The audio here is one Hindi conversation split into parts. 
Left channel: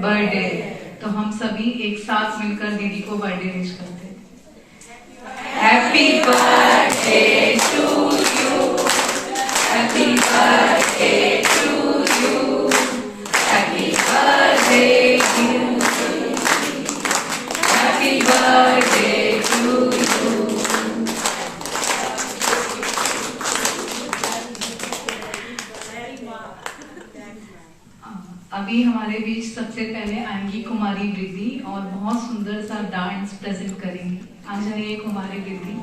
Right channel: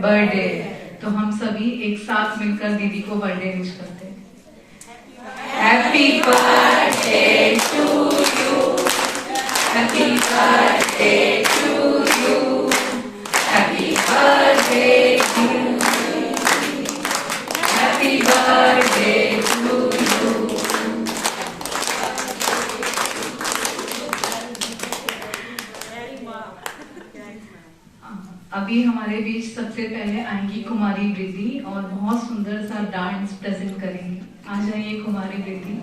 बर्थडे, तो हम सभी एक साथ मिलकर दीदी को बर्थडे विश करते हैं। Happy birthday to you, happy birthday to you, happy birthday to you, happy birthday to you. अभी हमारे बीच सबसे पहले आएंगी कुमारी वृद्धि और बहुत सुंदर सा डांस प्रेजेंट करेंगी। आ जाइए कुमारी वृद्धि।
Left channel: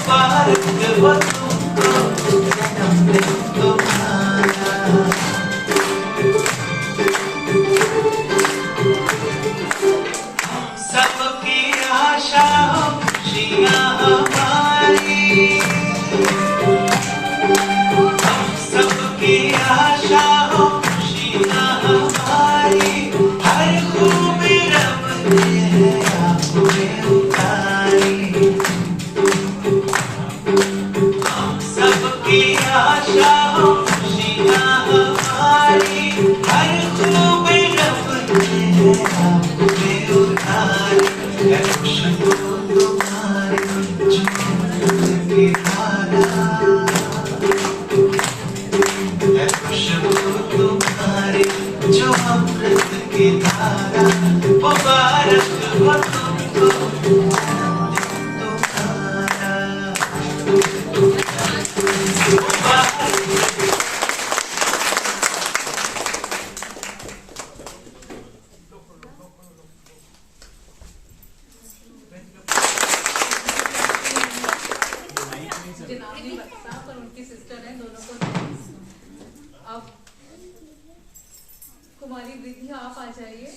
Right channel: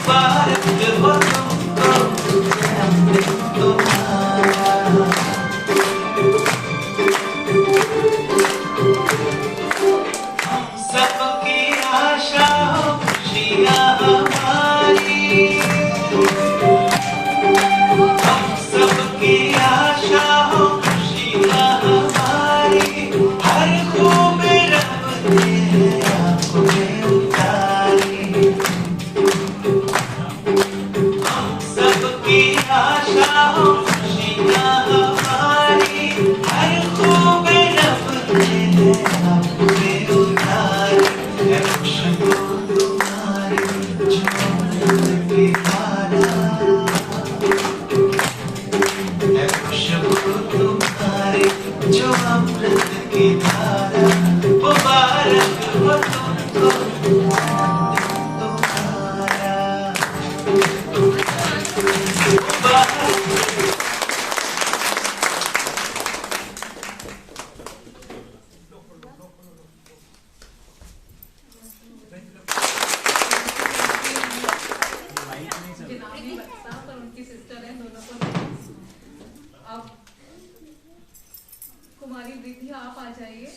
मुबारक हो तुमको जन्मदिन तुम्हारा। हम सबकी आशा हो खुशियाँ हमारी, हम सबकी आशा हो खुशियाँ हमारी, हर खूब रब ने है आप में उतारी। हम सबकी आशा हो खुशियाँ हमारी, हर खूब रब ने है आप में उतारी। है खुशबू तुम्हारी जो अमृत की धारा, है खुशबू तुम्हारी जो अमृत की धारा, मुबारक हो तुमको तुम्हारा, मुबारक। साहब और उनकी सिस्टर हैं, दोनों को अब कुमारी वृद्धि आप आ जाइए।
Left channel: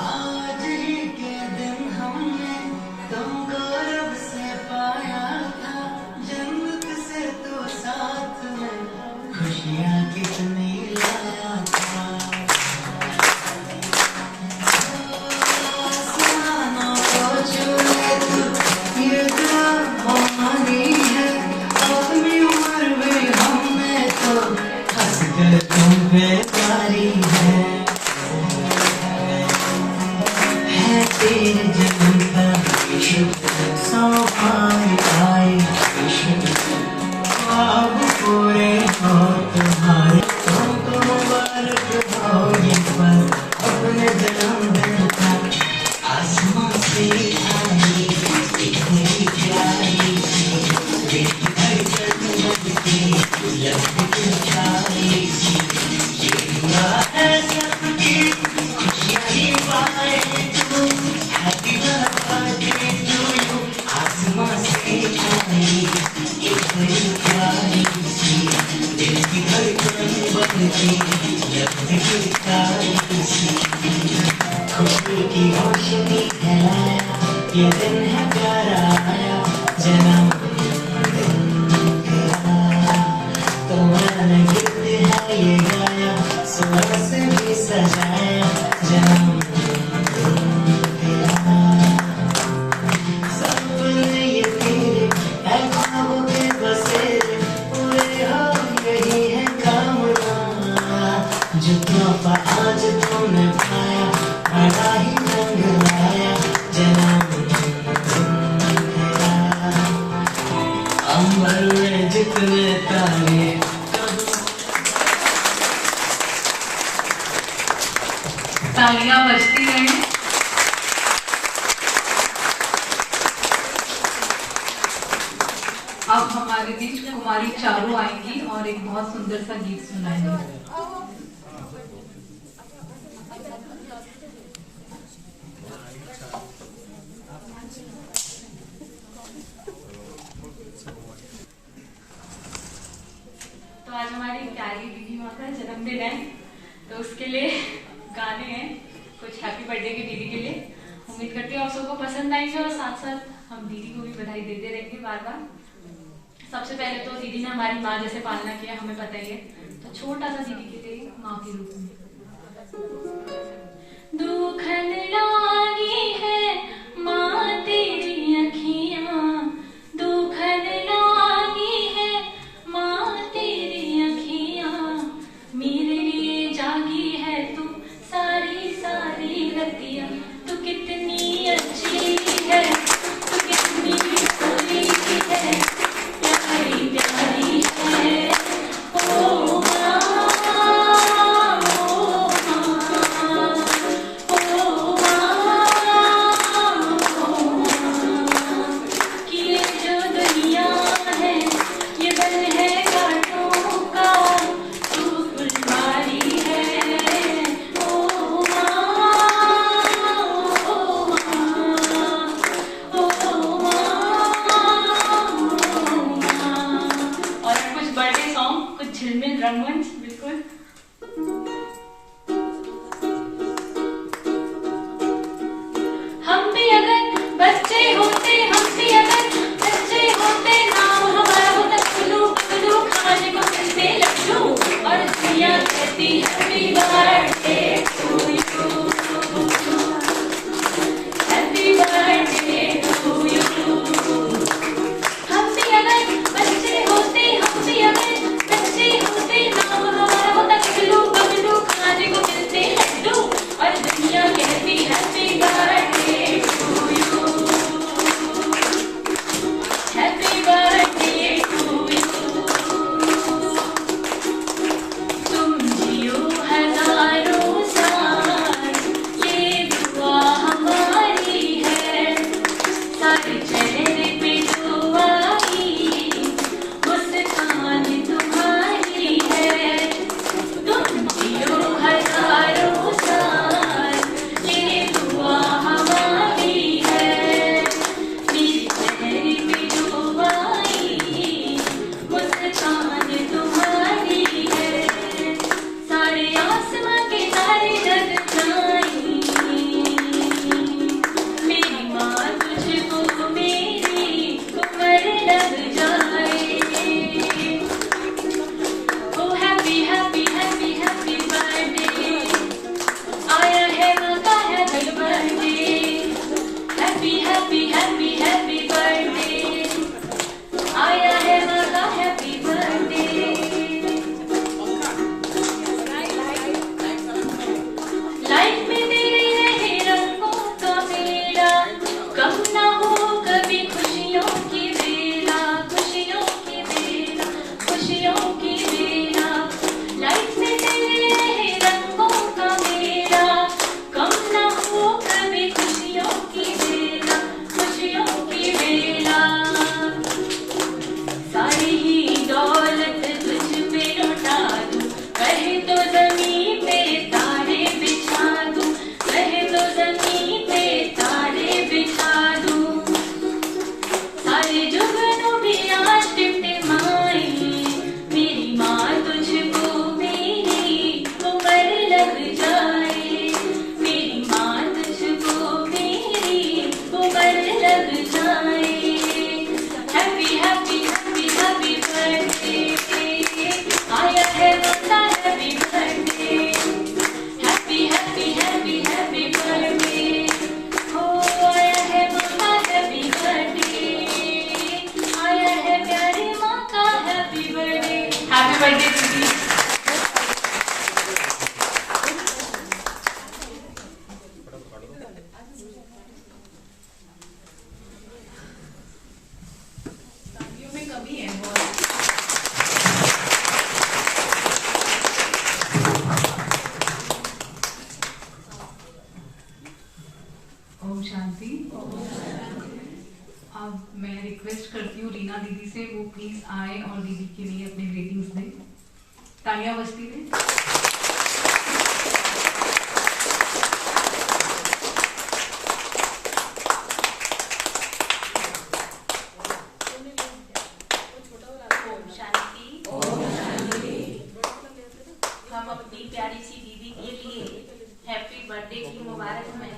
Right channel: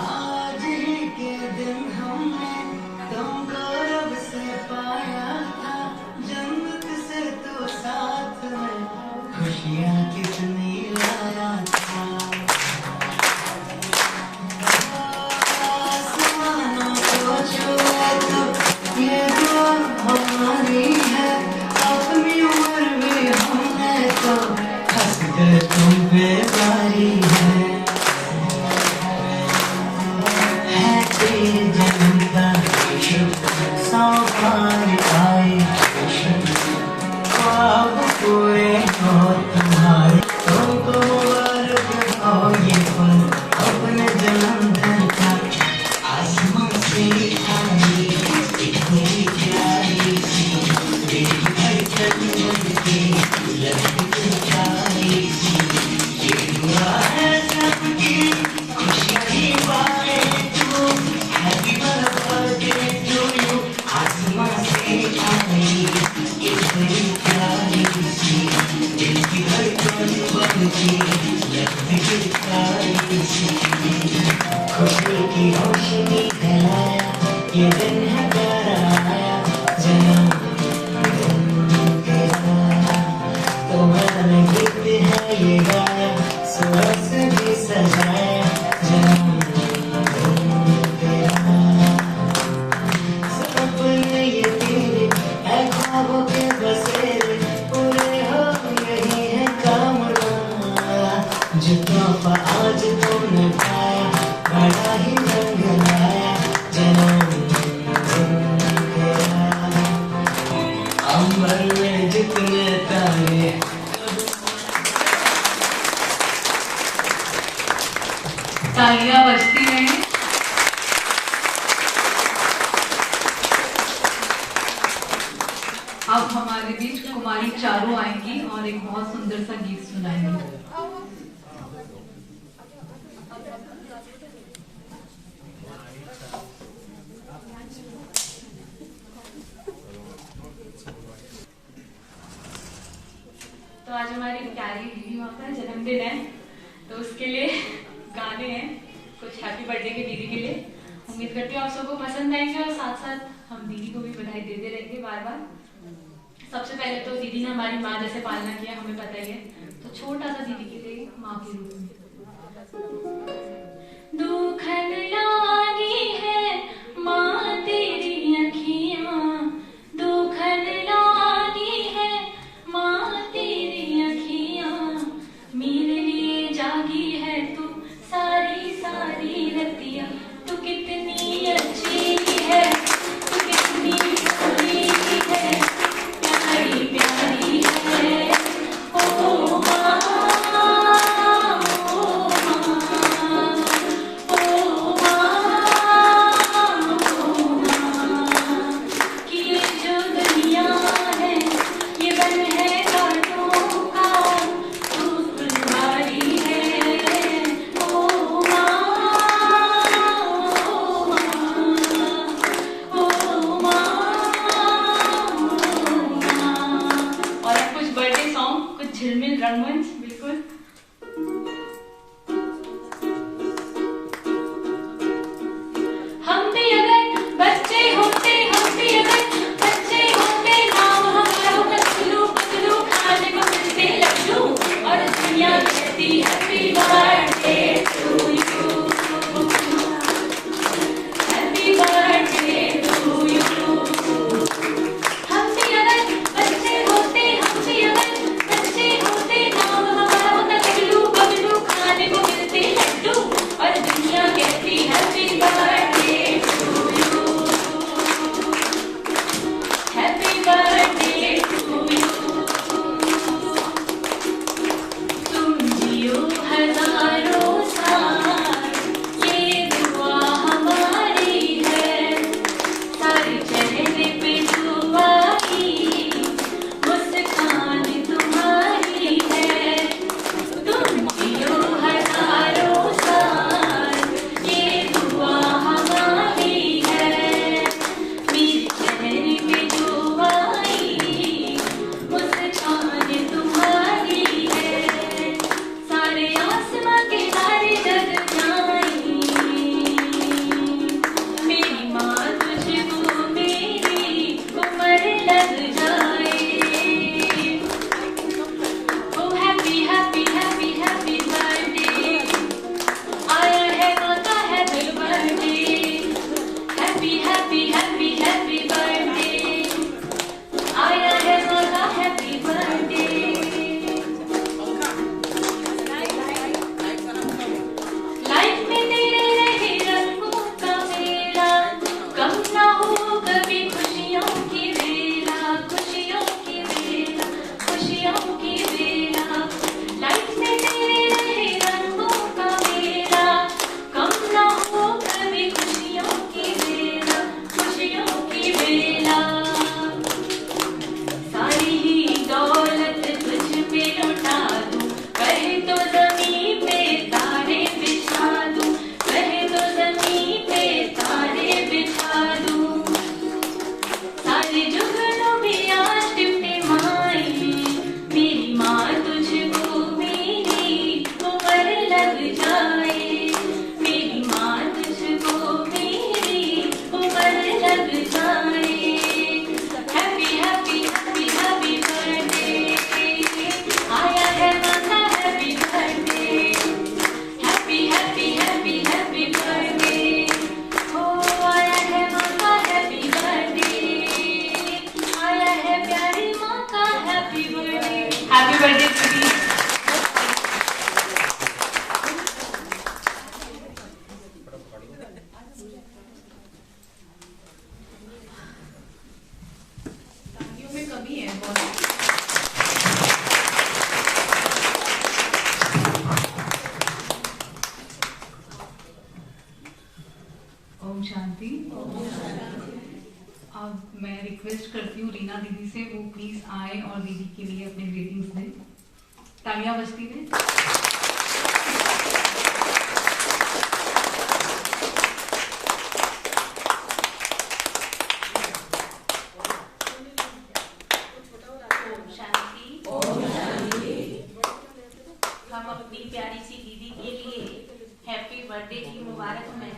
आज ही के दिन हमने तुमको रब से पाया था, जन्नत से तो साथ में खुशियाँ कितनी लाया था। आसमानों को छुए तो ये दुआ हमारी है, अपनी उम्र में हमने तो हंस कर तुम्हें प्यारी है तेरे जन्म का शुभ सौभाग्य आए, ख्वाब पूरे हो तुम्हारे, तुमको मुबारक हो ये पल अपने जन्मदिन का। आसमान से आई एक बड़ी प्यारी सी, ये धड़कन बनके लगती प्यारी सी, ये दुआ है सबकी खुशियाँ ही पाए तू। Happy birthday to you. आसमान से आई एक बड़ी प्यारी सी, दिल की धड़कन बनके लगती प्यारी सी, खुशी की रोशनी फैलाया ये दिन है प्यारा आया, जन्मदिन तेरा तो मैंने गीत है ये गाया, सुबह से भी सजाया जन्मदिन तेरा। सपने ये तेरे है ख्वाबों के बसेरे, पूरे हो यही है कामना, जो तोहफा आज तुमने पाया बड़ा ही रंग लाया, जन्मदिन तेरा। अंबर में जितने तारे तालियां बजती हैं। अब हमारे बीच कुमारी चारू आएंगी और एक बहुत सुंदर सा गीत सुनाएंगी। तो आज हमारी प्यारी दीदी माँ का जन्मदिन है, तो उसके लिए गाने हैं कुछ हैप्पी बर्थडे के दीदी के लिए। उम्मीद करती हूँ आप सबको पसंद आएंगे और साथ साथ हम दीदी को भी बधाई देते रहेंगे बार बार। सबसे पहले तो दीदी ने हमारी माँ जैसे पालना किया, हमें पता ही है, तो छोटा सा दीदी के लिए माँ के रूप में। दुखन लागी है माँ तेरी अखियाँ, दुखन लागी है माँ तेरी अखियाँ, मेरे लिए जागी है तू सारी सारी रतियाँ, तू कितनी अच्छी है, तू कितनी भोली है, प्यारी प्यारी है ओ माँ, ओ शांति। अब मैं रिक्वेस्ट करती हूँ रीना दीदी से, वो प्लीज आए और दीदी के लिए अपने ग्रीटिंग्स दें। तालियां बजती हैं। हम अपनी प्यारी सी दीदी के लिए हैप्पी बर्थडे की मुबारक में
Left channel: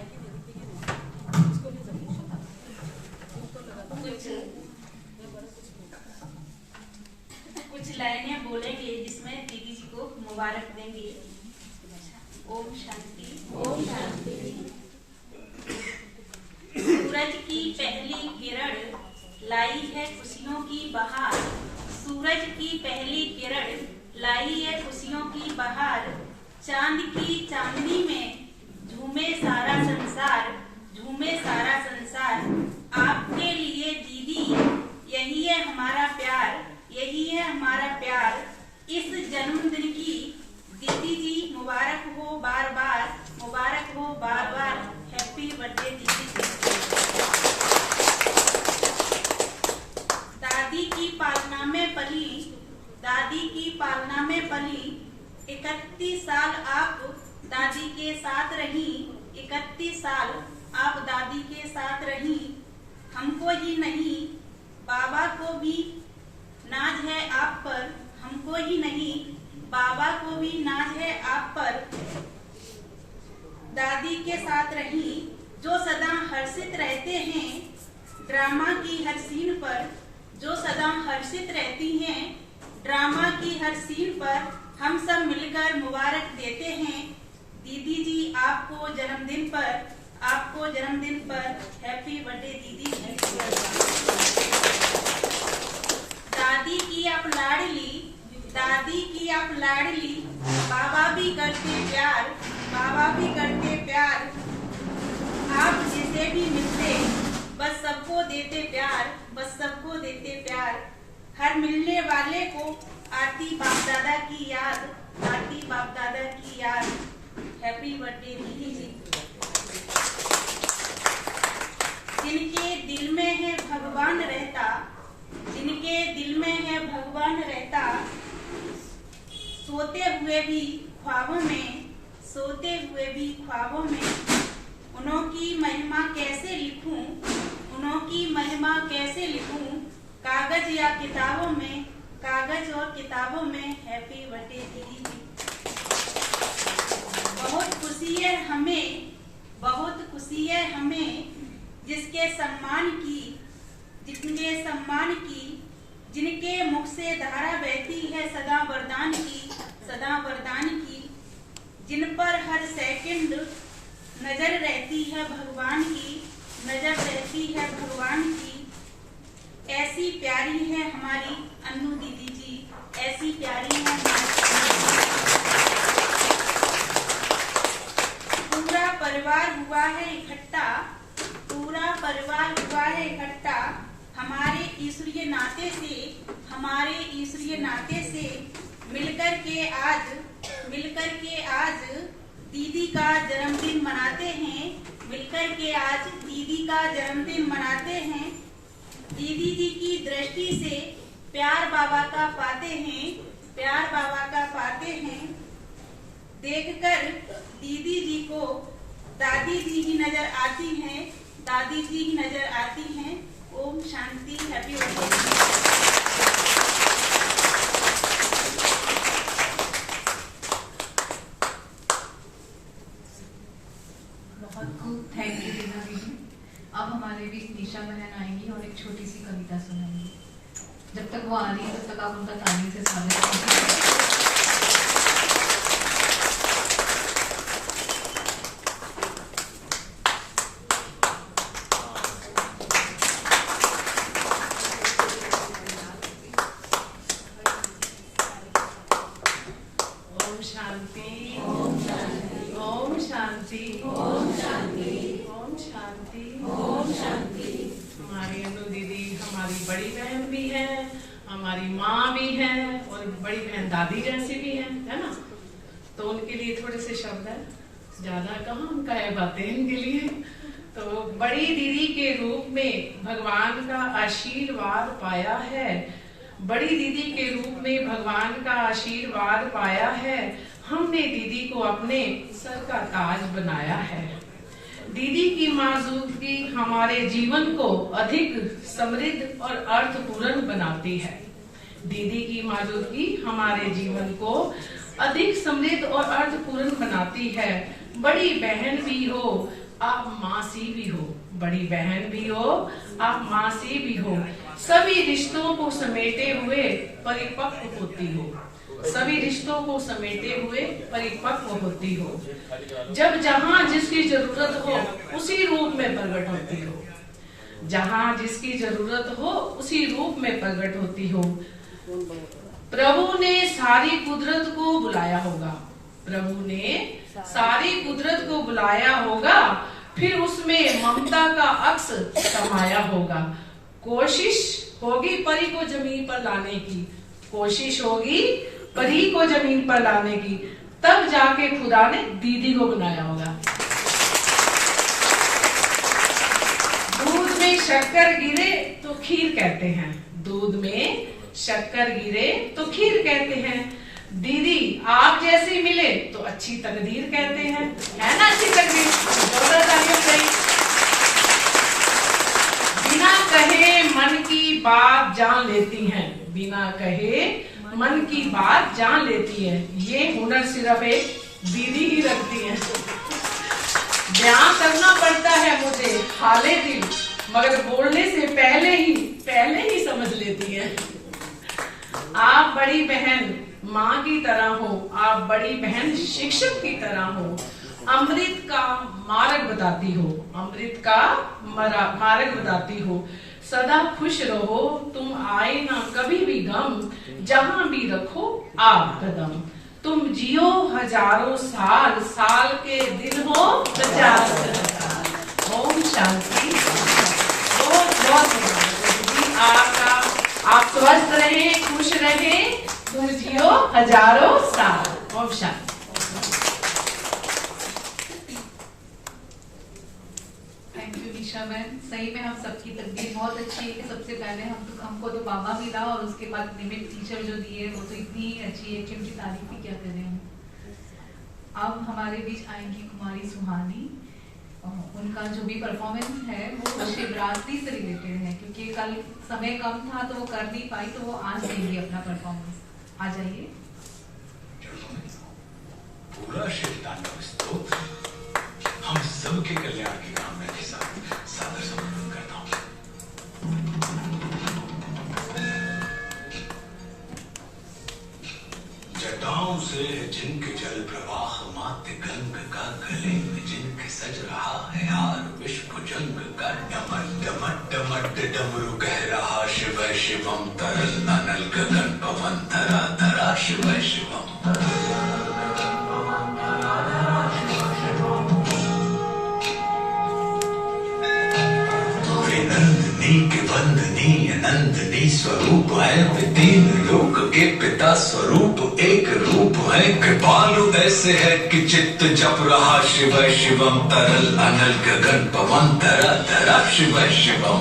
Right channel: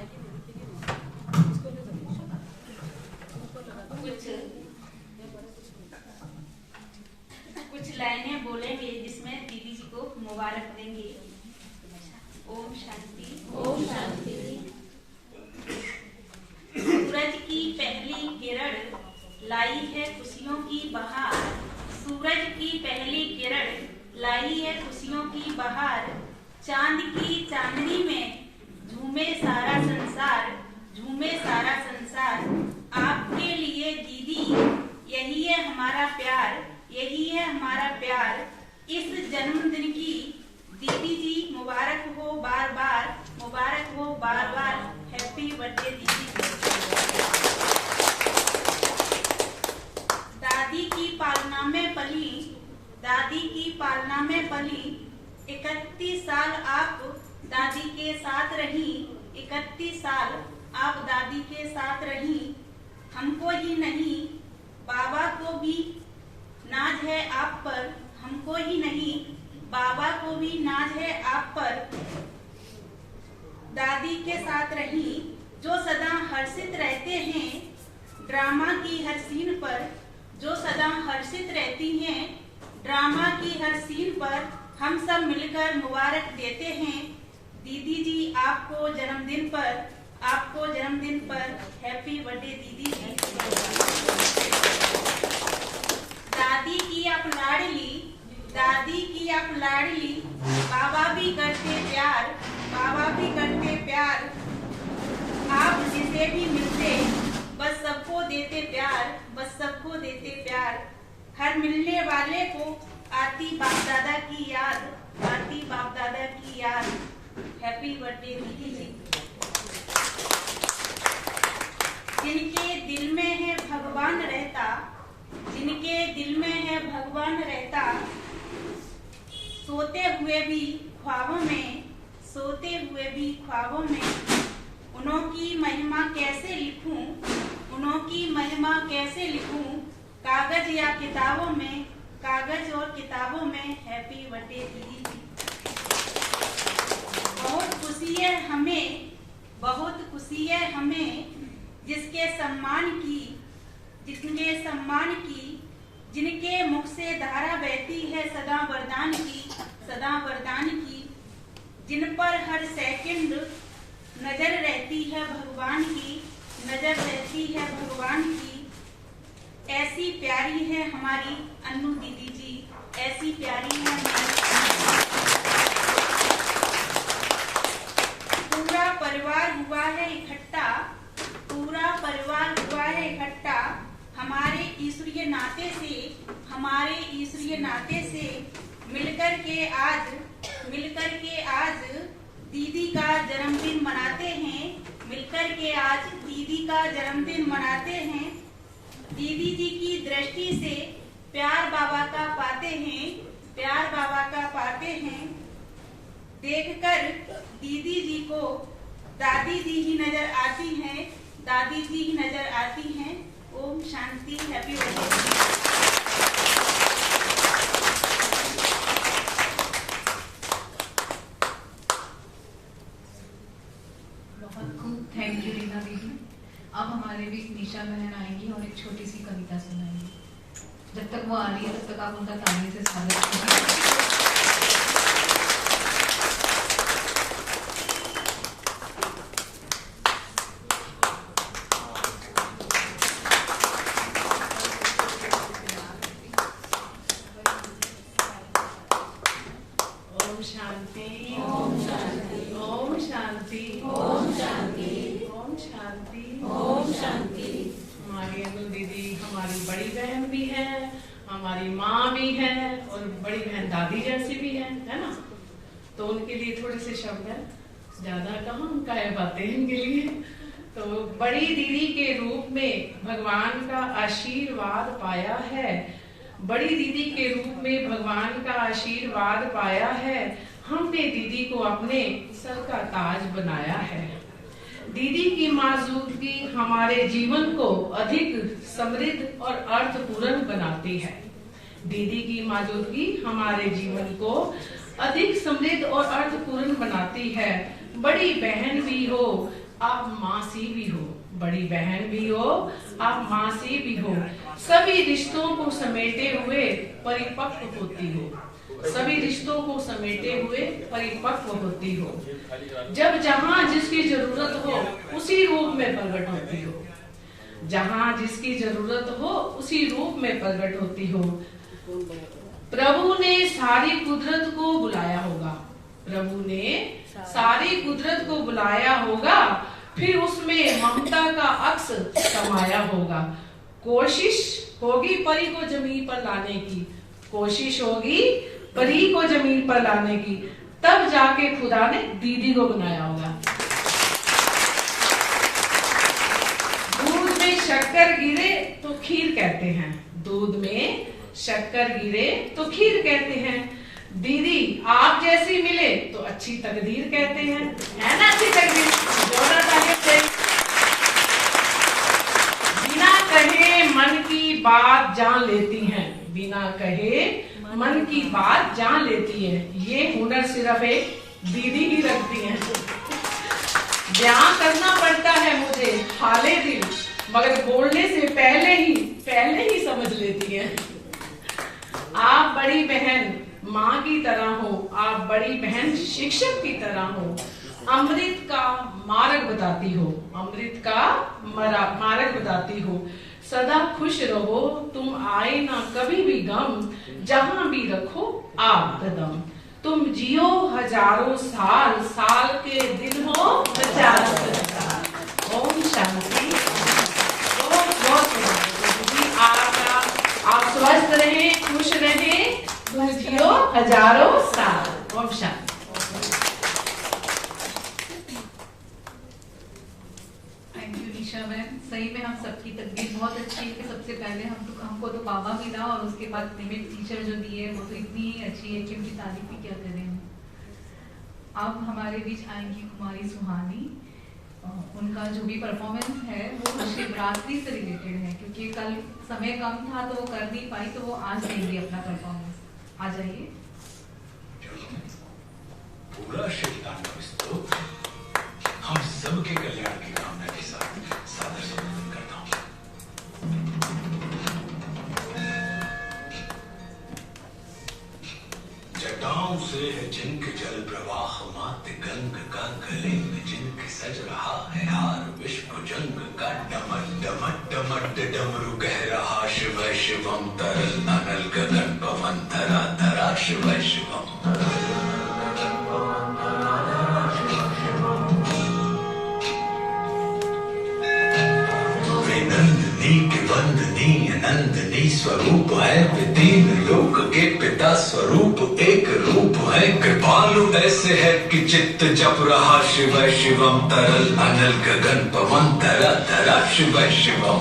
कुछ लाइनें बोलेंगे जिसमें दीदी जी को मुबारक देंगे। ओम शांति। ओम शांति। सूरज की पहली किरण लाई है खुशियों की बहार। सूरज की पहली किरण लाई है खुशियों की बहार। चांद की चांदनी में झूमे सारा संसार। झूमे सारा संसार। आपके लिए दीदी यही है हमारा प्यार। यही है हमारा प्यार। इस जन्मदिन की दीदी जी मुबारक हो बार बार। मुबारक हो बार बार। हैप्पी बर्थडे दीदी। दादी की पालना में पली। दादी की पालना में पली। 31 साल आप दादी के साथ रही। 31 साल आप दादी के साथ रही। हमको ही नहीं बाबा को भी नाज है आप पर। हमको ही नहीं बाबा को भी नाज है आप पर। दादी के साथ रही जो सदा हर्षित रहते हैं ड्रामा की हर सीन पर। जो सदा हर्षित रहती हैं ड्रामा की हर सीन पर। हम सब मिलकर मुबारक देते हैं दीदी जी आपको जन्मदिन पर। आपको जन्मदिन पर हैप्पी बर्थडे दीदी जी। दादी की आप लाडली। दादी की आप लाडली। बाबा भी करते प्यार। बाबा भी करते प्यार। आप जिसे भी मिलते बस सबको देते प्यार। बस सबको देते प्यार। हर मिलने वाले को आती बाप दादा की याद। आती बाप दादा की याद। हैप्पी बर्थडे दीदी जी। जिनके दिल में है भगवान रहता। जिनके दिल में है भगवान रहता। सोते हुए भी ख्वाबों में। सोते हुए भी ख्वाबों में। उनकी महिमा कैसे लिखूं। उनकी महिमा कैसे लिखूं। कागज या किताबों में। कागज और किताबों में। हैप्पी बर्थडे दीदी जी। बहुत खुशी है हमें। बहुत खुशी है हमें जिसके सम्मान की। जिनके सम्मान की। जिनके मुख से धारा बहती है सदा वरदान की। सदा वरदान की। जिन पर हर सेकंड नजर रहती है भगवान की। नजर रहती है भगवान की। ऐसी प्यारी है हमारी अन्नू दीदी जी। ऐसी प्यारी है हमारी। पूरा परिवार हुआ है इकट्ठा। पूरा परिवार हुआ है इकट्ठा। हमारे ईश्वरीय नाते से। हमारे ईश्वरीय नाते से मिलकर के आज दीदी का जन्मदिन मनाते हैं। मिलकर के आज दीदी का जन्मदिन मनाते हैं। दीदी जी की दृष्टि से प्यार बाबा का पाते हैं। प्यार बाबा का पाते हैं। देखकर दीदी जी को दादी जी ही नजर आती हैं। दादी जी ही नजर आती हैं। ओम शांति। Happy birthday. बहुत खूब, थैंक यू रीना दीदी। अब हमारे बीच निशा बहन आएंगी और एक छोटी सी कविता सुनाएंगी। जब तक वो आ रही है तब तक आप उनका ताली से स्वागत कीजिए। ओम शांति। ओम शांति। ओम शांति। ओम शांति। ओम शांति। ओम शांति। हमारी अनु दीदी हमारी बड़ी बहन भी है, हमारी माँ भी है और बड़ी बहन दादी जैसी भी है ना। तो उनके लिए थोड़े से शब्द है। ज्यादा कहाँ हम कहे बातें इनके लिए। तो बड़ी दीदी के रूप में भगवान का आशीर्वाद पाया है, बड़ी दीदी के रूप में भगवान का आशीर्वाद पाया है। हमने दीदी को अपने सर का ताज बनाया है। दीदी की मौजूदगी हमारे जीवन को अधिक समृद्ध और अर्थपूर्ण बनाती है। दीदी की मौजूदगी हमारे जीवन को अधिक समृद्ध और अर्थपूर्ण बनाती है। बड़ी बहन भी हो आप मासी भी हो, बड़ी बहन भी हो आप मासी भी हो, सभी रिश्तों को समेटे हुए परिपक्व होती हो, सभी रिश्तों को समेटे हुए परिपक्व होती हो। जब जहाँ जिसकी जरूरत हो उसी रूप में प्रकट होती हो, जहाँ जिसकी जरूरत हो उसी रूप में प्रकट होती हो। प्रभु ने सारी कुदरत को बुलाया होगा, प्रभु ने सारी कुदरत को बुलाया होगा, फिर उसमें ममता का अक्स समाया होगा। कोशिश होगी परी को जमीन पर लाने की, कोशिश होगी परी को जमीन पर लाने की, तब जाके खुदा ने दीदी को बनाया होगा। दूध में शक्कर गिरे तो खीर कहते हैं, दूध में शक्कर गिरे तो खीर कहते हैं। दीदी आप जैसी मिले तो अच्छी तकदीर कहते हैं, है ना अच्छी तकदीर। जोरदार तालियां बजाइए। बिना कहे मन की बात जान लेती हैं, बिना कहे मन की बात जान लेती है। ये हुनर सिर्फ एक दीदी ही रखती है। बयां करना पड़ता है मुझे हाले दिल, मगर बोलने से पहले ही समझ लेती है। आप बड़ी बहन माँ की तरह हो, आप बड़ी बहन शिक्षक की तरह हो, अमृत का मार्ग बताती हो, अमृत का मार्ग बताती हो। सदा खुश रहो, तुम आए ना कभी भी गम, जहाँ भी रखो आप कदम। तुम जियो हजारों साल, साल के दिन हो 50 साल। ओम शांति। आपका आप स्वस्थ रहे, खुश रहे, तुम जियो हजारों साल। ओम शांति। थैंक यू निशा बहन। सही में हम सबकी तकदीर बहुत अच्छी है कि सबसे पहले हमको तो बाबा मिला और उसके बाद निमित टीचर जो दिए वो तो इतनी ही अच्छी है कि उनकी तारीफ ही क्या करें हम। अब हमारे बीच आएंगी कुमारी सुहानी। उनका जो भी परफॉर्मेंस है वो शिवरात्रि से रिलेटेड है, क्योंकि कल समय कम था तो वो कर नहीं पाई, तो वो आज देंगी अपना परफॉर्मेंस। आ जाइए। पूरा शिवतांडव स्तोत्र हम सबके कल्याण की कामना के साथ सादर समर्पण करता हूँ। जटाओं से है जिनके जल प्रवाह, मात्र गंग का गले में जिनके सज रहा है हार, विश्व जंग का डमट डमट डमट डमरू कह रहा शिव शिवम, तरल अनल गगन पवन धरा धरा शिव शिवम। नंदनी के वंदनी अनंदनी स्वरूप है, वे तीन लोक के पिता स्वरूप एक रूप है। कृपालु ऐसे है कि चित्त जप रहा शिव शिवम, तरल अनल गगन पवन धरा धरा शिव शिवम।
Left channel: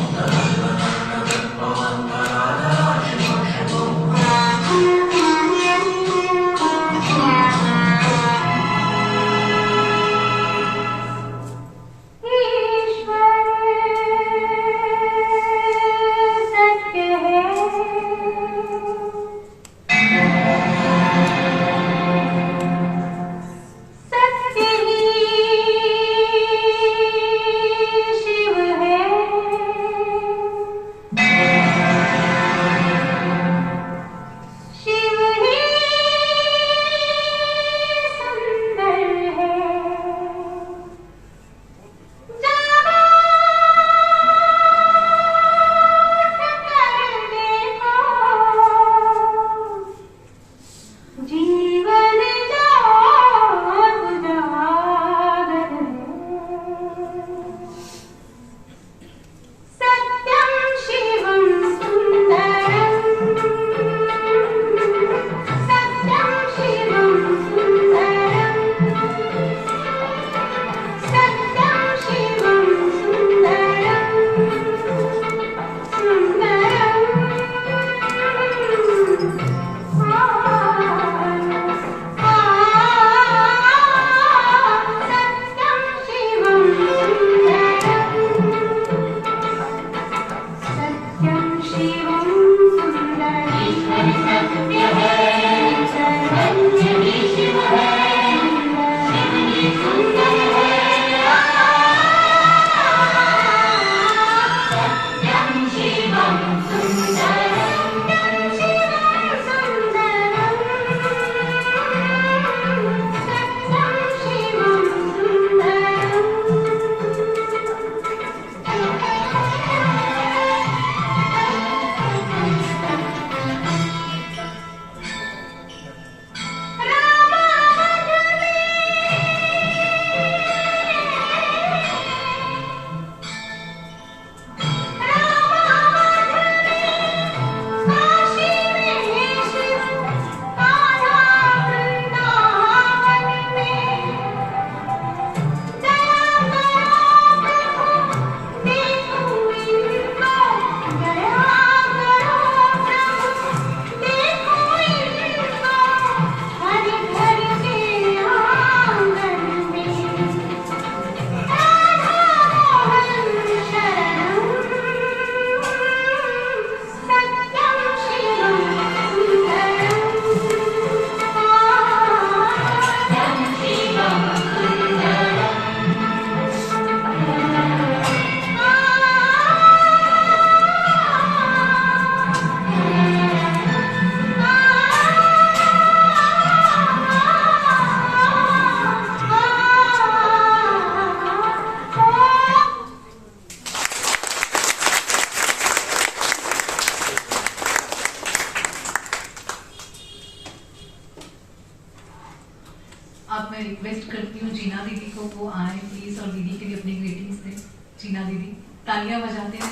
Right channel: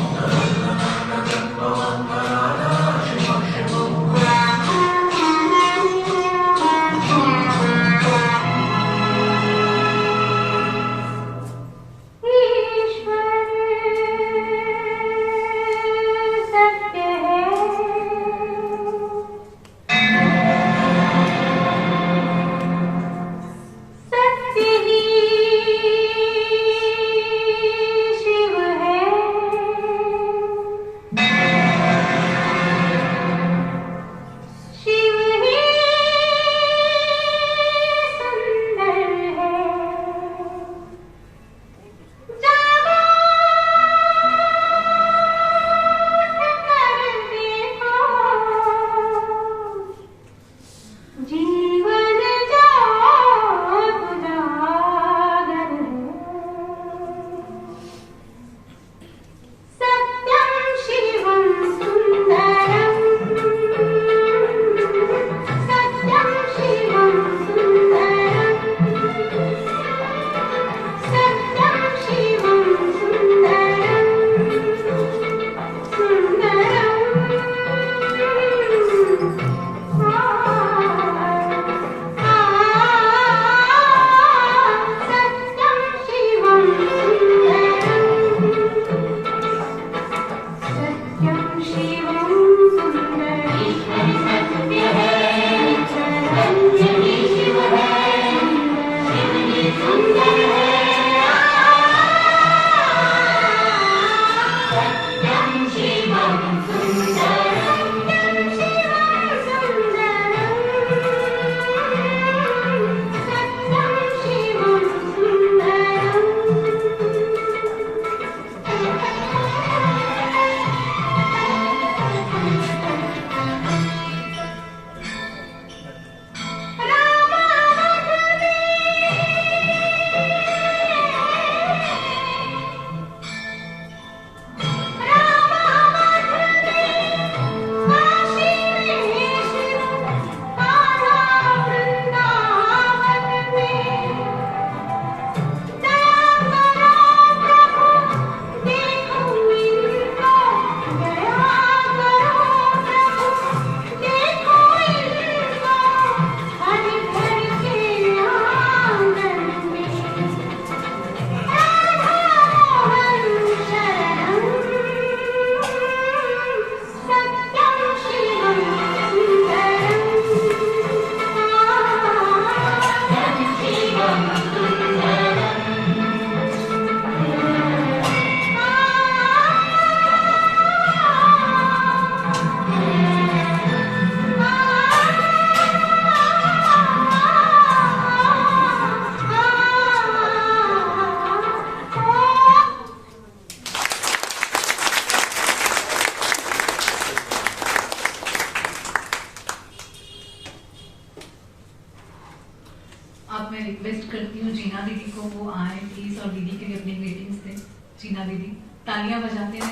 वो आए प्लीज और दीदी के लिए अपनी ग्रीटिंग्स दें। जीना दीदी तालियां बजाते हैं।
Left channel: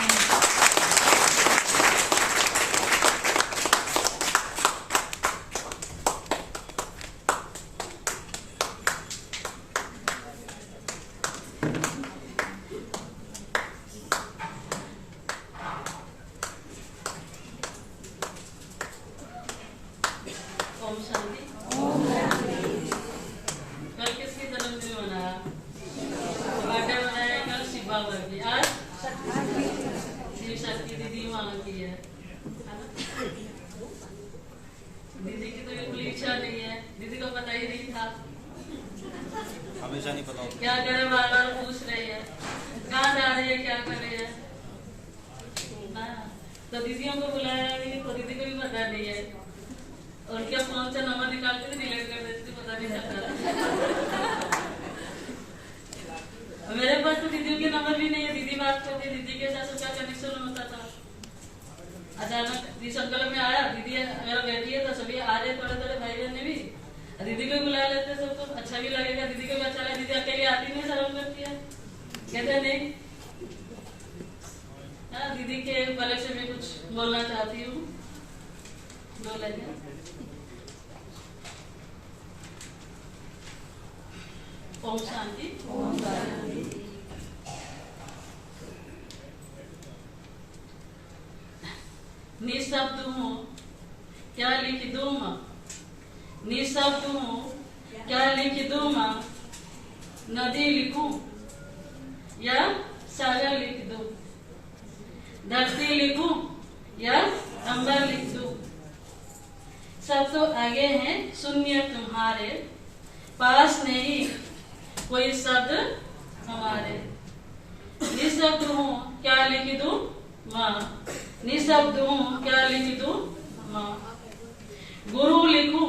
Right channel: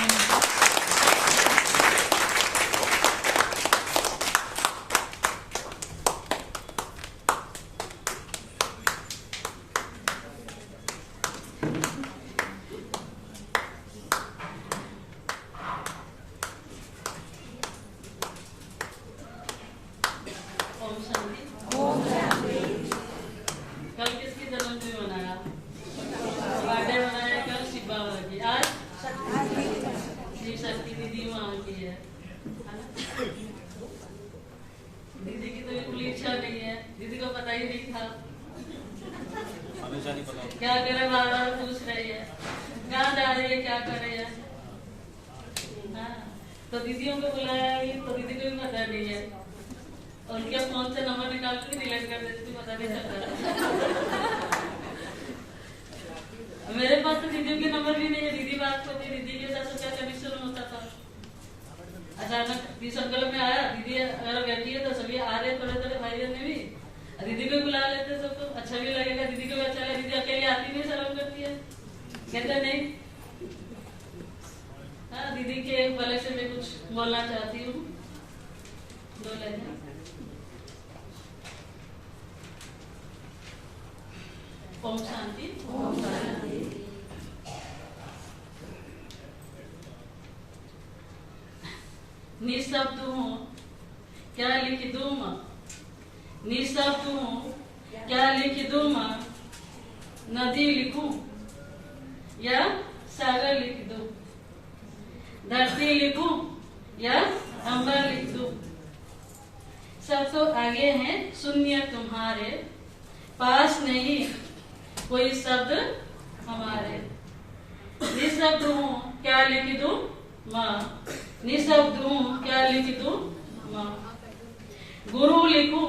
ओम शांति। कल किसकी जन्मदिन मनाया? बर्थडे मनाया कल शिव बाबा की। आज शिव शक्ति दीदी माँ की है ना? दीदी की तो बिल्कुल इच्छा नहीं है, दीदी को पता ही नहीं था। हमेशा नहीं पता। क्या करे बार बार पूछ रही है, कहाँ जा रही है, क्या कर रही है। हाँ, तो दीदियों को बुलाया भी तो दीदी को भी पता नहीं है। उनके फोन से नंबर निकाल के डिलीट कर देती थी, पता नहीं चलता। मेरे पास तो दीदियों के नंबर भी नहीं है। दीदी बात करती, दीदी के साथ उसका कनेक्शन होता था। अचानक जिस संकल्प में आया, दीदी अगर बैठी है तो सभी आ रहे थोड़े थोड़े भाई बहन भी, दीदी को बुला लेते सबको, अच्छा भी लगेगा, दीदी को भी अच्छा लगेगा। दीदी अकेली आती नहीं, शर्म करती है, कहते नहीं। हाँ, दीदी के भले से मैं कुछ बोलना चाहती हूँ, बोल लेते। ओम शांति। ओम शांति। निशब्द हूँ क्या लिख दूँ माँ, निशब्द हूँ क्या लिख दूँ माँ, नदी लिखूं या सागर लिख दूँ, धरती लिखूं या अंबर लिख दूँ। सब तो आगे हैं शून्य तुम्हारे, पास नहीं कोई शब्द हमारे। निशब्द हूँ क्या लिख दूँ माँ, निशब्द हूँ क्या लिख दूँ माँ। गुरु लिखूं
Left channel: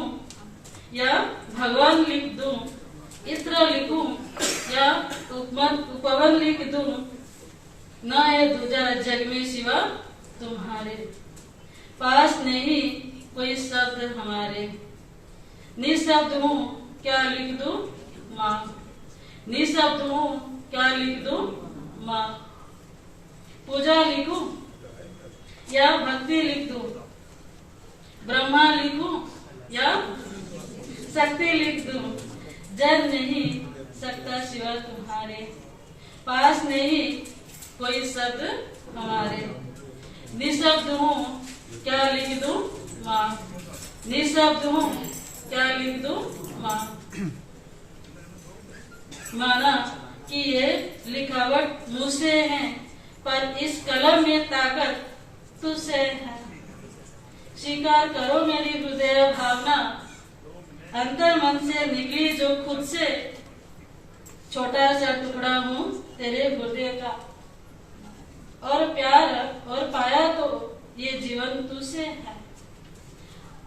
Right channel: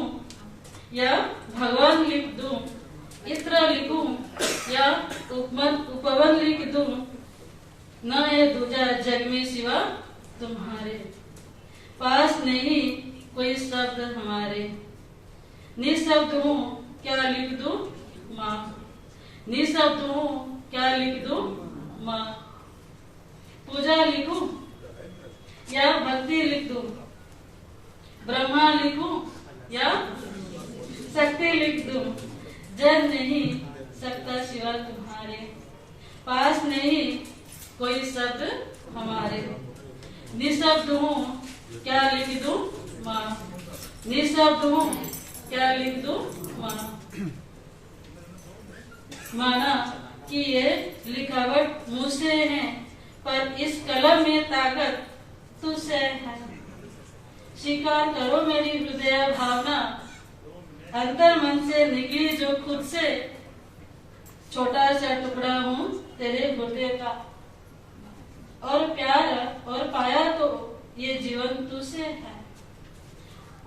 या भगवान लिख दूँ, इत्र लिखूं या उपवन लिख दूँ। न है दूजा जग में सिवा तुम्हारे, पास नहीं कोई शब्द हमारे। निशब्द हूँ क्या लिख दूँ माँ, निशब्द हूँ क्या लिख दूँ माँ। पूजा लिखूं या भक्ति लिख दूँ, ब्रह्मा लिखूं या शक्ति लिख दूँ। जन नहीं सकता सिवा तुम्हारे, पास नहीं कोई शब्द हमारे। निशब्द हूँ क्या लिख दूँ माँ, निशब्द हूँ क्या लिख दूँ माँ। माना कि ये लिखावट मुझसे है, पर इस कलम में ताकत तुझसे है। स्वीकार करो मेरी हृदय भावना, अंतर मन से निकली जो खुद से। छोटा सा टुकड़ा हूँ तेरे हृदय का, और प्यार और पाया तो ये जीवन तुझसे है।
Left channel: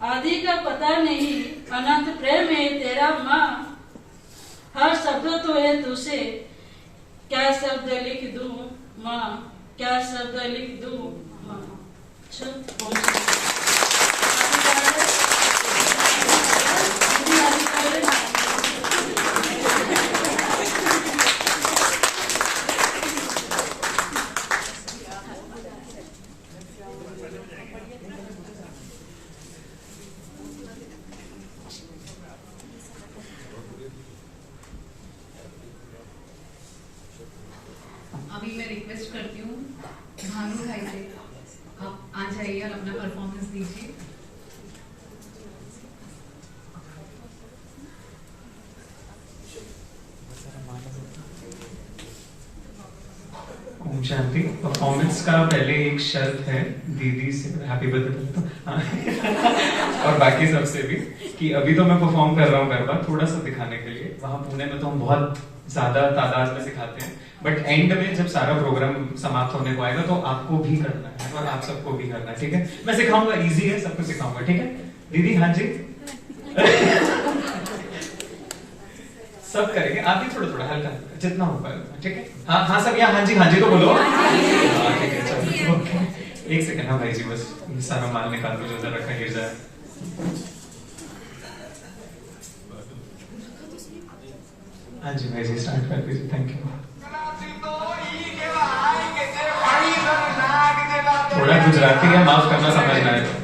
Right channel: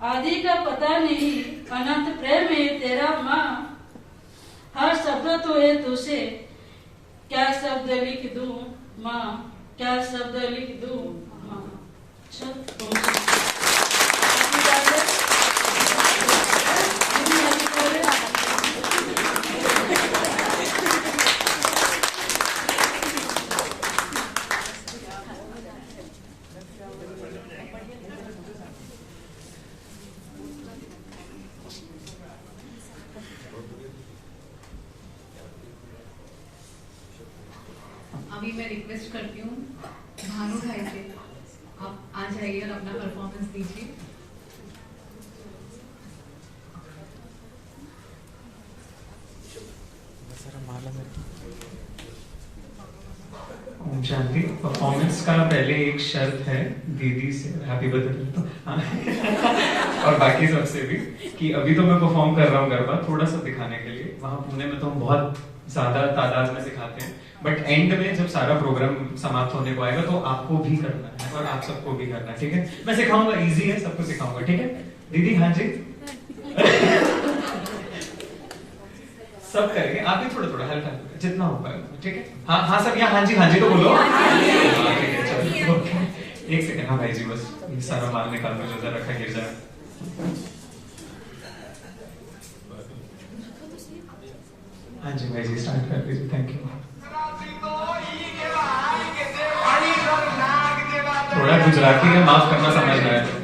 आदि का पता नहीं अनंत प्रेम है तेरा माँ, हर शब्द तो है तुझसे। क्या शब्द लिख दूँ माँ, क्या शब्द लिख दूँ माँ। अभी मैं रिक्वेस्ट करती हूँ भानु भाई से, आप आ जाइए और अपना परफॉर्मेंस दीजिए। ओम शांति। परफॉर्मेंस का पहले एक शर्त है दीदी से, हैप्पी बर्थडे और बाकी सबसे भी, कि अभी तो मैं परफॉर्म कर रहा हूँ गरबा थोड़ा सा दिखाने के लिए। वहां पुणे में तो हम बहुत ज्यादा तादाद में सिखाते हैं, बट एंड में जब सारा प्रोग्राम समाप्त होने को आएगा तो आपको भी करना है और आप सबको भी करना है, ठीक है। मैं सिखाऊंगा, इजी है, सबको सिखाऊंगा, ठीक है दीदी। हाँ जी सब करेंगे, आप भी थोड़ा थोड़ा हल्का जितना हो पाएगा, ठीक है। हाँ हाँ सब यहाँ हाँ जी तो बोलो। हाँ ठीक है चलो, ओके। एक सेकंड, हाँ भाई जी बस सारा माल निकाल दो जो जरा रखा गिर जाए। हाँ जी भाई जी, स्टार्ट कर दीजिए। Thank you. थोड़ा गुजराती है, माफ करना, समझ में आए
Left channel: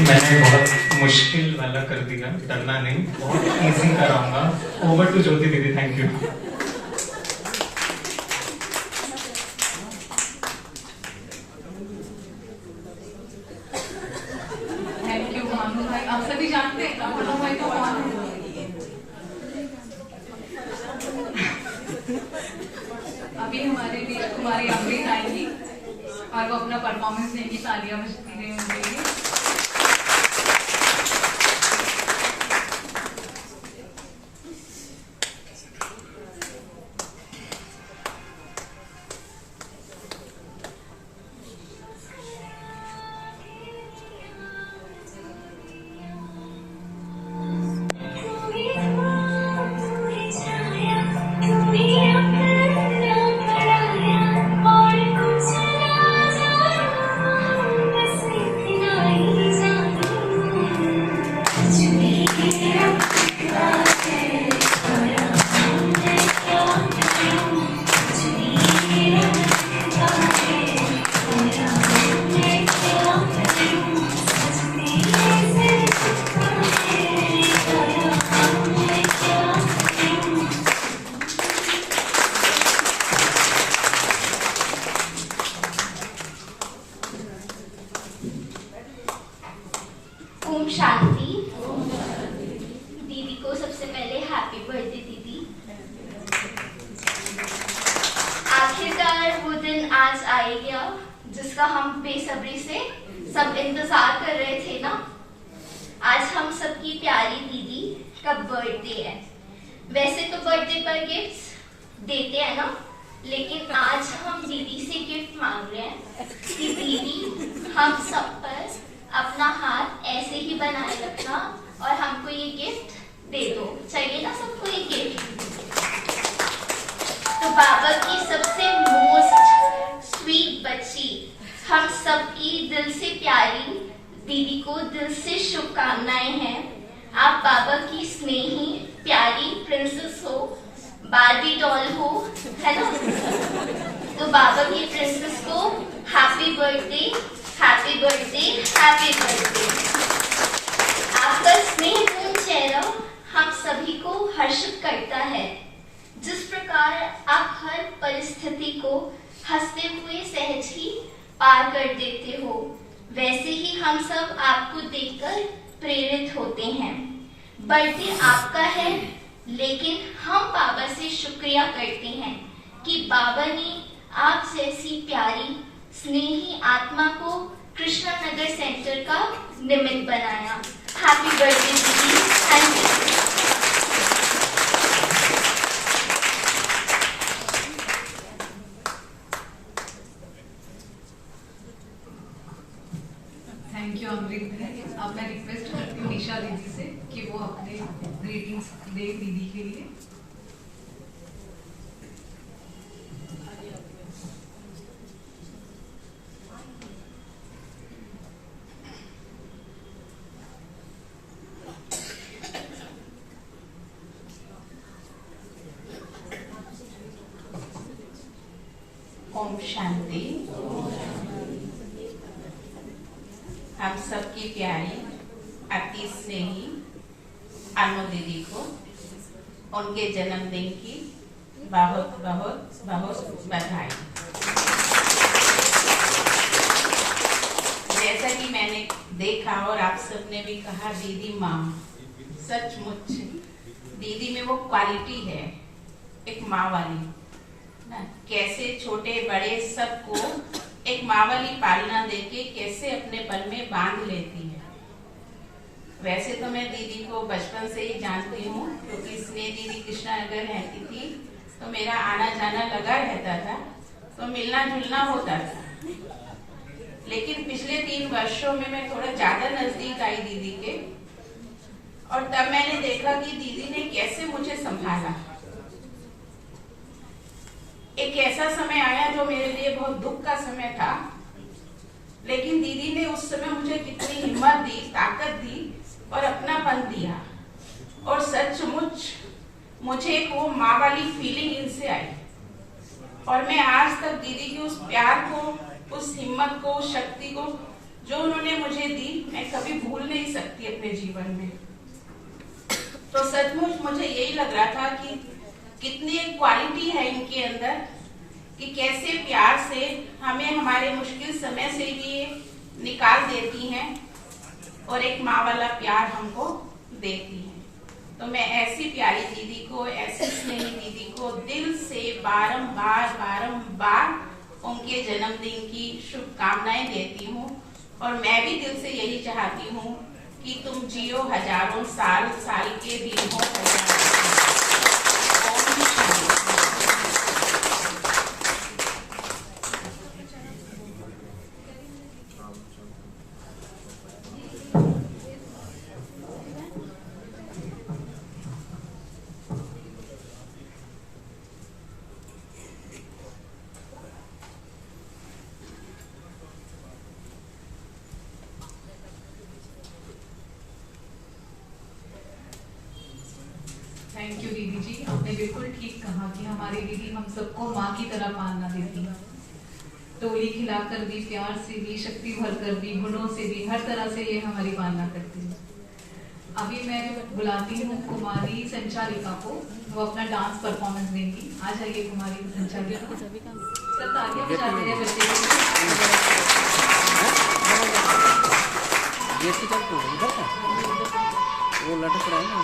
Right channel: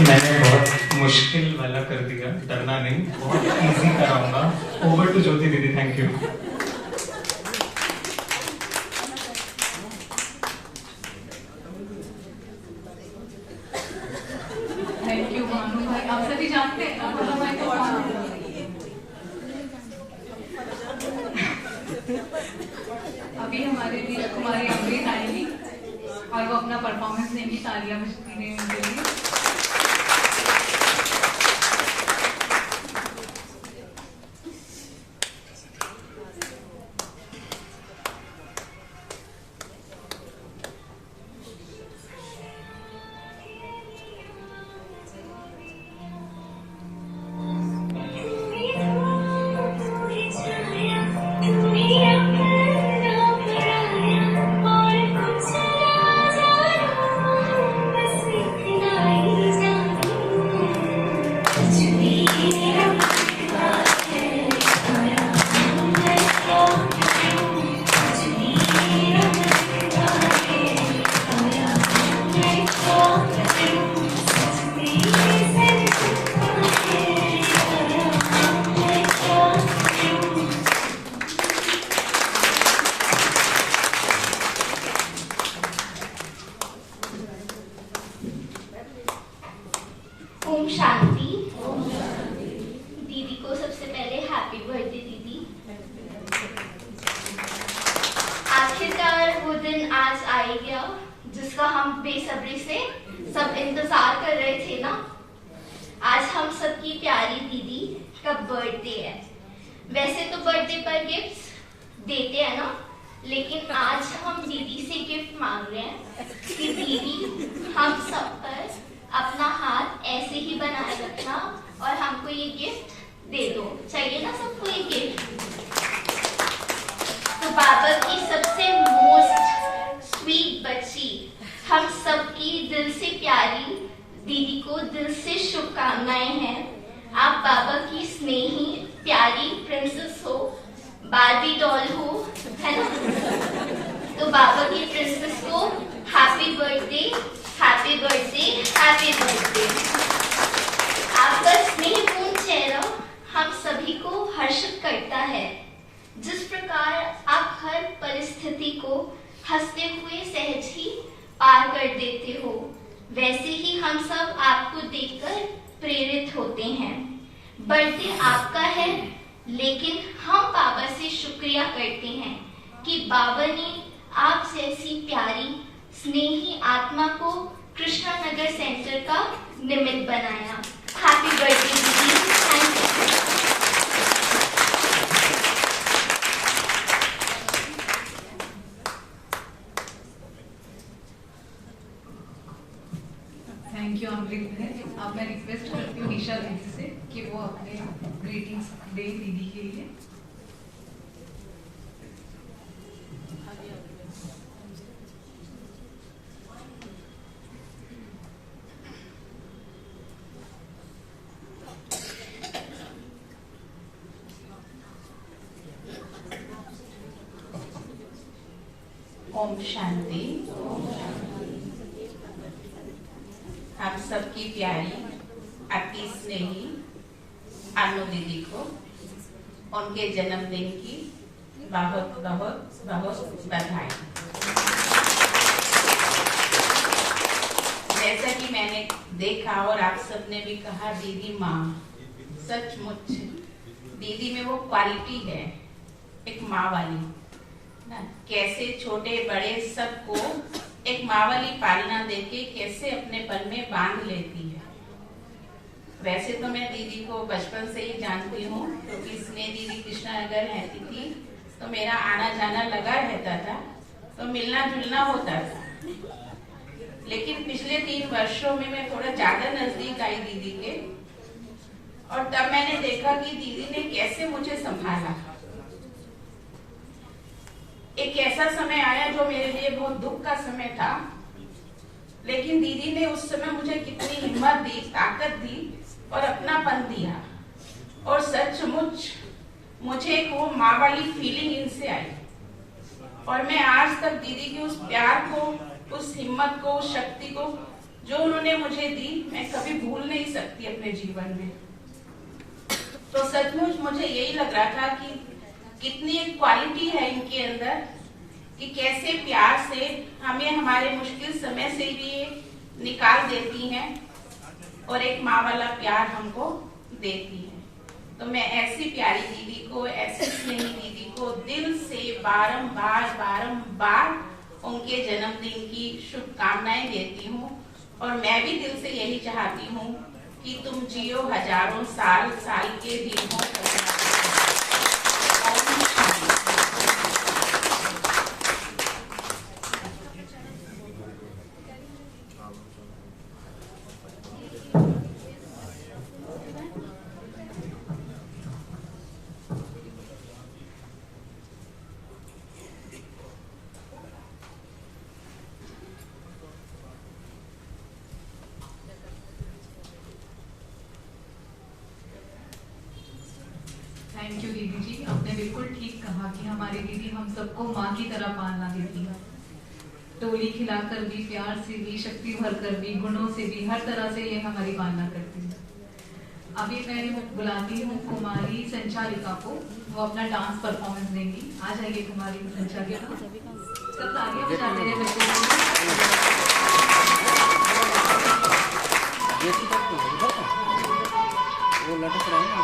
मैंने बहुत मुश्किल वाला कर दिया, डरना नहीं, बहुत इजी कराऊंगा। ओवर टू ज्योति दीदी, thank you. Thank you Bhanu भाई। आप सभी जानते हैं भानु भाई को कौन है? अभी हमारे लिए कुमारी अमृत आएंगी और वो अपना परफॉर्मेंस देंगी। तालियां बजती रही उनके लिए। ओम शांति। दीदी को सबसे पहले हैप्पी बर्थडे दीदी। आखिरकार वो दिन आज आ ही गया जिसका हम बेसब्री से सब इंतजार कर रहे थे ना। आज हम सबकी प्यारी दीदी का बर्थडे है। वैसे तो बर्थडे पर गिफ्ट्स देते हैं ना, लेकिन आज हम दीदी से गिफ्ट मांग रहे हैं कि दीदी हम सब पर अपना हाथ ऐसे ही बनाए रखना और हमको ये गिफ्ट दे दो। चाहिए ना सबको ये गिफ्ट? तो बाबा की सबसे मोस्ट स्वीट बच्ची, हम सबकी दिल से प्यारी दीदी को दिल से शुभकामनाएं हैं। आप बाबा की स्नेही प्यारी प्रिंसेस हो, बार्बी डॉल हो, है ना? तो बाबा की प्रिंसेस को happy birthday, happy birthday, happy birthday. आपका स्नेहपूर्ण चेहरा हम सभी को हर्षित करता है। जिस प्रकार आप हर परिस्थिति को हंसते हुए सहज ही पार कर देते हो, वैसे ही हम सब आपको देखकर प्रेरित होते हैं। बर्थडे आपका है, लेकिन हम बाबा से शुक्रिया करते हैं कि बाबा ने आप जैसी प्यारी स्नेही आत्मा को कृष्णा नगर सेंटर का निमित्त बनाया। हैप्पी बर्थडे दीदी, थैंक यू। थैंक यू अमृत भाई। अब मैं रिक्वेस्ट करती हूँ निशा दीदी से कि वो अपने ग्रीटिंग्स दे दीदी के लिए। ओम शांति। हम सबकी प्यारी अति स्नेही अनु दीदी को उनके जन्मदिन की बहुत बहुत बहुत बधाई। जैसा कि मैंने देखा और आप सबने भी कहा, दीदी माँ, सचमुच दीदी में वो क्वालिटी है एक माँ वाली ना। कैसे छोटे बड़े सबको एक माँ वाली पालना देके कैसे अपने पल में बांध लेती है। वैसे तो मैं दीदी को बचपन से ही जानती हूँ, क्योंकि स्नेह दीदी कृष्णानगर रहती थी तो मेरा आना जाना लगा रहता था, तो मिलना जुलना होता था। लेकिन पिछले 3 वर्षों में मैं थोड़ा ज्यादा नजदीक आई दीदी के, और तब मैंने देखा कि दीदी ने कैसे मुझे संभाला। एक ऐसा समय आया जो मेरे लिए बहुत दुख का समय था, लेकिन दीदी ने उस समय मुझे कितनी हिम्मत दी, ताकत दी और अपनापन दिया, और सचमुच मुझे एक वो माँ वाली फीलिंग इनसे आई, और मैं आज तक दीदी के उस प्यार को, उस हिम्मत को, उस शक्ति को जो उन्होंने मुझे दी, मैं कभी भूल नहीं सकती अपने जीवन में। तो सचमुच मुझे यही लग रहा था कि कितनी एक क्वालिटी है इनके अंदर, कि कैसे प्यार से हमें हमारे मुश्किल समय से भी ये निकाल देती हैं और एक माँ वाला प्यार हमको देती है। तो मैं ऐसी प्यारी दीदी को, ऐसी स्नेही दीदी को दिल से बारंबार उनके जन्मदिन की शुभकामनाएं देती हूँ, और मैं भी दिल से यही चाहती हूँ कि तुम जियो हजारों साल, साल के दिन हो थैंक यू दीदी जी, आपने बिल्कुल ठीक कहा कि हमारी दीदी हम सबको माँ की तरह पालना देती है। टोली खिलाकर भी, प्यार से भी, शक्ति भर कर भी, गुणों से भी, हर तरह से ये हमारी पालना करती है। अभी मैं बुलाती हूँ कुमारी संचालिका को, वो अपना डांस परफॉर्मेंस देंगी। आ जाइए कुमारी संचालिका, सब तालियां बजाते रहे वो लटक रहा है ना।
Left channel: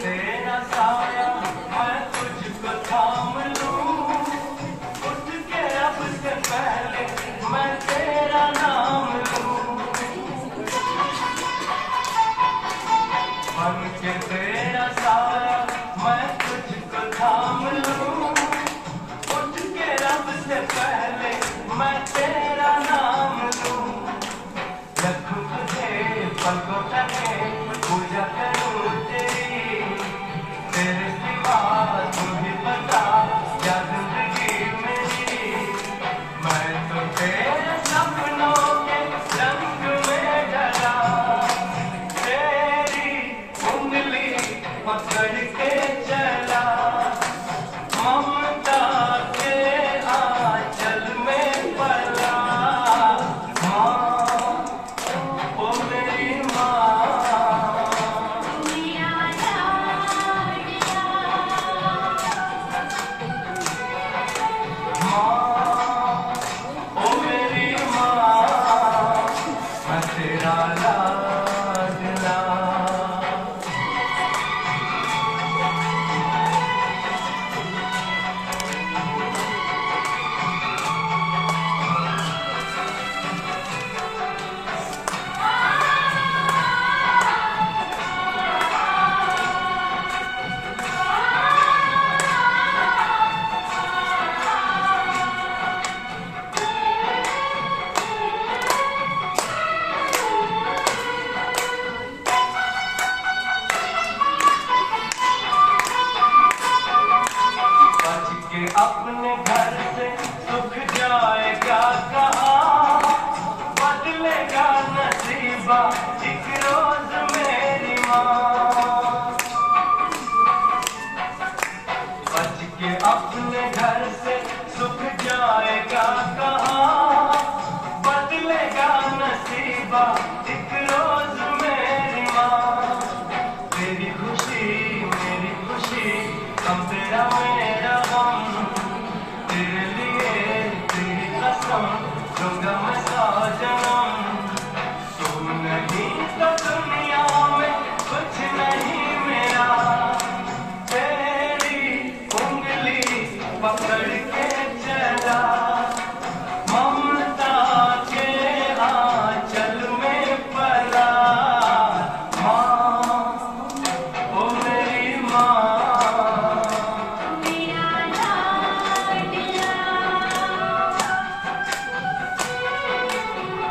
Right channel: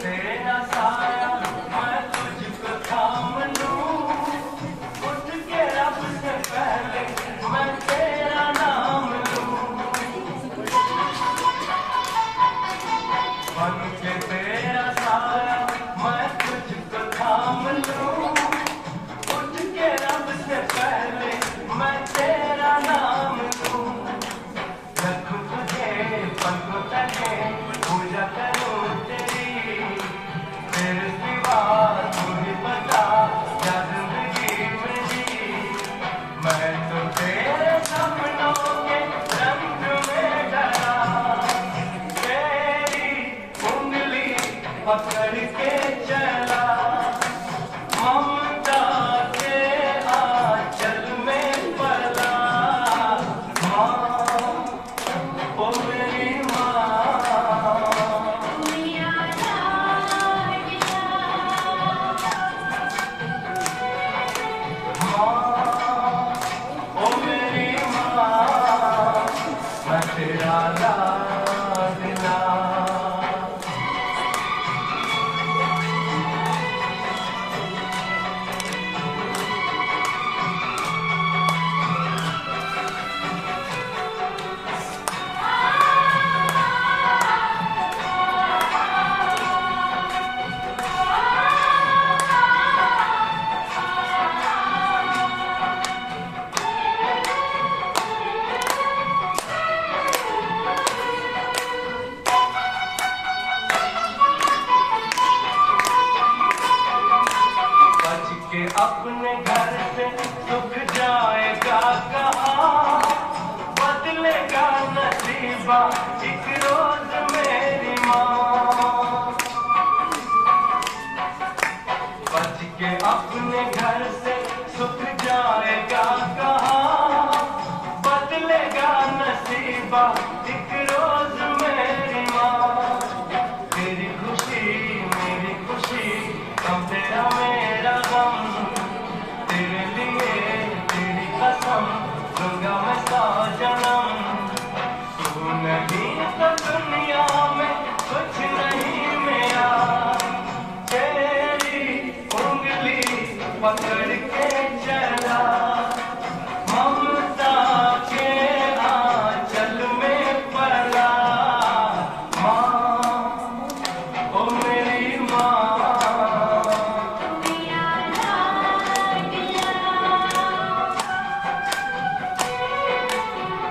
तेरा साया मैं तुझको थाम लूं, उठ के रब से पहले मैं तेरा नाम लूं। बन के तेरा साया मैं तुझको थाम लूं, उठ के रब से पहले मैं तेरा नाम लूं। रखूं तुझे पग तले, पूजा करूं तेरे सिवा तुम्हें पता क्या जिंदगी मेरी। मैं तो तेरे सपनों के रंग में डरा, तेरी उंगली पकड़ के चला, ममता के आंचल घर से सुख जाएगा कहाँ, बदलेगा नसीबा एक रोज मेरी माँ। बच के अपने घर से सुख जाएगा कहाँ, बदलेगा नसीबा एक रोज मेरी माँ। तेरी खुशी मेरी खुशी, हम तेरा मेरा गम, तेरे लिए तेरी कसम दूंगा मैं 100 जन्म। तू नहीं तो दुनिया में कुछ नहीं मेरा, तेरी उंगली पकड़ के चला, ममता के आंचल में पला। माँ ओ मेरी माँ, मेरा लाडला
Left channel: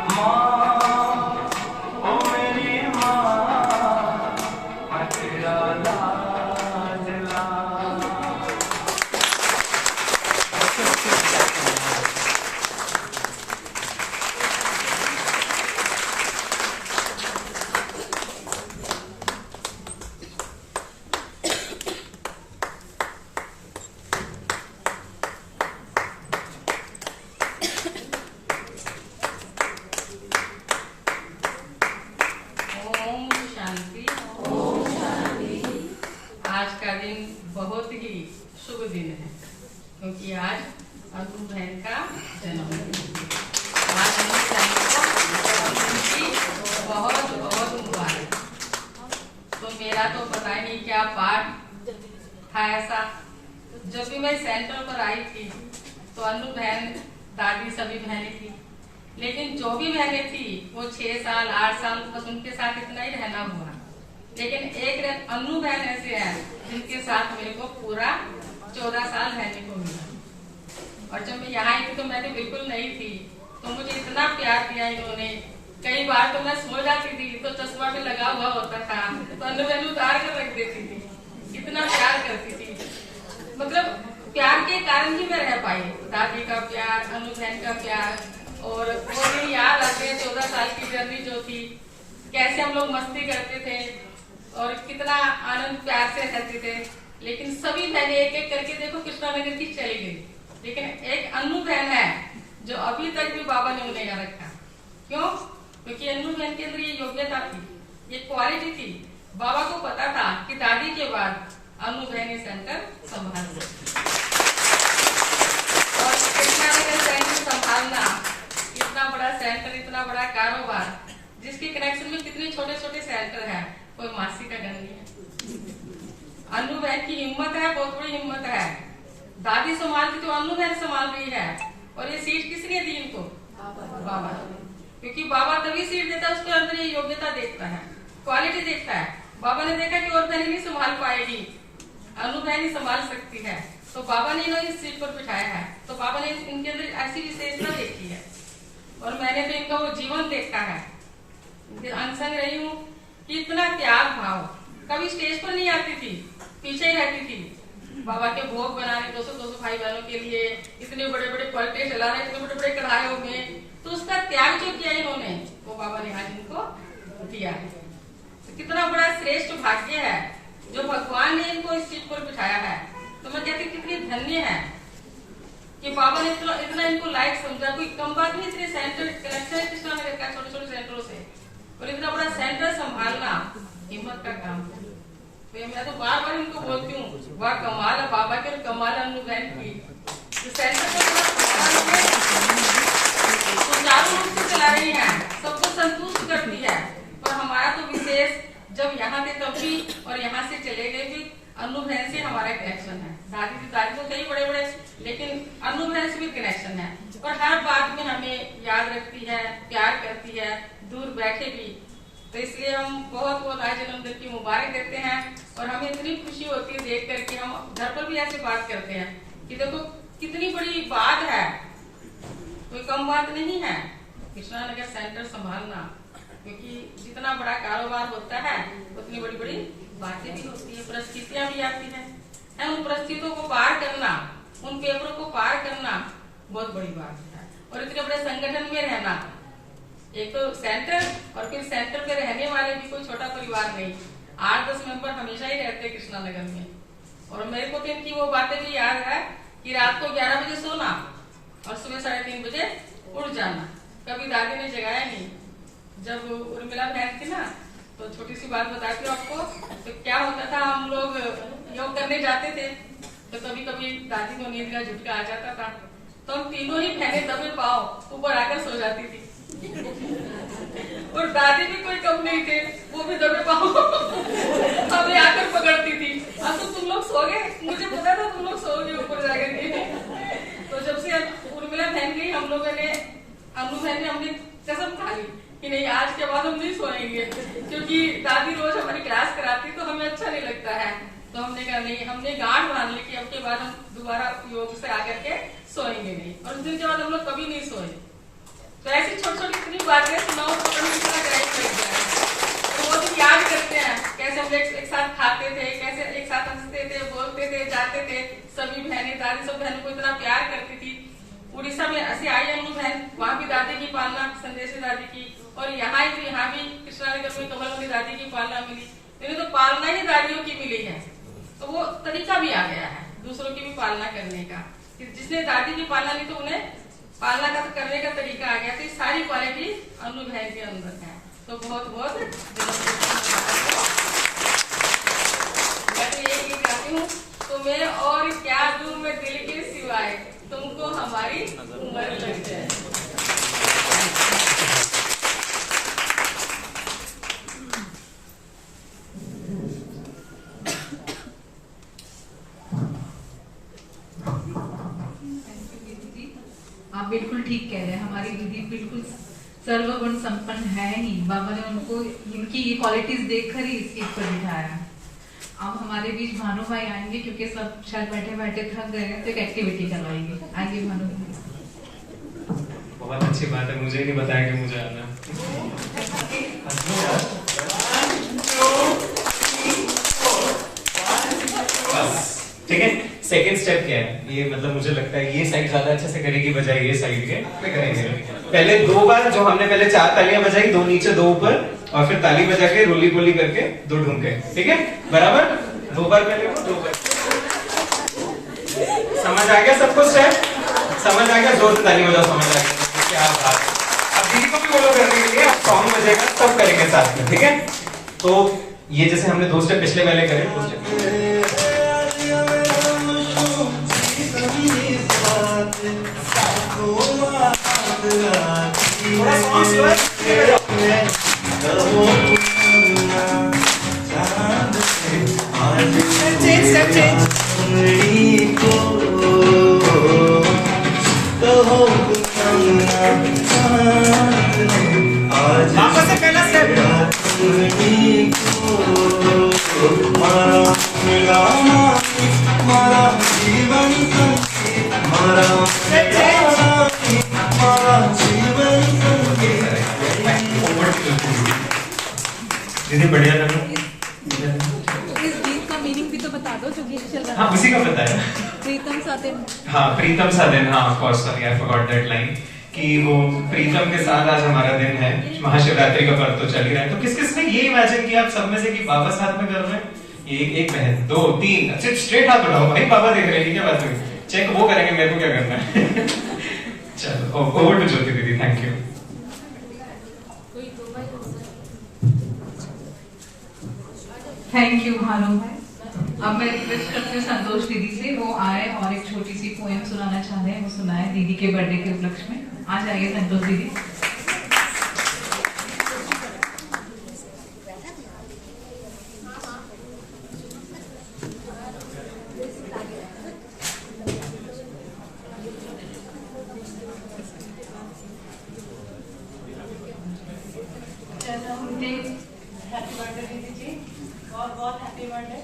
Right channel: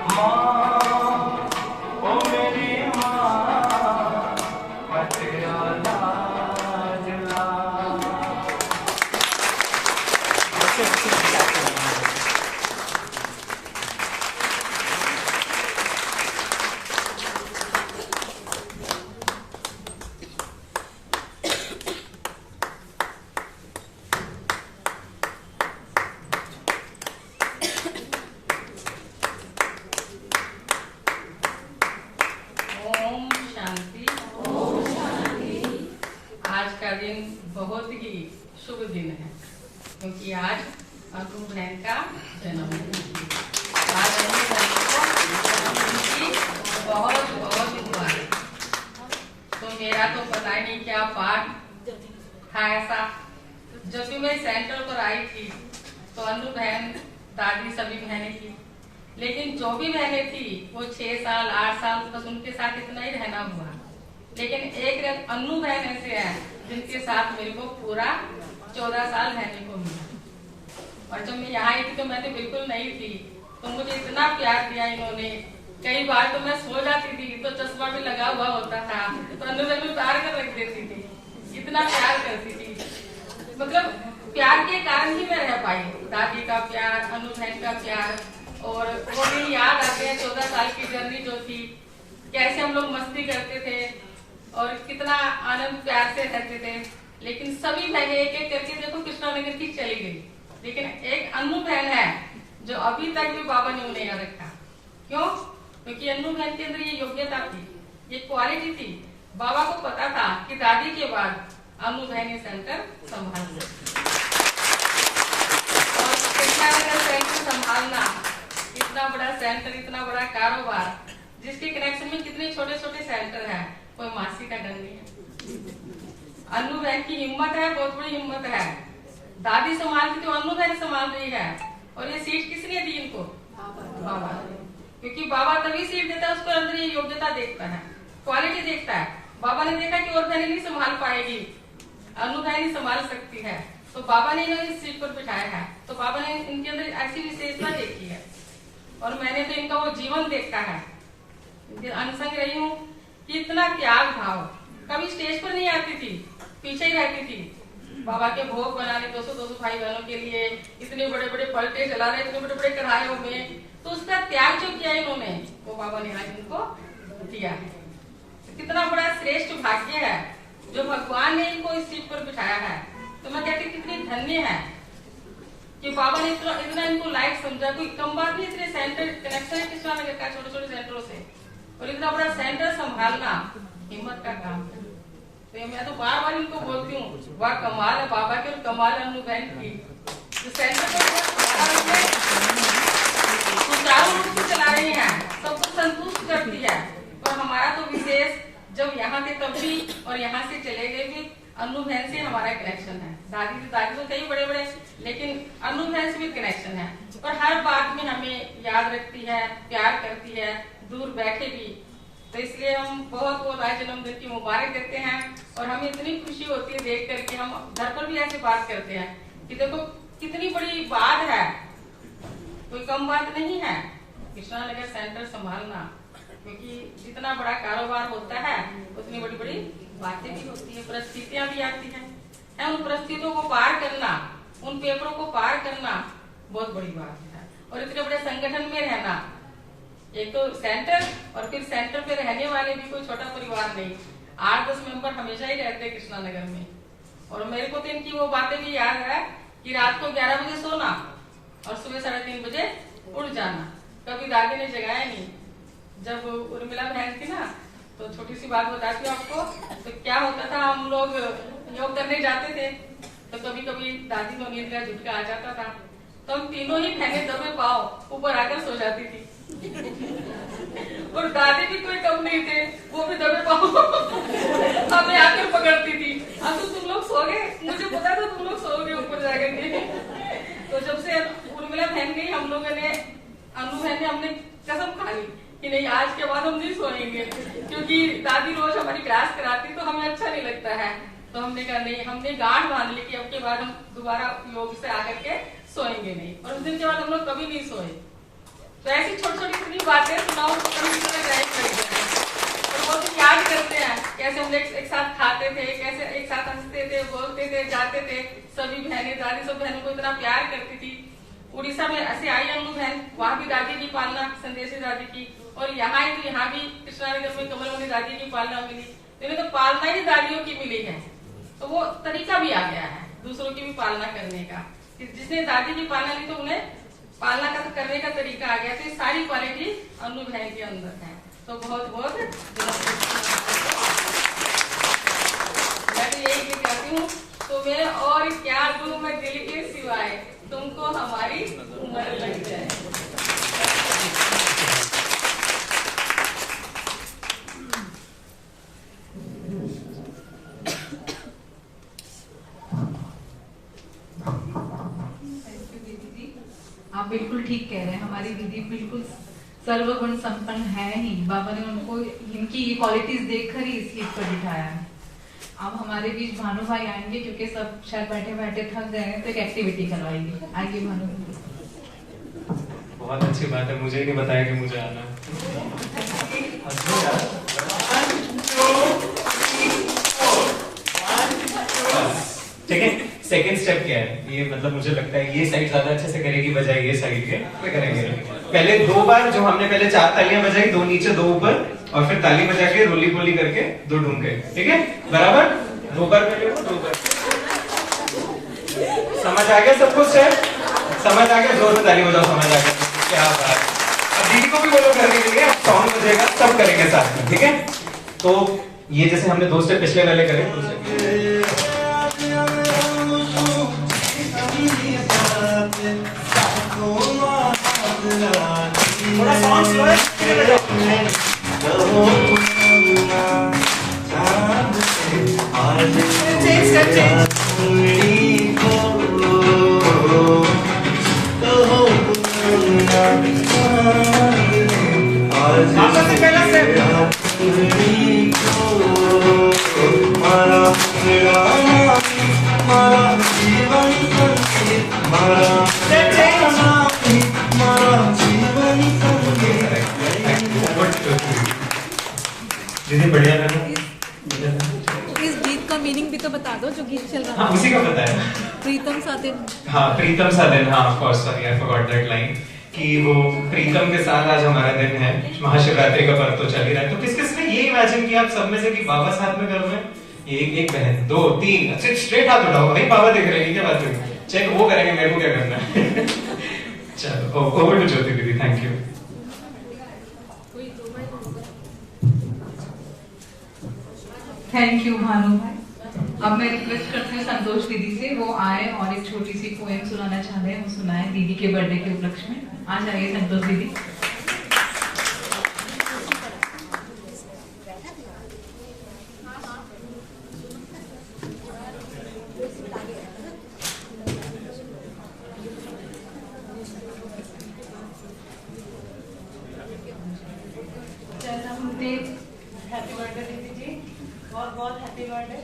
माँ ओ मेरी माँ, मैं तेरा लाडला। ओम शांति। आज का दिन बहुत ही शुभ दिन है, क्योंकि आज अनु बहन का जन्मदिन है। आज अनु बहन को जन्मदिन की बहुत बहुत मुबारक। तो मेरा तो पता ही नहीं क्या पाठ था ऐसा। जब भी मैं सेंटर पर आई थी तो अनु बहन, दादी, सभी बहनें थी, लेकिन जो भी बहनें थी वो 6 साल 8 साल बस उनके साथ इतना ही रहना हुआ। लेकिन एक अनु बहन ऐसे है जिनके साथ मेरे को पूरा 14 साल रहने को मिला। और जब मैं यहाँ आई थी तो मैं तो बिल्कुल नहीं थी, तो मुझे इतना प्यार दिया इन्होंने। कई बार तो मैं सो जाती थी तो चश्मा भी लगा हुआ होता था, तो अनु बहन उतार कर रख देती थी। इतना प्यार करती थी, मतलब प्यार के कारण ही मैं रह पाई। दादी का प्यार, अनु बहन का प्यार, और वो दिन याद आते हैं 14 साल की जर्नी जो थी, कैसे हम लोग मस्ती करते थे और कितना आनंद प्यार से रहते थे। लेकिन सभी बहनें एक एक करके देखो कृष्णा नगर की चली गई, लेकिन एक अनु बहन है जो अभी तक भी बाबा ने उन्हें याद रखा। क्यों? क्योंकि अनु बहन के अंदर ये योग्यता थी, ये क्वालिटी थी। बाबा को पता था कि दादी के बाद अनु बहन सेंटर संभाल और कृष्णा नगर सेंटर संभालना, इतना बड़ा सेंटर, इतना बड़ा कारोबार, जिसके कनेक्शन में कितने छोटे छोटे सेंटर हैं, कोई मासी का गन नहीं है। अनु बहन की हिम्मत है, बहुत बड़ी हिम्मत है। दादी संभालती तो अनु बहन संभाल रही है। और ये सीट किसने दी इनको? बाबा। क्योंकि बाबा तभी सीट देता है, उसके अंदर ये योग्यता देखता है, क्वालिटी देखता है। बाबा ने देखा कि और बहनें नहीं संभाल पाएगी, अनु बहन ही संभाल सकती है, तो बाबा ने इन्हें इस सीट पर बिठाया है। तो बाबा ने इनके अंदर ऐसी विशेषता देखी है, और मैंने तो इनका वो जीवन देखा है। अनसंग रही हूँ कि इतना त्याग भाव, कभी स्टेज पर नहीं आती थी, पीछे ही रहती थी। बाबा के भोग बनाने 200-200 भाई बहनों के लिए, इतने बड़े बड़े पलटे चलाने, इतने बड़े बड़े कढ़ाइयों में, तो उसका त्याग जो किया इन्होंने, वो बाबा ने आज इनको दिया है। तो कितना बड़ा श्रेष्ठ भाग्य है जो भगवान ने इनको इस सीट पर बिठाया है। तो मैं कहती कितनी धन्य है कि बाबा ने इतना इनको लायक समझा। कोई कम बात नहीं, इतने सेंटर कनेक्शन है कृष्णा नगर का छोटे छोटे सेंटरों से, और इतना बड़ा सेंटर संभालना हिम्मत का काम है। तो मैं तो बार बार उनको बोलती हूँ, वाह कमाल है बाबा की और कमाल अनु बहन की। तो सेंटर को सुचारू रूप से चला रही है, सबको संतुष्ट करती है। और हमारा तो विशेष जब यहाँ थे तब भी और यहाँ से चले गए भी अनु बहन से हमारा कनेक्शन है। दादी तो कई बड़े बड़े, लेकिन अनु बहन से भी कनेक्शन है। और हर बात में हमें याद रखती है, प्यार करती है, दूर बैठे भी। तो इसलिए हम बहुत बहुत आज जन्मदिन की मुबारक देते हैं। और हमें इतनी खुशी होती है देख करके, हम घर पर भी ऐसे बात करते हैं कि देखो कितनी बड़ी बात है, कोई कम बात नहीं है कृष्णा नगर सेंटर संभालना। क्योंकि जितना बड़ा कारोबार होता है उतनी बड़ी बड़ी बातें भी होती है, परिस्थितियां भी आती हैं। उन परिस्थितियों को पार करना उन पेपरों को पार करना बहुत बड़ी बात है। और इतने बड़े संगठन में रहना, एक तो सेंटर और फिर सेंटर में रहने वाले भी कोई छोटा परिवार नहीं, 8-10 मेंबर हमेशा ही रहते हैं कृष्णा नगर में। और मेरे को तो इनकी वो बातें भी याद है कि रात को 11 बजे सोना और सुबह 3:30 बजे उठ जाना। कभी दादी ने जगाया नहीं। जब उर्मिला बहन थी ना, तो छोटी सी बात बताती हूँ आपको, तो क्या होता था, हम लोग योग करने जाते थे तो कभी कभी दादी को नींद का झुटका आ जाता था, तो हम तीनों ही बहनें दबे पाँव ऊपर आकर सो जाती थी। और दादी भी कोई कम नहीं थे, वो भी दबे पाँव हमें आकर पकड़ती थी। अब तो तुम लोग सो गए, मुझे पता था तुम लोग सोओगे ऊपर जाकर के। तो जब से उर्मिला बहन गई, हम लोगों ने, अनु बहन ने, हमने कसम खा ली कि नहीं, आज के बाद हम नहीं सोएंगे, क्योंकि दादी रोज हमारी क्लास कराती तो हमें अच्छा नहीं लगता है। तो हमने कहा नहीं, हमने गांठ बांध ली कि अब के बाद हम दोबारा योग से आकर के सोएंगे नहीं। और उस दिन के बाद हम लोग कभी नहीं सोए। तो ऐसी छोटी छोटी इतनी बातें सुनाओ तो पता नहीं चला जाए कर जाए। और वो तो याद करते हैं कैसे हम एक साथ खाते थे, कैसे एक साथ हंसते थे, बोलते थे, जाते थे। सभी बहनें, दादी सब बहनों को इतना प्यार करती थी। उड़ीसा में ऐसे आई अनु बहन, वहाँ भी दादी की पालना, संदेशी दादी की, और यहाँ ही, यहाँ भी कृष्णा नगर में कमलवती दादी की पालना मिली। लेकिन तो पालना ही दादियों की मिली है, तो वो तरीका भी आ गया है दूसरों की भी पालना करने का। जिसने दादी की पालना नहीं, तो उन्हें पालना का करने का तरीका आ गया। तो ये सारी क्वालिटी अनु बहन के अंदर है। तो बहुत बहुत मैं तो यही कहती हूँ, तुम्हें और क्या दूं मैं दिल के सिवाय, तुमको हमारी उम्र लग जाए। आप बिल्कुल ठीक कह रहे हैं, हमारी दीदी बिल्कुल सर्वगुण संपन्न है ही। बाबा ने उनको इनकी ये क्वालिटीज देखकर ही इस चीज पर बिठाया है। अब हमारे बीच भानु भाई आएंगे, क्योंकि सब शायद बैठे बैठे थक गए हैं, तो एक एक्टिविटी करवाएंगे। आइए भानु भाई। बहुत अच्छी बात है, मुझे नहीं बताया कि मुझे आना है। ठीक है, सेकेंड स्टेप क्या है, ये मतलब मुझे लगता है ये साइड ज्यादा अच्छे से करेगी बजाय ये साइड के करेंगे। पहले 2 बार, जो हमने पहले 4 तालियां बजाई, 2 नीचे 2 ऊपर, और फिर ताली बजा के रोली बोली करके 2 ढूंढ के, ठीक है बराबर। 2 बार पहले वो, 2 बार। समझ आ गया सबको स्टेप? समझ आ गया? जोर से ताली बजाओ, समझ आ गया? क्या बात। अब दीदी को भी बोलो करने के लिए, अब सॉन्ग बजेगा सब करेंगे साथ में, ठीक है। तो ये जैसे हमने 2 स्टेप पिछले वाले करे, 2 स्टेप थोड़ा सॉन्ग स्लो है, से पहला स्टेप दीदी बढ़िया लगा। इस गीत का मीनिंग भी तो बता दो, जो गीत चल रहा है। हाँ, उसी का पता है। प्रीतम सा दिन। हाँ, प्रीतम सा दिन। हाँ, of course, sorry I forgot that line, कि वो प्रीतम के साथ आज हमारा दिन है। महाशिवरात्रि का पर्व तो चल ही रहा है। तो किस किस ने ये इमेजिन किया आप सब में से कि बाबा साथ में कर रहे हैं? एक बहन, 2, 3, सिर्फ स्ट्रेट हाथ उठाओ भाई, बाबा देख रहे हैं, क्या बात हुई? चेक वो करेंगे, मेरे को क्या करना है? चलो, ओवर टू ज्योति दीदी, thank you. Thank you Bhanu भाई। अब मैं रिक्वेस्ट करती हूँ संतोष दीदी से, वो आए और एक छोटी सी पोएम सुनाना चाह रहे हैं, वो सुनाए दीदी के बर्थडे के उपलक्ष्य में। आ जाइए संतोष दीदी। हैप्पी बर्थडे दीदी जी, बहुत बहुत हैप्पी बर्थडे।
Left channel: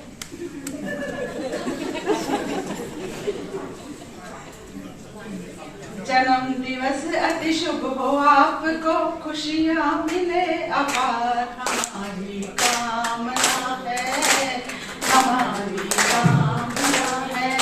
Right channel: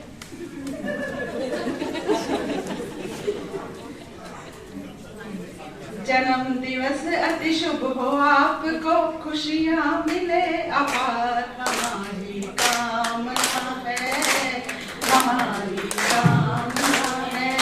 जन्म दिवस अति शुभ हो आपको, खुशियाँ मिले अपार, हमारी कामना है, हमारी कामना है।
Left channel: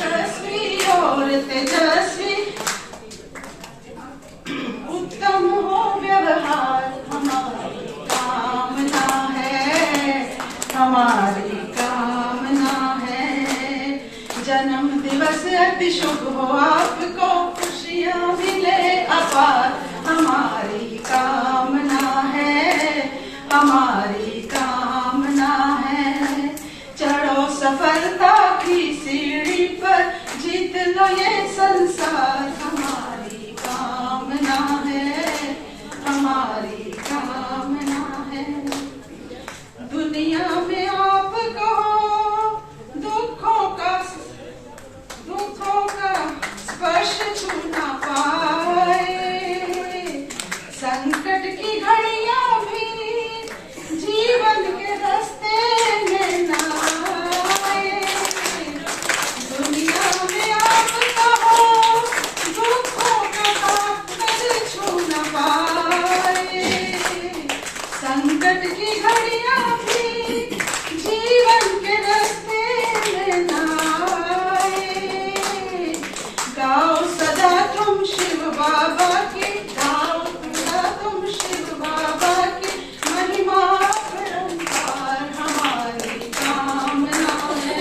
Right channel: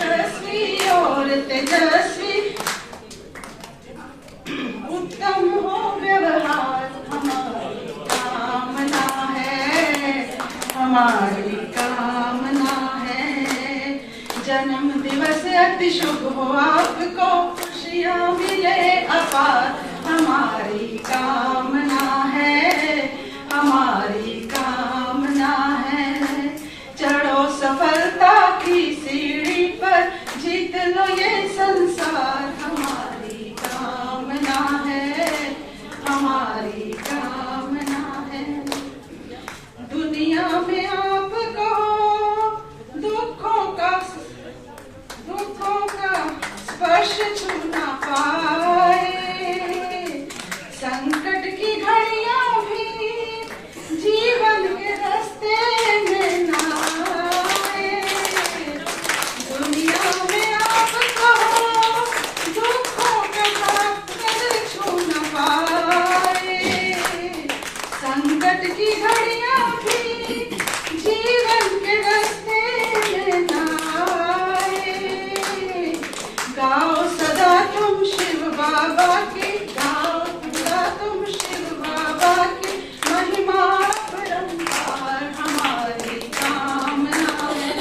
यशस्वी और तेजस्वी उत्तम हो व्यवहार हमारी कामना है, हमारी कामना है। जन्म दिवस अति शुभ हो आपको, खुशियाँ मिले अपार हमारी कामना है, हमारी कामना है। चढ़ो सफलता की सीढ़ी पर, जीत लो ये संसार हमारी कामना है, हमारी कामना है। दुनिया में आपको दुखों का स्पर्श छू ना पाए, संकट की घड़ियां भी जीवन के रास्ते में ना आए। दुनिया में आपको दुखों का छू ना पाए, संकट की घड़ियां भी जीवन के रास्ते में ना आए। गाओ सदा तुम शिव बाबा की, गाओ सदा तुम शिव बाबा की महिमा परंपार हमारी कामना है,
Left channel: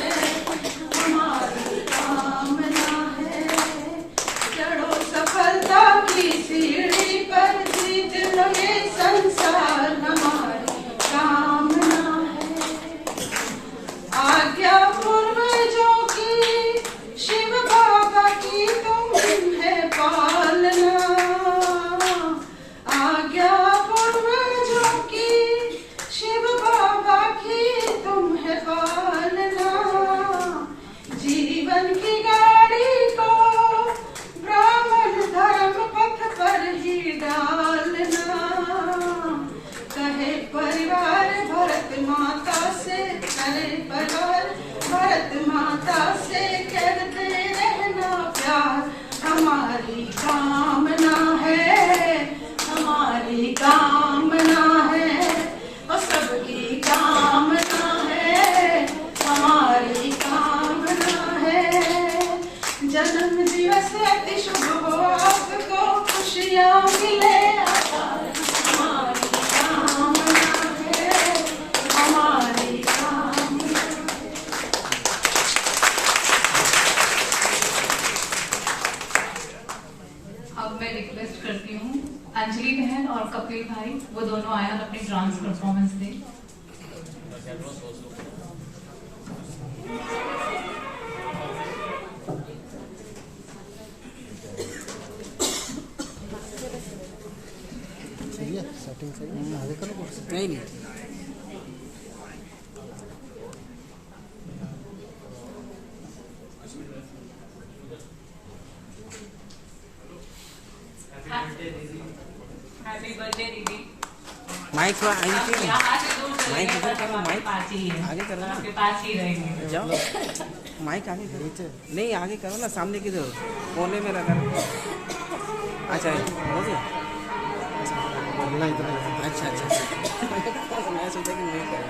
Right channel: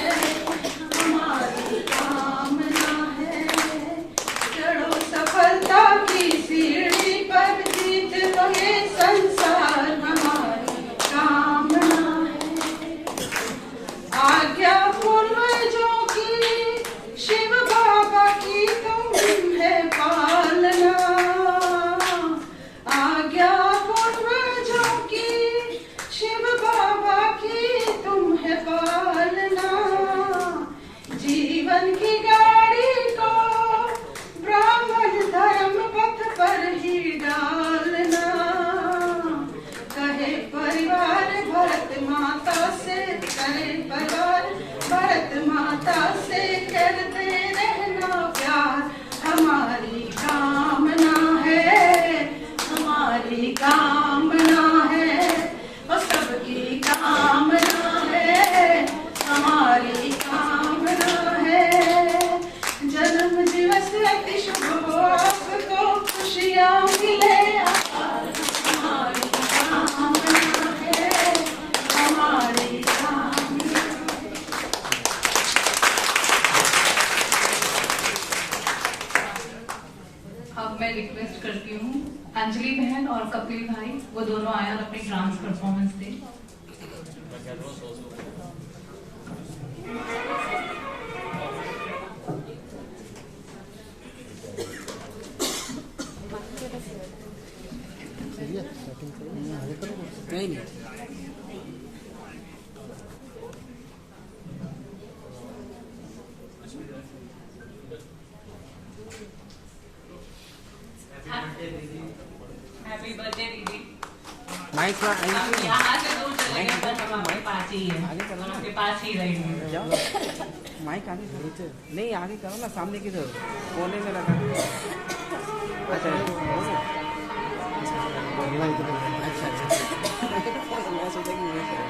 हमारी कामना है। चढ़ो सफलता की सीढ़ी पर, जीत लो ये संसार हमारी कामना है। आज्ञा पूर्वजों की शिव बाबा की तुम है पालना, आज्ञा पूर्वजों की शिव बाबा की तुम है पालना। जीवन की गाड़ी को ब्राह्मण धर्म पथ पर ही डालना, कहे परिवार भरत माता से, कहे परिवार भरत माता से करते रहना प्यार हमारी कामना है, हमारी कामना है। और सबकी कामना है, हमारी कामना है। जन्म दिवस अति शुभ हो आपको, खुशियाँ मिले हमारी कामना है, हमारी कामना। अब मैं रिक्वेस्ट करती हूँ अंजलि बहन और कपिल भाई, वो दोनों आए और अपनी डांस परफॉर्मेंस दें। सही है, सेटिंग सही है। नहीं नहीं हैप्पी बर्थडे दीदी। माइक थोड़ा हम यहाँ से दूर चले गए पर हम आपके पास ही हैं, आगे चलना। आपके पास ही रहेंगे। जाओ माइक आगे करो, नहीं आगे करो ना, सामने की तरफ कोने में रखा। अच्छा बोलना इतना। अच्छा मैं सोचा कि नहीं करूँ।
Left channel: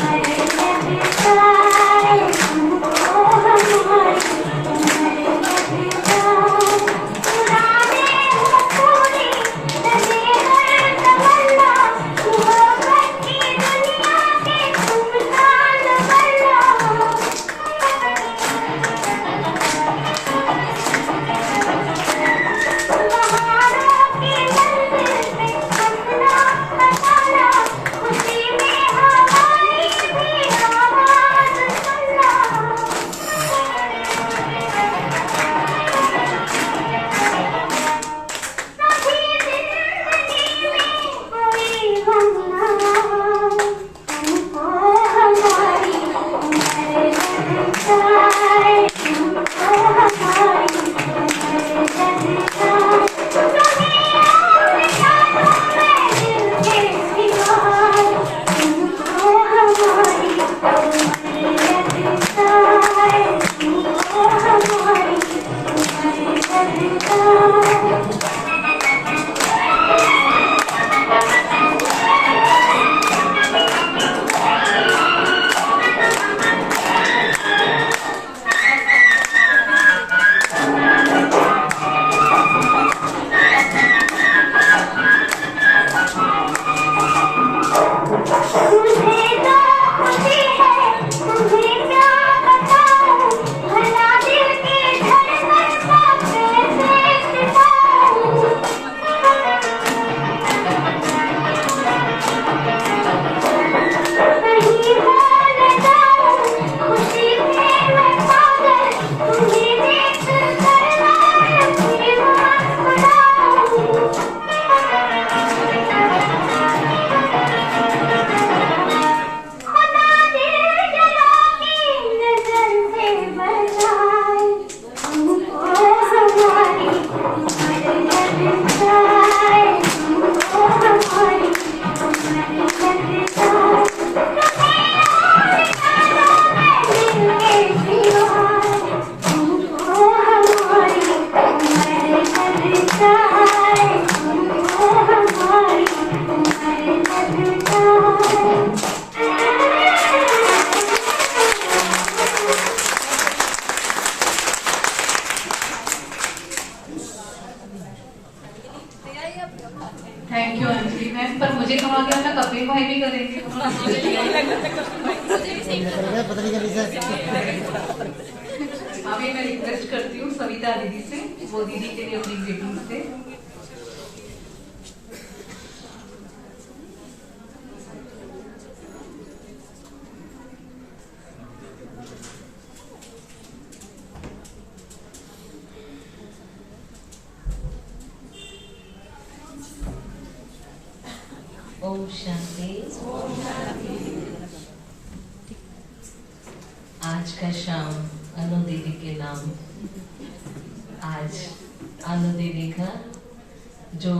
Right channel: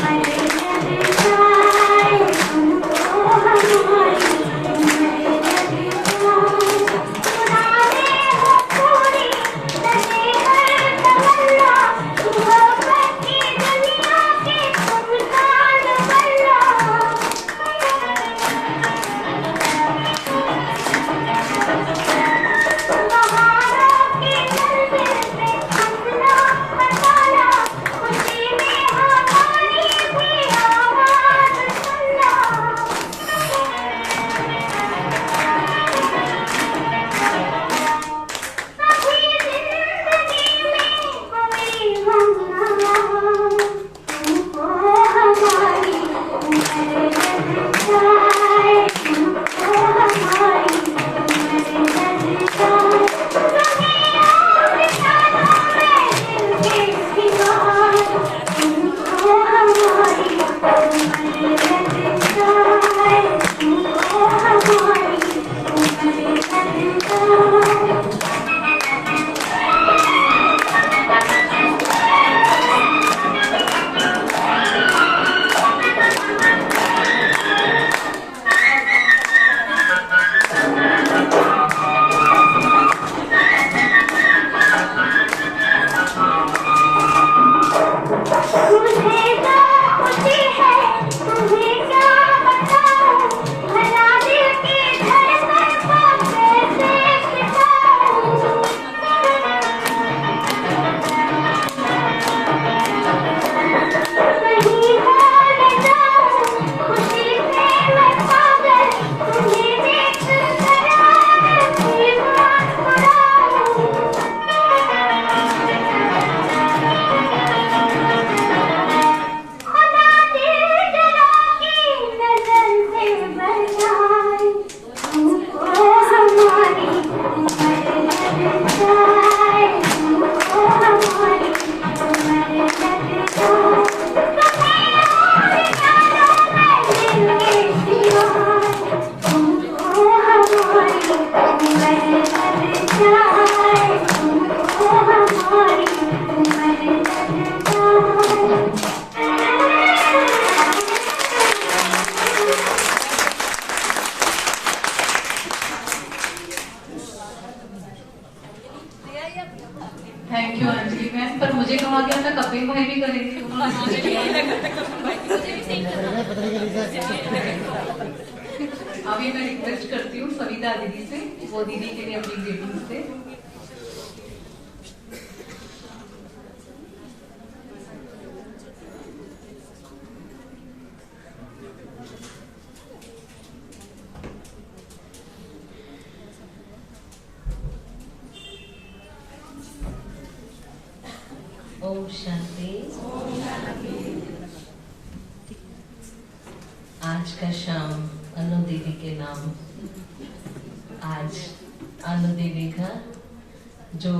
हमारी थैंक यू अंजलि मैम, पर मुझे कहा गया था कपिल भाई भी करेंगे। अभी मैं रिक्वेस्ट करती हूँ सविता दीदी से, वो दीदी के लिए अपनी ग्रीटिंग से। ओम शांति। आज का शाम अनु देवी के नाम। आज अनु देवी का जो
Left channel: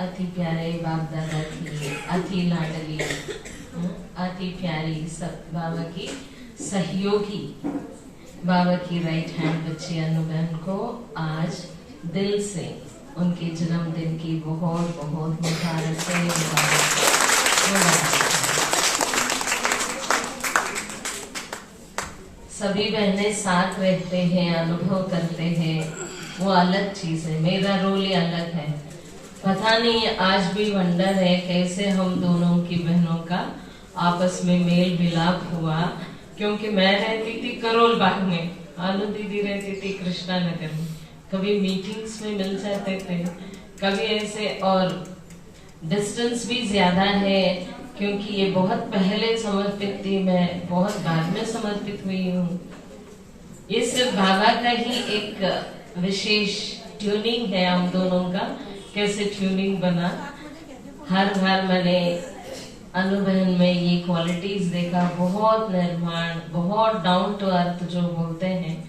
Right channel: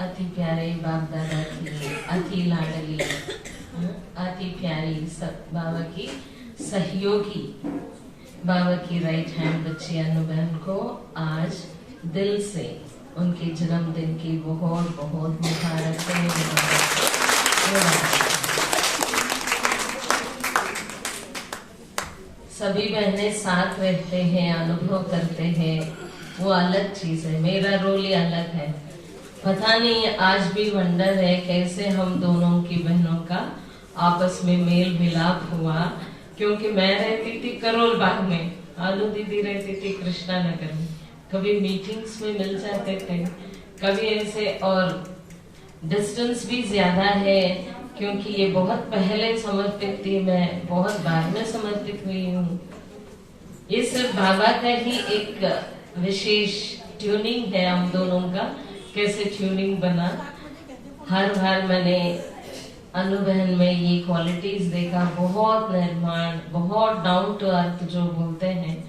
अति प्यारे बाप दादा की अति लाडली अति प्यारी सब बाबा की सहयोगी बाबा की राइट हैंड बच्ची अनु बहन को आज दिल से उनके जन्मदिन की बहुत बहुत मुबारक। सभी बहनें साथ रहते हैं, अनुभव करते हैं, वो अलग चीज है। मेरा रोल ही अलग है। पता नहीं आज भी वंडर है कैसे हम दोनों की बहनों का आपस में मेल मिलाप हुआ, क्योंकि मैं रहती थी करोल बाग में, अनु दीदी रहती थी कृष्णा नगर में। कभी मीटिंग्स में मिल जाते थे, कभी ऐसे, और डिस्टेंस भी ज्यादा है क्योंकि ये बहुत पहले समर्पित थी, मैं बहुत बाद में समर्पित हुई हूँ। ये सिर्फ बाबा का ही एक विशेष ट्यूनिंग है हम दोनों का, कैसे ट्यूनिंग बना। हर बार मैंने अनु बहन में ये क्वालिटीज देखा, बहुत निर्माण, बहुत डाउन टू अर्थ जो बोलते हैं।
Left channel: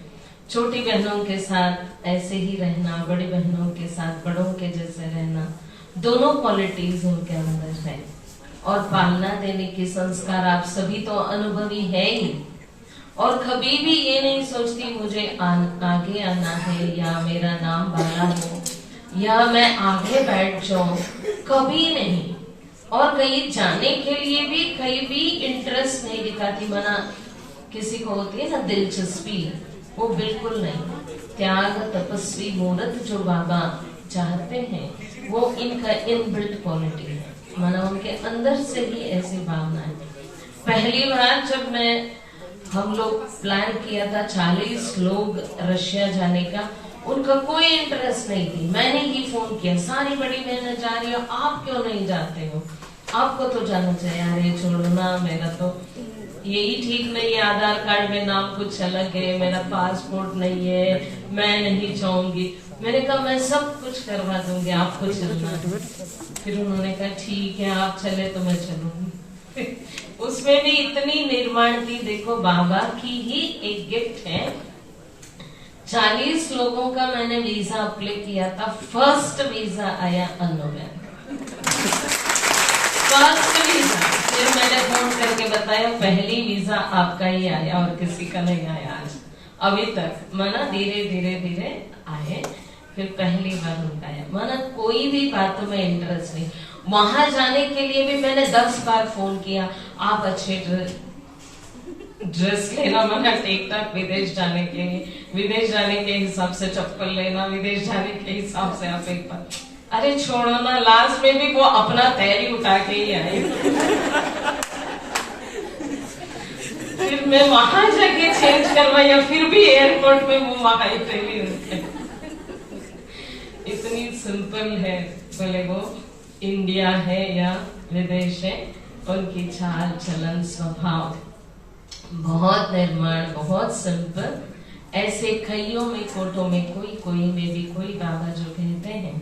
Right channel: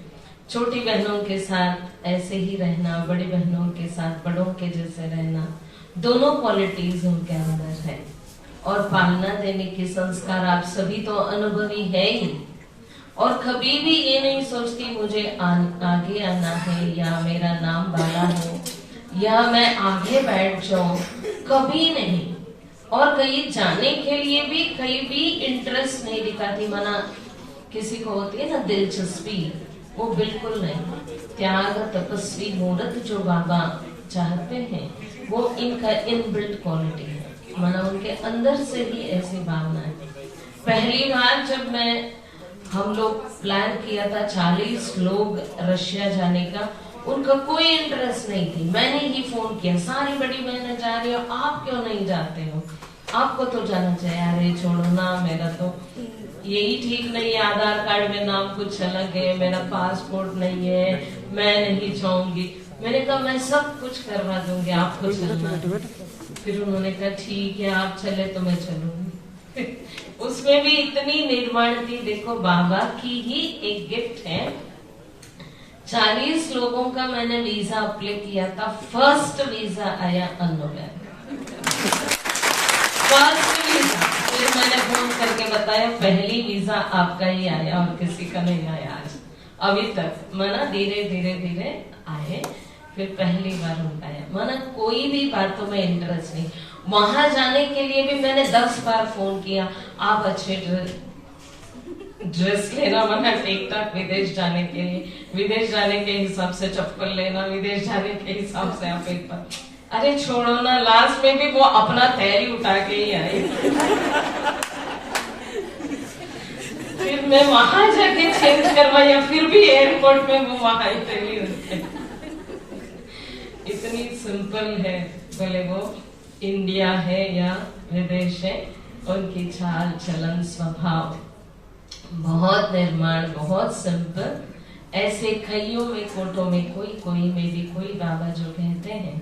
छोटी बहनों के साथ ऐसे ही रहना, बड़ी बहनों के साथ बड़ों के जैसे रहना, दोनों क्वालिटीज उनके अंदर है। और पालना देने के संस्कार आप सभी तो अनुभवी है ही, और कभी भी ये नहीं सोचती मुझे आगे आना है या मेरा नाम वाला हो या मैं आगे बैठ जाऊं, कभी नहीं। और कहीं जाने के लिए भी कहीं भी इंटरेस्ट नहीं दिखाती। मना किसी को होती है ना दिलचस्पी, वो बिल्कुल नहीं। त्याग तपस्वी मूर्त जो बाबा चाहते हैं वो इनका इनबिल्ट क्वालिटी है, माना उनके अंदर से ही ऐसी भावना है। पहली बार जब हम लोग प्लान किया था 40 लोग रशिया जाने का, उनका कोई इंटरेस्ट नहीं थी। मैंने ही फोन किया, सारी बड़ी बहनें जा रही हो, आप क्यों नहीं जाते हो, आपको तो जाना चाहिए। अरे छोड़ो ना, मेरा तो यही ठीक नहीं है, आधार कार्ड में नाम कुछ अलग है, मेरा पासपोर्ट नहीं है, मैं नहीं चाहूंगी। मैंने कहा मैं सब कुछ करवा दूंगी, आपको चलना। फिर उन्होंने कहा ठीक है आप चले तो मैं चलूंगी। उसमें भी इतनी निर्माण थी। देखो बाबा की ही एक गिफ्ट है। 40 लोगों का मैंने वीजा अप्लाई किया था, फर्स्ट वीजा आया अनु बहन, फर्स्ट वीजा। फिर मैंने फोन करके बताया पहली वीजा आपका ही आया और किसी का नहीं आया आज अभी तक। माना धीरे धीरे धीरे आए, फिर पहली बार उनका आया। माना कोई भी बातों में इंटरेस्ट नहीं। वहां जाने के लिए भी मैंने 10 बार फोन किया, आप अच्छे ड्रेस लेना, माना टिक टाक विदेश जाने के लिए, विदेश जाने के हिसाब से चप्पल लेना, विदेश जाने के हिसाब से आप एक बार। अरे छोड़ो ना, लास्ट में भी वो अपना तैयारी उठा के ही आए। फिर मैं वहां जाके चेंज करवाया, फिर भी एयरपोर्ट में वो वहां ही पहली होती। इतनी सिंपल है, बोले वो इंडिया है या विदेश है, उनकी चाल चलन स्वभाव बहुत निर्माण, बहुत सिंपल। ऐसे कईयों में कोटों में कोई में भी कोई बाबा जो कहते हैं,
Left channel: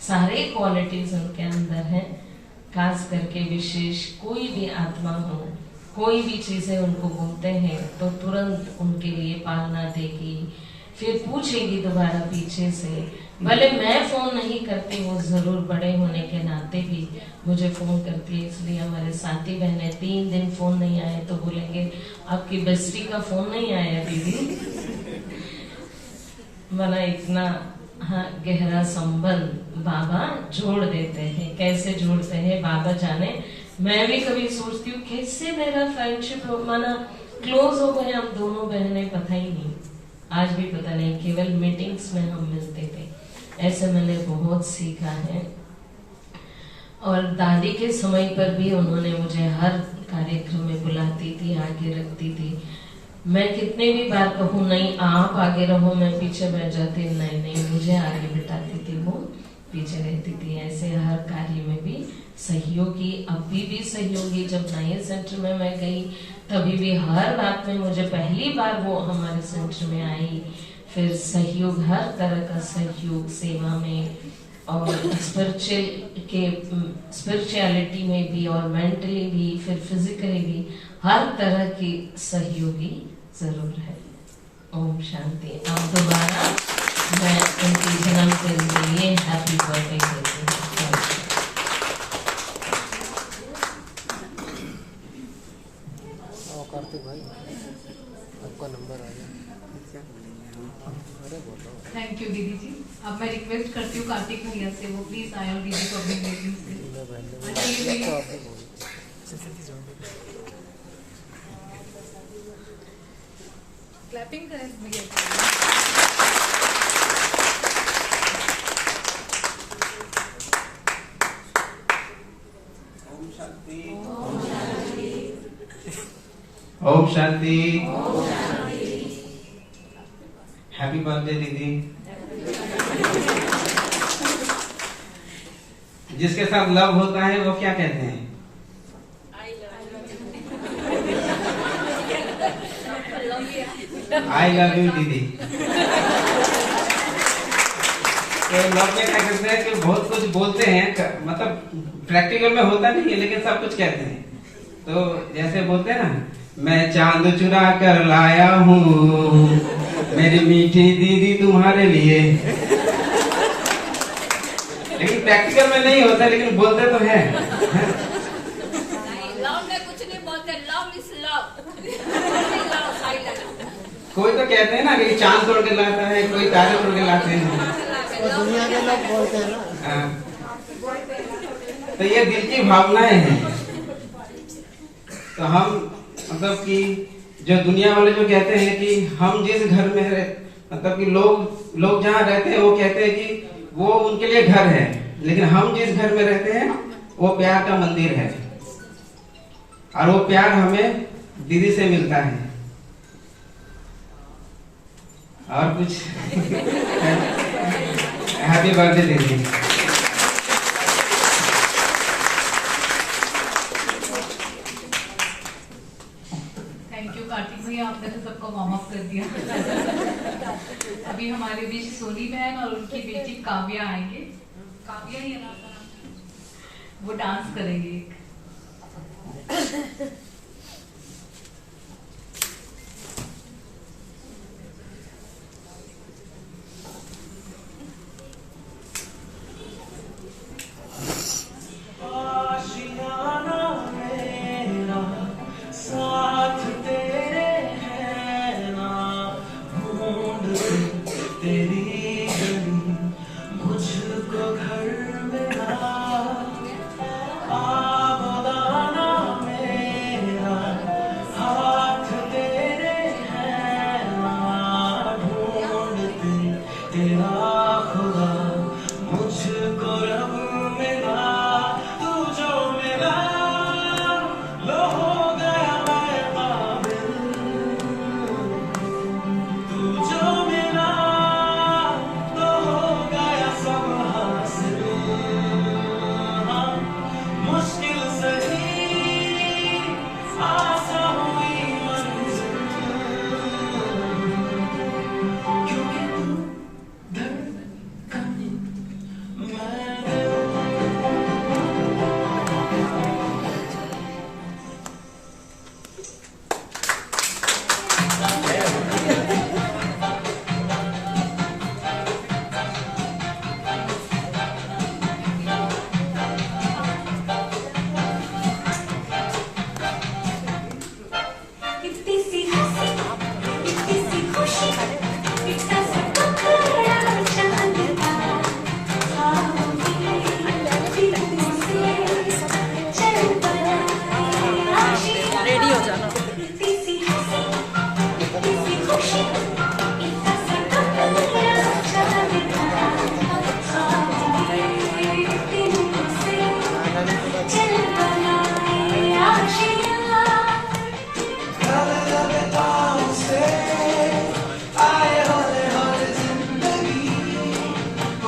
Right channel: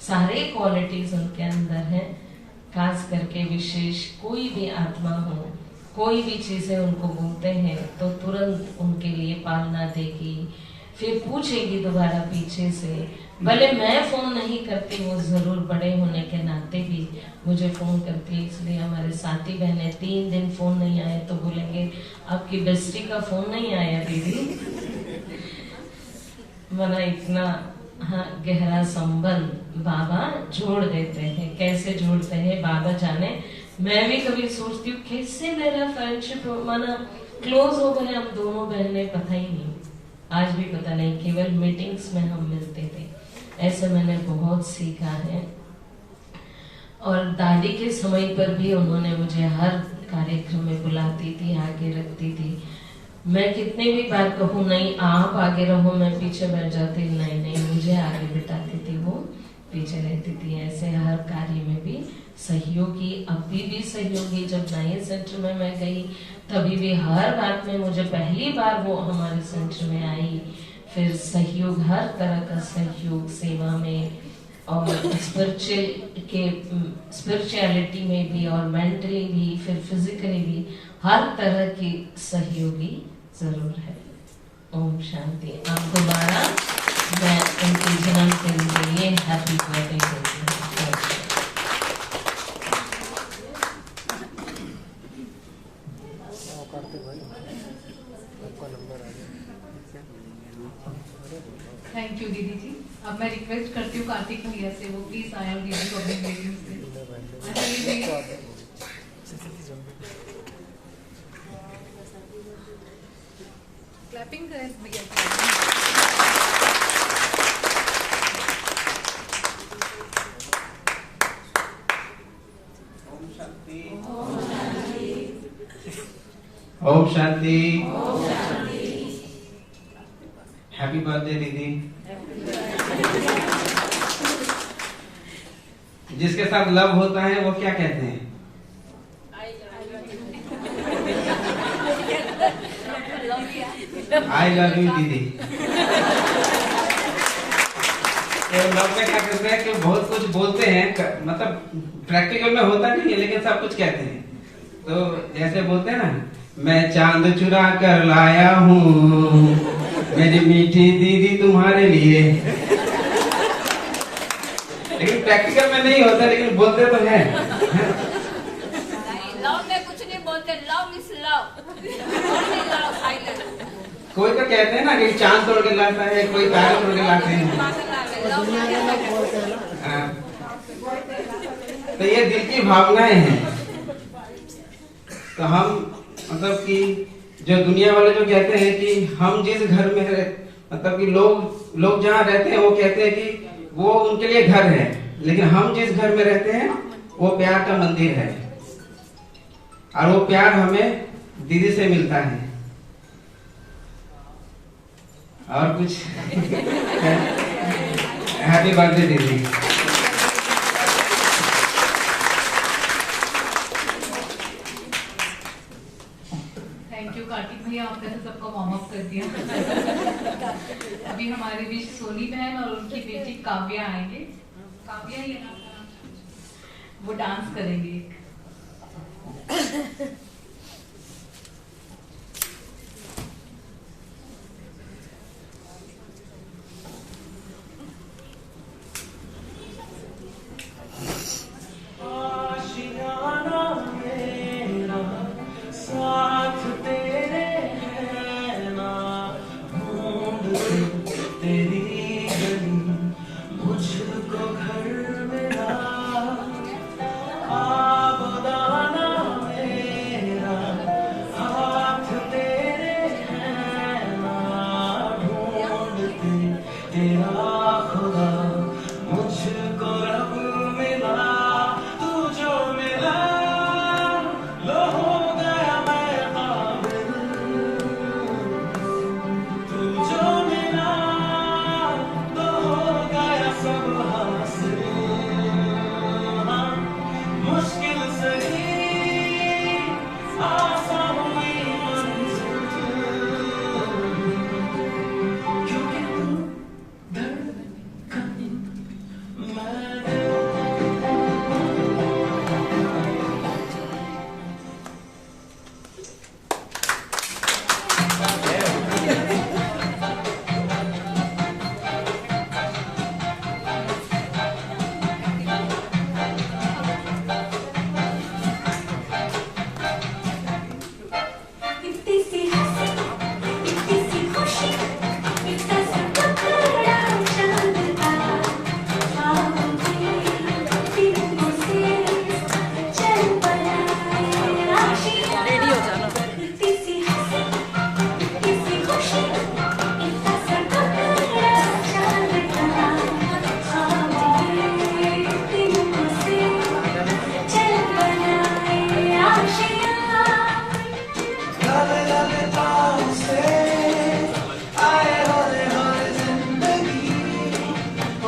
सारे क्वालिटीज उनके अंदर है। खास करके विशेष कोई भी आत्मा हो, कोई भी चीजें उनको बोलते हैं तो तुरंत उनके लिए पालना देगी, फिर पूछेगी दोबारा पीछे से। भले मैं फोन नहीं करती, वो जरूर बड़े होने के नाते भी मुझे फोन करती है। इसलिए हमारे साथी बहनें 3 दिन फोन नहीं आए तो बोलेंगे आपकी बेस्टी का फोन नहीं आया दीदी। मना इतना गहरा संबंध बाबा जोड़ देते हैं। कैसे जोड़ते हैं बाबा जाने। मैं भी कभी सोचती हूँ कैसे मेरा फ्रेंडशिप माना क्लोज हो गए हम दोनों बहनें, पता ही नहीं, आज भी पता नहीं, केवल मीटिंग्स में हम मिलते थे। ऐसे मैंने बहुत सीखा है। और दादी के समय पर भी उन्होंने मुझे हर कार्यक्रम में बुलाती थी, आगे रखती थी। मैं कितने भी बार कहूँ नहीं आप आगे रहो, मैं पीछे बैठ जाती, नहीं मुझे आगे बिठाती थी, वो पीछे रहती थी। ऐसे हर कार्य में भी सहयोगी, अभी भी सहयोगी। जब नए सेंटर में मैं गई तभी भी हर बात में मुझे पहली बार वो हमारे सेंटर में आई। फिर सहयोग, हर तरह का सहयोग, सेवा में और स्पिरिचुअलिटी में भी और मेंटली भी, फिर फिजिकली भी, हर तरह की सहयोगी जरूर है। ओम शांति। आप दोबारा मैं उनकी जन्मदिन के लिए हैप्पी बर्थडे कहती हूँ। थैंक यू दीदी जी। अब मैं रिक्वेस्ट करती हूँ कार्तिक भैया से, वो प्लीज आए और दीदी को अपनी मीटिंग से क्लैपिंग करें भैया। ओम शांति। हैप्पी बर्थडे दीदी। जिसके साथ लव होता है वो क्या कहते हैं? आई लव यू दीदी। तो लव में क्या करते हैं कि बहुत कुछ बोलते हैं, मतलब प्रैक्टिकल में होता नहीं है लेकिन सब कुछ कहते हैं। तो जैसे बोलते हैं ना, मैं चांद चुरा कर लाया हूँ मेरी मीठी दीदी तुम्हारे लिए। लेकिन प्रैक्टिकल में नहीं होता, लेकिन बोलते तो हैं। लव में कुछ नहीं बोलते, लव इज लव। कोई तो कहते हैं ना कि चांद तोड़ के लाता है, कोई तारे तोड़ के लाते हैं। तो ये दिल की भावनाएं हैं। तो हम मतलब कि जो दुनिया वाले जो कहते हैं कि हम जिस घर में मतलब कि लोग जहाँ रहते हैं वो कहते हैं कि वो उनके लिए घर है, लेकिन हम जिस घर में रहते हैं वो प्यार का मंदिर है। और वो प्यार हमें दीदी से मिलता है। और कुछ हैप्पी बर्थडे दीदी। थैंक यू कार्तिक भैया, आपने तो सबको वार्म अप कर दिया। अभी हमारे बीच सोनी बहन और उनकी बेटी काव्या आएंगे। काव्या ही है ना, वो डांस करेंगे। साथ तेरे है ना, ढूंढते तेरी गली मुझको घर मेरा। आबदाना मेरा हाथ तेरे है ना, ढूंढते तेरा खुदा मुझको रब मिला। तू जो मिला लो हो गया मैं काबिल, तू जो मिला तो हो गया सब हासिल। हाँ, मुश्किल सही आसान हुई मंजिल, क्योंकि तू धड़कन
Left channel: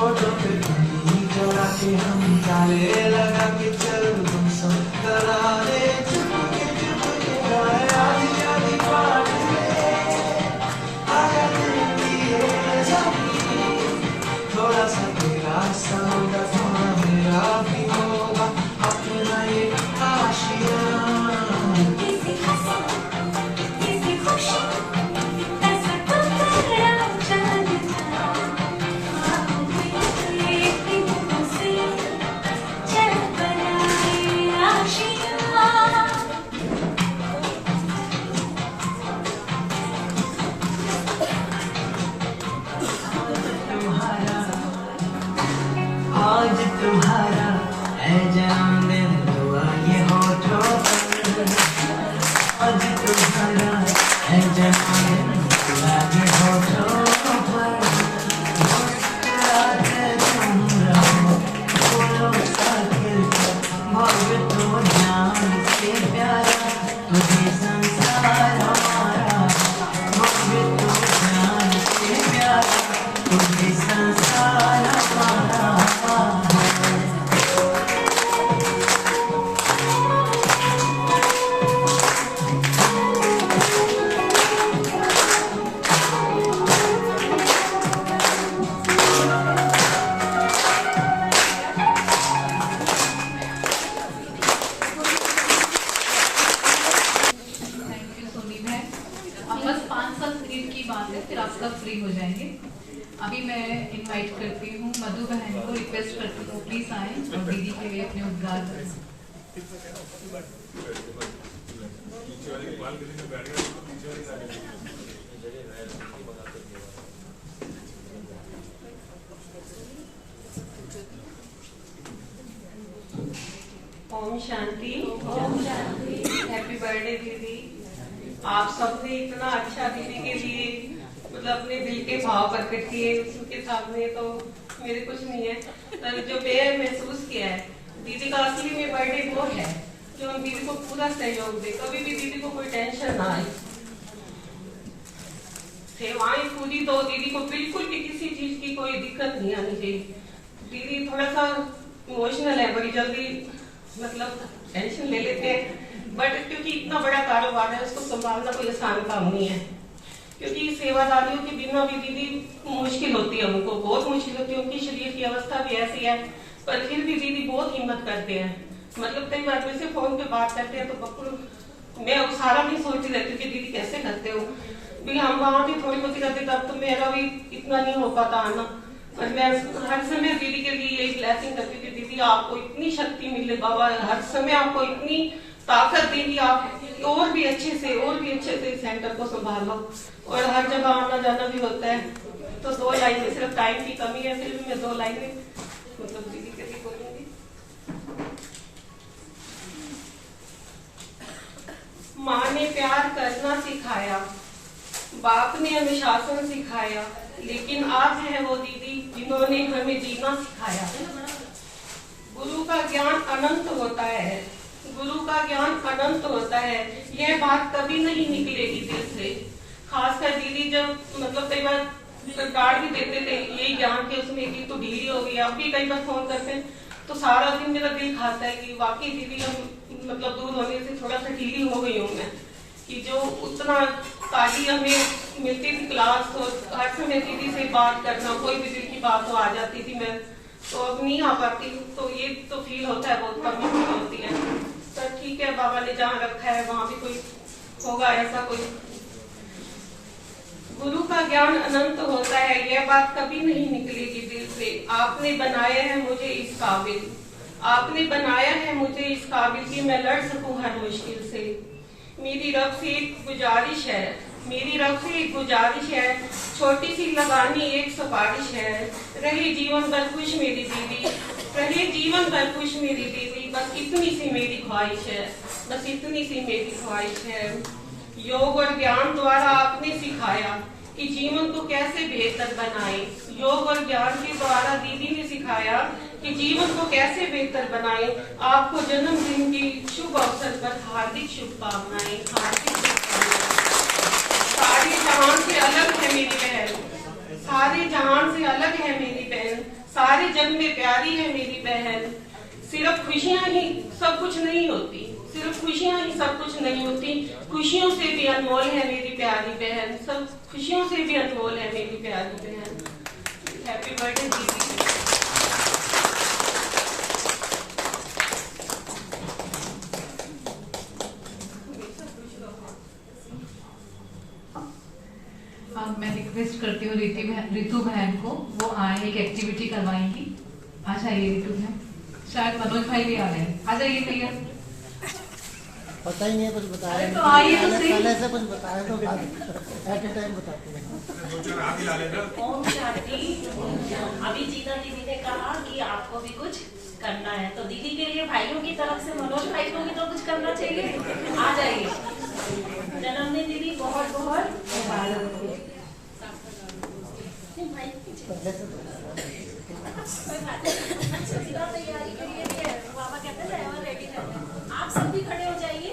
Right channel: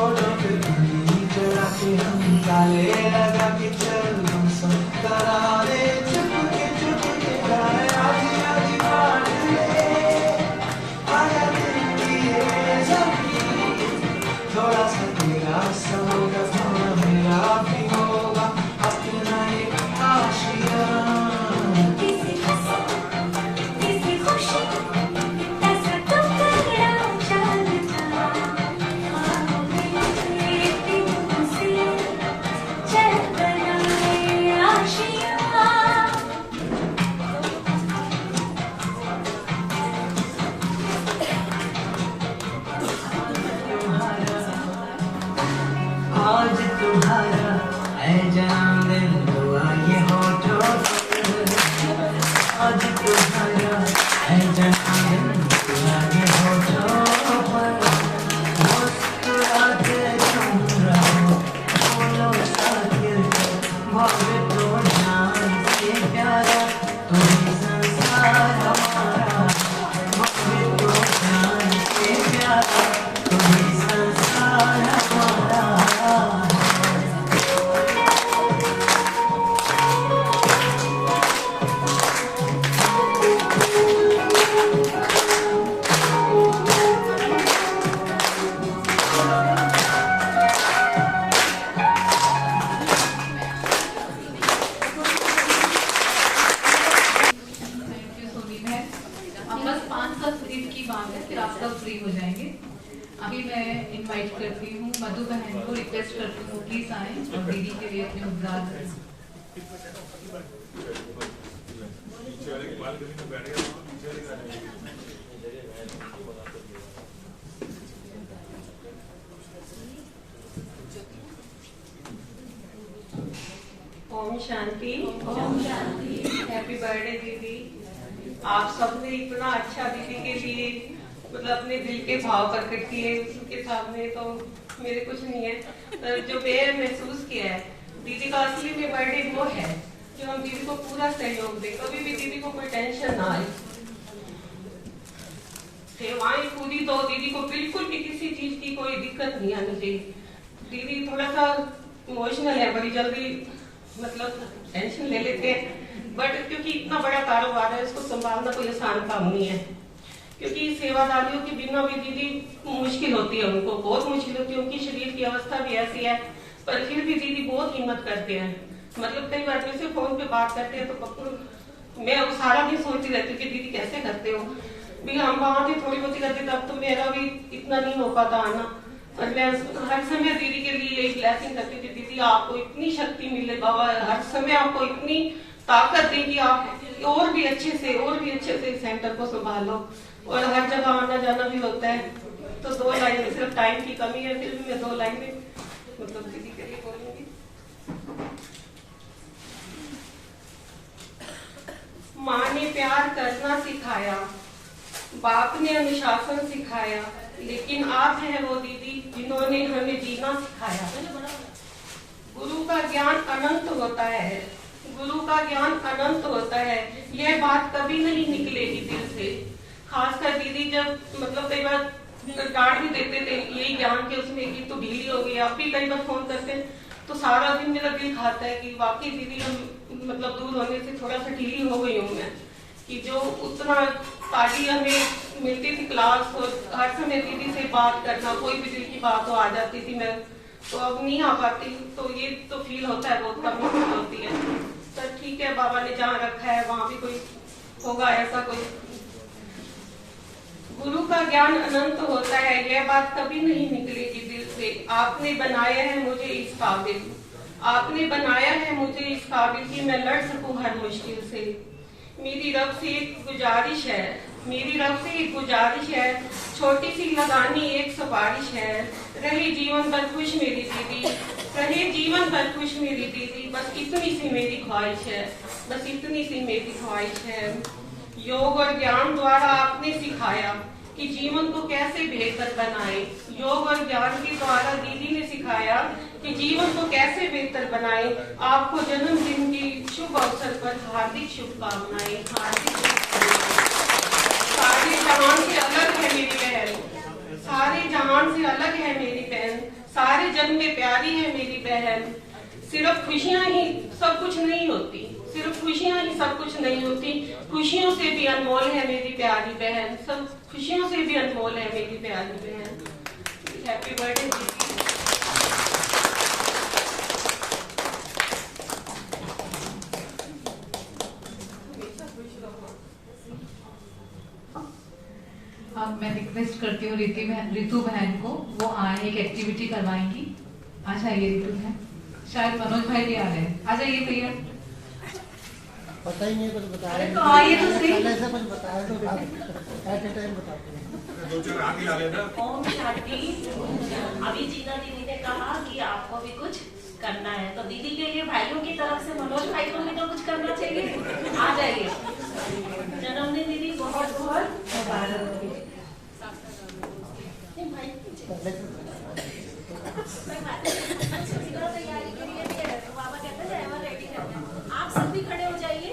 फोटो पे उंगली चला के हम ताले लगा के चल हम सब करारे चुपके चुपके गाए आधी आधी बात आया दिल की ये ज़मीन थोड़ा सा तेरा सा होगा थोड़ा मेरा भी होगा अपना ये आशिया आज तुम्हारा है जन्मदिन दुआ ये होठों पर आज तुम्हारा है जन्मदिन दुआ ये होठों पर मुस्कुराते तुम रहो बोलो साकिर मोहब्बत तो जान से प्यारा तुम्हें संसार हमारा मोहब्बत तो जान से प्यारा तुम्हें संसार हमारा बस 5-7 मिनट की बात है, फिर आप सब फ्री हो जाएंगे। अभी मैं इनवाइट करती हूँ मधु बहन को, रिक्वेस्ट करती हूँ प्लीज आए और दीदी के लिए अपने उद्गार करें। ओम शांति। हैप्पी बर्थडे दीदी। आप सबने इतना अच्छा दीदी के लिए मतलब अपने दिल के भाव प्रकट किए, उसके सामने तो मेरे कुछ नहीं है। पर जो मैं महसूस किया है दीदी का असली में बर्थडे वो है जो हम दीदी को पूरा सहयोग दे, कभी भी दीदी को कोई टेंशन ना आए। सेवाएं पूरी तो दीदी को बिल्कुल भी किसी चीज की कोई दिक्कत नहीं आनी चाहिए। दीदी थोड़ा सा इमोशनल है, बड़ी जल्दी मतलब टेंशन ले लेते हैं, बट क्योंकि इतना बड़ा कारोबार है उसको संभालना कोई आसान काम नहीं है। क्योंकि सेवादारियों के बिना भी दीदी मुश्किल होती है, उनको बहुत मुश्किल होती है, उनकी शरीर की अवस्था भी ऐसी है, पर फिर भी दीदी बहुत हिम्मत करते हैं। मतलब कई बार जैसे फोन पे बात करते हैं तो बकुल मैं अब सारा दिन सोचती रहती थी दीदी कैसे करते हो, भी हम वहां भी थोड़ी बहुत रहती तब तो मेरा भी इतना नहीं हो पाता आना। और मैं हर समय दीदी के लिए यही ब्लेसिंग करती थी, दीदी आपको इतनी शक्ति मिले, बाबा हर समय आपको इतनी ताकत दे कि आप और भी अच्छे से सेंटर को संभालो। और हर जगह आना जाना भी होता है, तो 2 लाइन में सिर्फ टाइम की कमी है, फिर भी मैं 2 लाइन में मतलब दीदी के लिए बोलूंगी। माँ ने प्यार करना सिखाया, बाप ने अनुशासन सिखाया, लेकिन आप हैं वो दीदी जिन्होंने हमें जीना सिखाया। गुरु का ज्ञान अनंत होता है, गुरु का ज्ञान अनंत होता है, यह बात कभी नहीं निकलेगी दिल से। खासकर दीदी जब मतलब कई बार कार्ड भी देते थे यही ज्ञान के उसमें कि तो ढीली हो गई, आप भी कई बार फोन करते हैं तो सारा दिन मेरा दिल खाता है कि वाकई दीदी हम मतलब दूर होने से थोड़ा सा ढीली हो गई हूँ मैं, कि जो उतना ताली हमें मिलती थी क्लास और हर समय दीदी से बात करना, कोई भी दिल की बात तो आ जाती थी, मैं तो अब नहीं आ पाती, तो ये तो फील होता है, बहुत कमी फील होती है। तो ठीक है, बाबा ने जहाँ रखा है वहां भी कोई होगा ऐसा कोई। गुरु का ज्ञान अनंत होता है, यह बात कभी नहीं निकलेगी दिल से। आपने बनाया है मुझे इस काबिल, आपने बनाया है मुझे इस काबिल कि मैं लड़ सकूं हर मुश्किल से। मेरी रब से एक गुजारिश है, मेरी रब से एक गुजारिश है, छोटी सी लगानी एक सिफारिश है। रहे जीवन भर खुश मेरी दीदी, रहे जीवन भर खुश मेरी दीदी, बस इतनी सी मेरी ख्वाहिश है, बस इतनी सी मेरी ख्वाहिश है। योग और ज्ञान द्वारा आपने सिखाया कि जीवन को कैसे बेहतर बनाए, योग और ज्ञान के द्वारा दीदी ने सिखाया कि जीवन को कैसे बेहतर बनाए। आपको जन्मदिन की शुभ अवसर पर हार्दिक शुभकामनाएं, हार्दिक शुभकामनाएं। सारे जहां से अलग है मेरी बहन, सारे जहान से अलग है मेरी बहन, सारे जग में प्यारी है मेरी बहन। सिर्फ खुशियां ही सब कुछ नहीं होती, सिर्फ खुशियां ही सब कुछ नहीं होती, खुशियों से भी अनमोल है मेरी प्यारी बहन, सब खुशियों से भी अनमोल है मेरी प्यारी बहन। हैप्पी बर्थडे दीदी। अब मैं रिक्वेस्ट करती हूँ रितु बहन को, वो आए एक एक्टिविटी करवाएंगी। आ जाइए रितु बहन, शायद मनोज भाई भी आ रहे हैं, आ जाइए भैया। पता ही नहीं है कुछ बताया। अरे तो आइए तो सही। पहले से कुछ बताया तो एट ए टाइम बताते हैं। ओम शांति। अभी जीता दीदी ने कहा कि आपको भी कुछ करना है, तो दीदी के लिए भाइयों की तरफ से मनोज भाई को भी तो कुछ करना चाहिए। आ जाइए। जन्मदिन दीदी बहुत बहुत मुबारक हो। तैयारी के लिए बाबा कहते हैं आप सभी खड़े हो जाइए।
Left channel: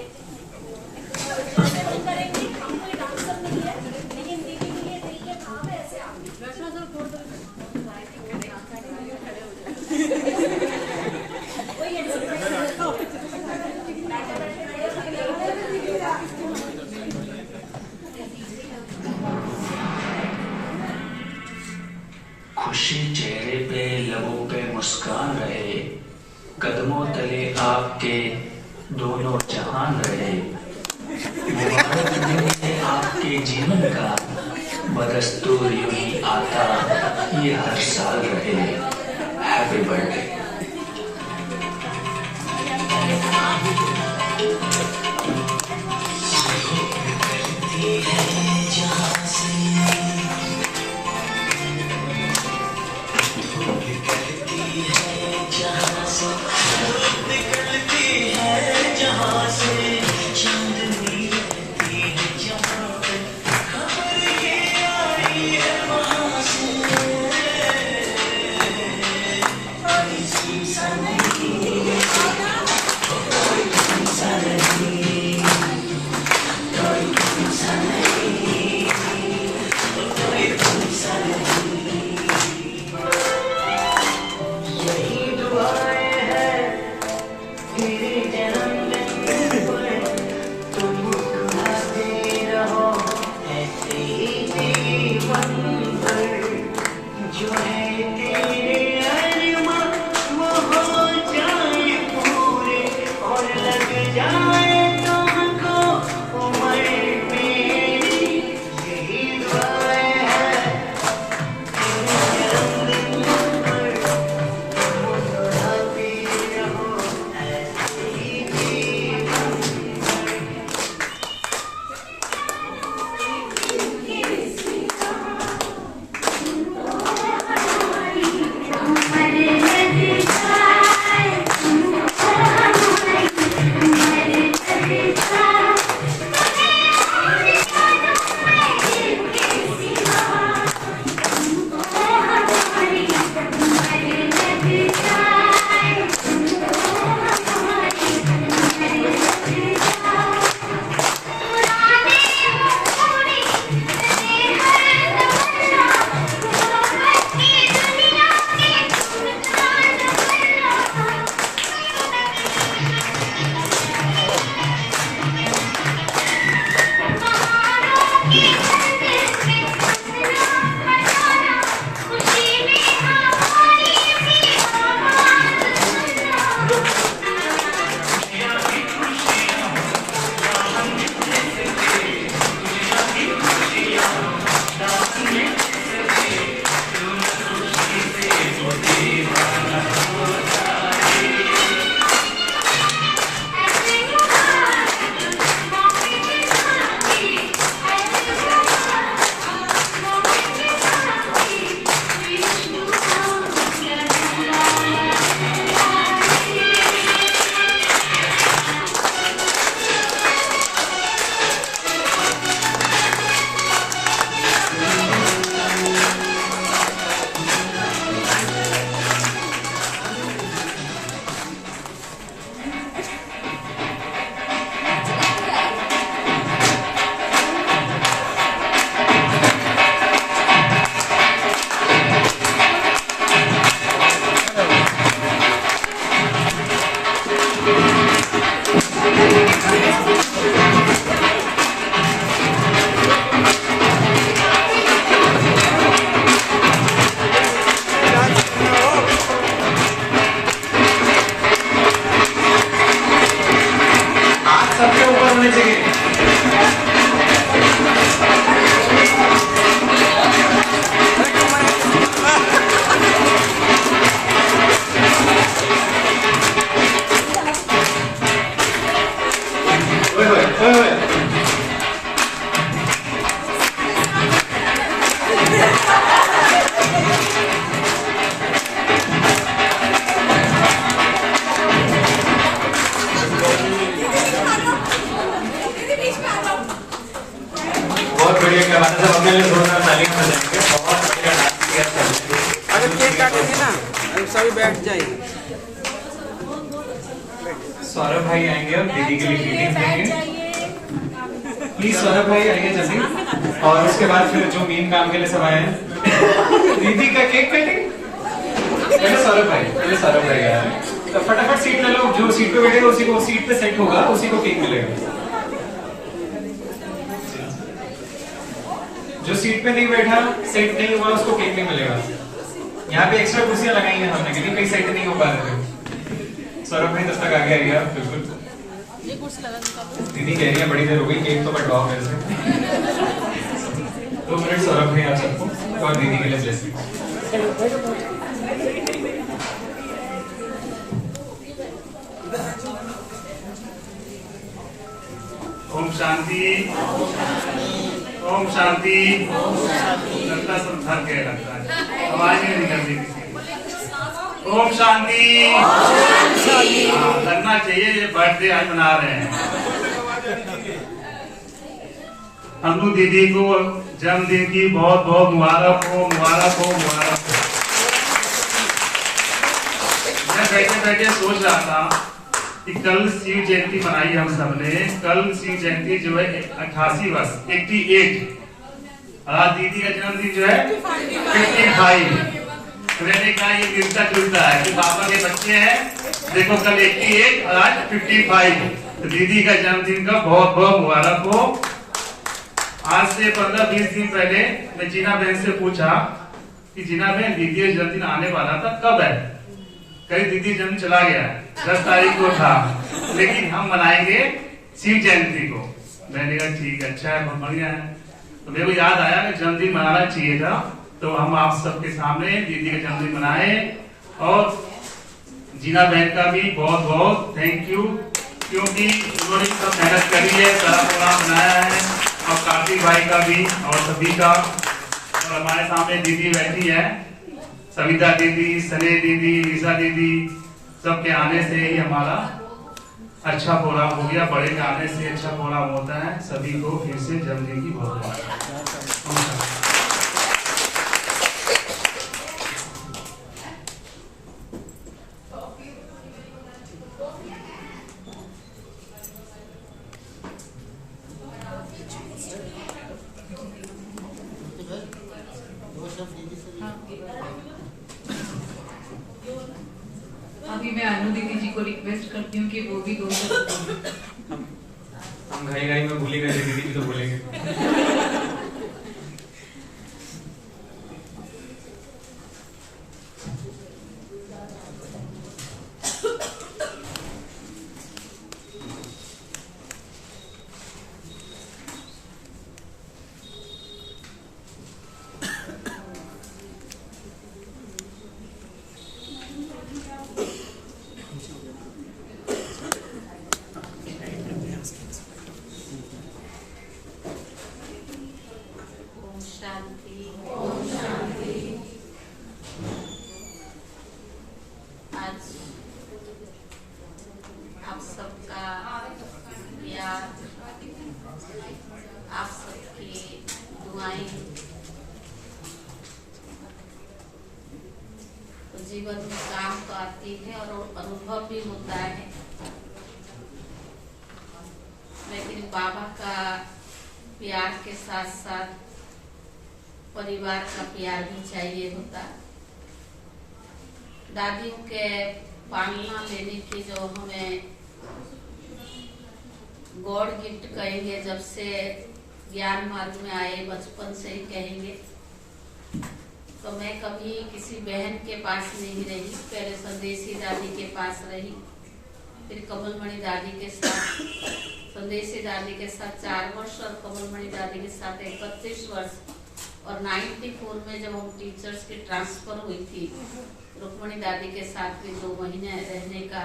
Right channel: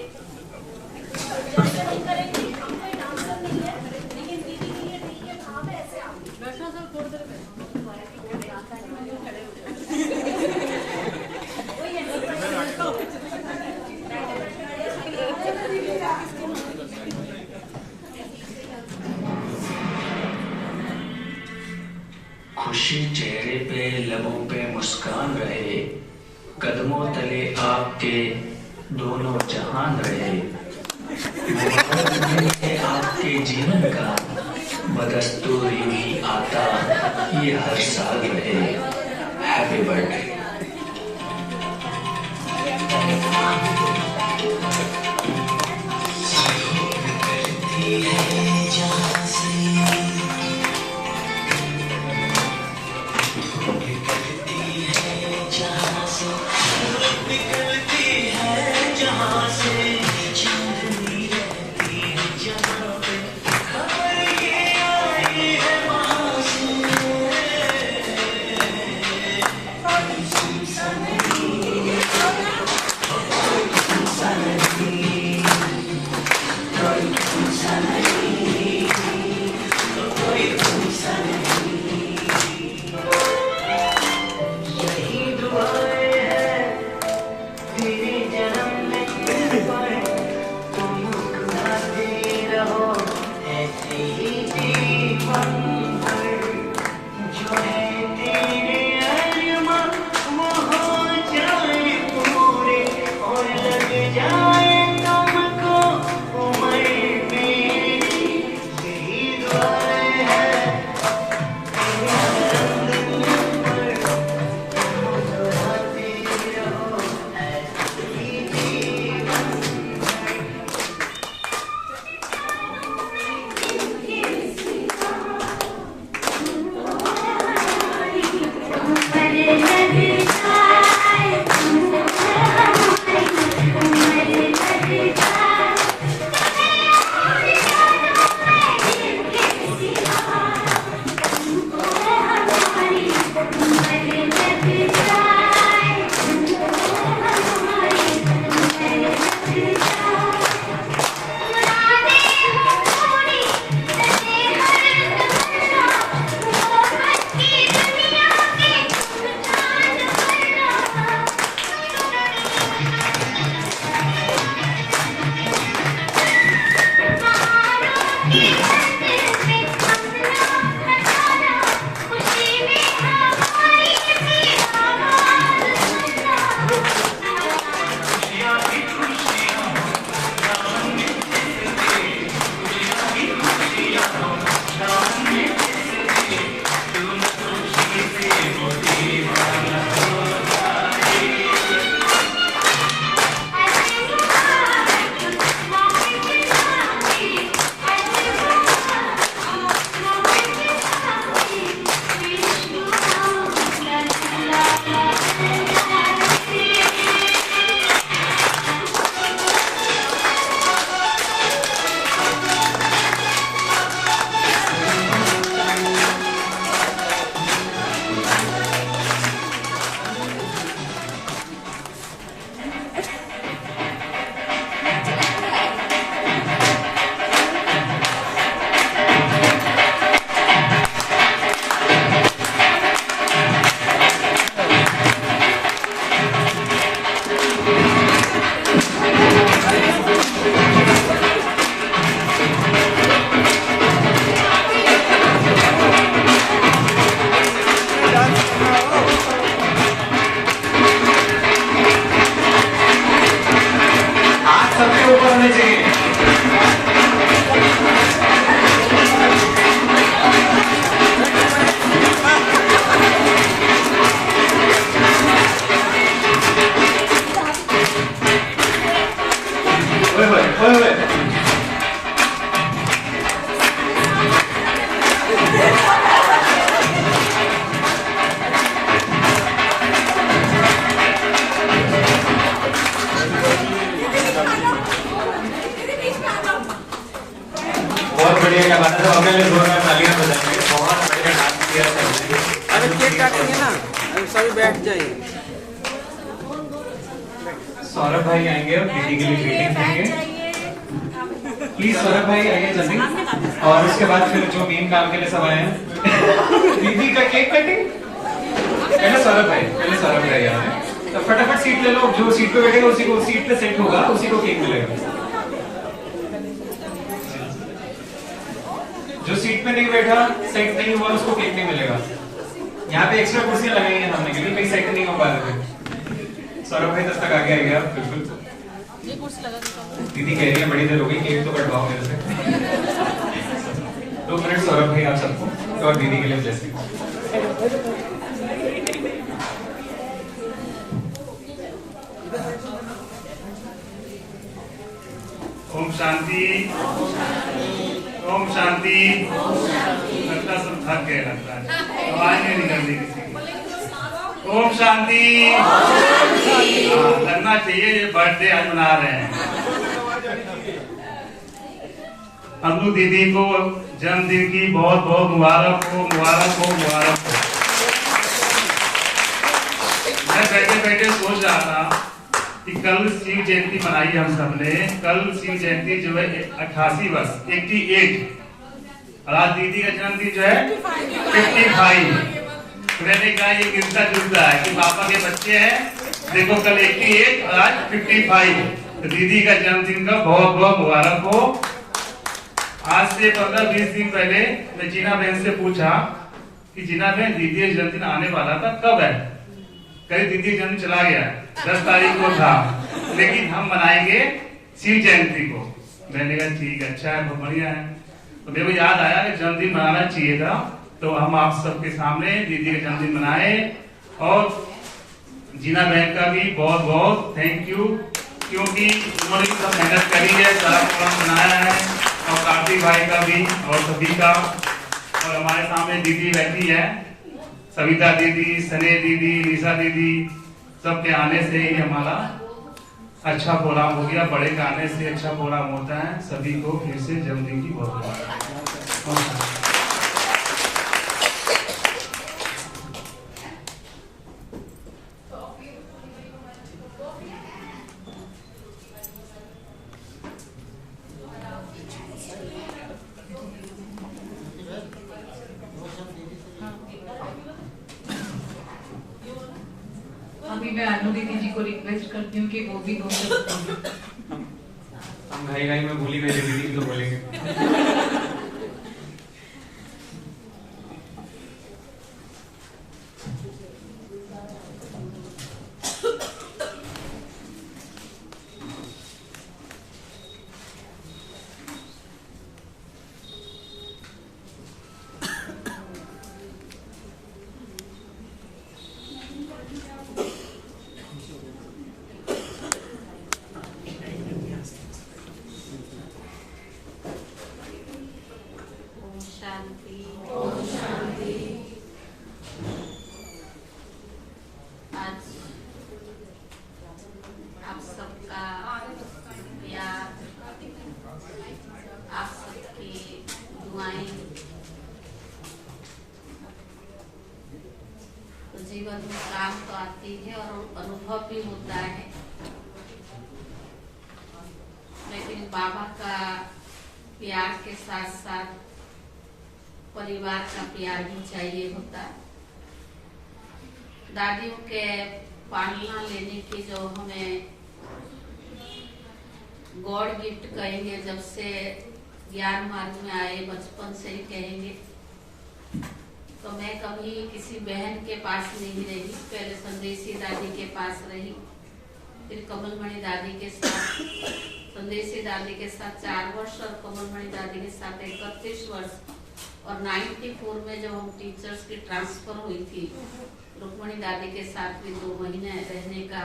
करेंगे हमने डांसर नहीं है, लेकिन दीदी के लिए ठीक है भाव है ऐसे आप खुशी चेहरे पे लबों पे मुस्कान रहे, कदमों तले आपके दोनों जहान रहे। मुबारक है आपके जीवन का, बदस्तूर यूं ही आता ये हर साल रहे। Happy birthday. के लिए जोरदार तालियां बजाएंगे। बहुत बढ़िया डांस किया सबने। अगर केक काटेंगे ना, अभी सभी बैठ जाइए। सौरभ भाई आएंगे और दीदी के लिए ग्रीटिंग्स देंगे। प्लीज सौरभ भाई आइए जल्दी। और उसके बाद फिर जो मेन काम के लिए सब आए हैं, दीदी का केक कटिंग। पहले सौरभ भाई आ रहे हैं, तो फटाफट सीट ले लो। जो सीट पे बैठेगा उसी को सीट पे सेट होगा, उसी को केक मिलेगा। जो सीट पे नहीं बैठा, सेट नहीं हुआ, उसको केक नहीं मिलेगा। यहाँ पे एक्स्ट्रा कुर्सियां लगाई हैं हमने, क्योंकि कहीं सेट नहीं हो पा रहे थे। सौरभ भाई तब तक आगे आइए आप, बिल्कुल। दीदी कह रही है बड़ी देर हो गई, केक तो कटवाओ मेरे से। 2 मिनट सौरभ भाई आप सबको, और दीदी के लिए ब्लेसिंग। ओम शांति, ओम शांति। लगता सब थक गए, लगता है आवाज नहीं निकल रही किसी की। ओम शांति। हाँ, लगना चाहिए ये बर्थडे आज मना रहे हैं। अनु दीदी को जन्मदिन की बहुत बहुत मुबारक हो, मुबारक हो, मुबारक हो। मैं बैठे बैठे सोच रहा था कि कल शिव जयंती मनाई हम सबने। कल शिव जयंती जो है 88 वर्ष 88, और आज दीदी का जन्मदिन जो है 55। मैंने कहा ये मिलता जुलता है कि पापा के बच्चे हैं, देखो कल 88 और आज 55। तो दीदी का जन्मदिन का बहुत बहुत मुबारक हो। आज से 15-20 दिन पहले मैं जीना बहन से पूछा कि जीना बहन दीदी का जन्मदिन आने वाला था, कब है? कल दीदी जन्म चला गया है, 10 तारीख को था, लेकिन हम मनाएंगे शिव जयंती को। मैंने कहा ठीक है, अच्छा है, बहुत बढ़िया है। तो मेरे को याद आया कि जन्मदिन मनाना चाहिए था, तो हम आप सबके सामने दीदी का जन्मदिन मनाए। और जीना बहन का भी बहुत बहुत थैंक यू, क्योंकि उन्होंने सब मेहनत करी है, सारा प्रोग्राम बनाया है। और कार्तिक भाई का भी और सभी का। और हमारे सामने दीदी बैठी है, सविता दीदी, सने दीदी, निशा दीदी, सबके आने से ही हमारा अच्छा प्रोग्राम हो गया। बड़े के आने से अच्छा प्रोग्राम होता है। सभी को फिर से जन्मदिन की बहुत बहुत। अभी मैं अनु दीदी जी को रिक्वेस्ट करती हूँ कि वो भी 2 शब्द। हम घाई में भूली गए, दीदी भी तो बोलेंगे। आप सबकी दुआएं तो जीवन में काम तो आती है और अनुभव भी होता है, लेकिन बाबा का प्यार के साथ साथ परिवार का प्यार भी चाहिए होता है। दादियों के पालना लेने की जो हमें गॉड गिफ्ट कहेंगे, जब से ज्ञान मार्ग में आए बचपन से ही कहेंगे, तो मैं कभी किसी बहन के पास नहीं रही। पहले संदेशी दादी के पास रही, फिर कमलमणि दादी के साथ, संदेशी दादी के साथ 4 वर्ष और कमलमणि दादी के साथ 31 वर्ष। और 94 में जब हम टीचर्स की ट्रांसफर हुई थी, रुक्मणी दादी के साथ भी 2 महीने रहने का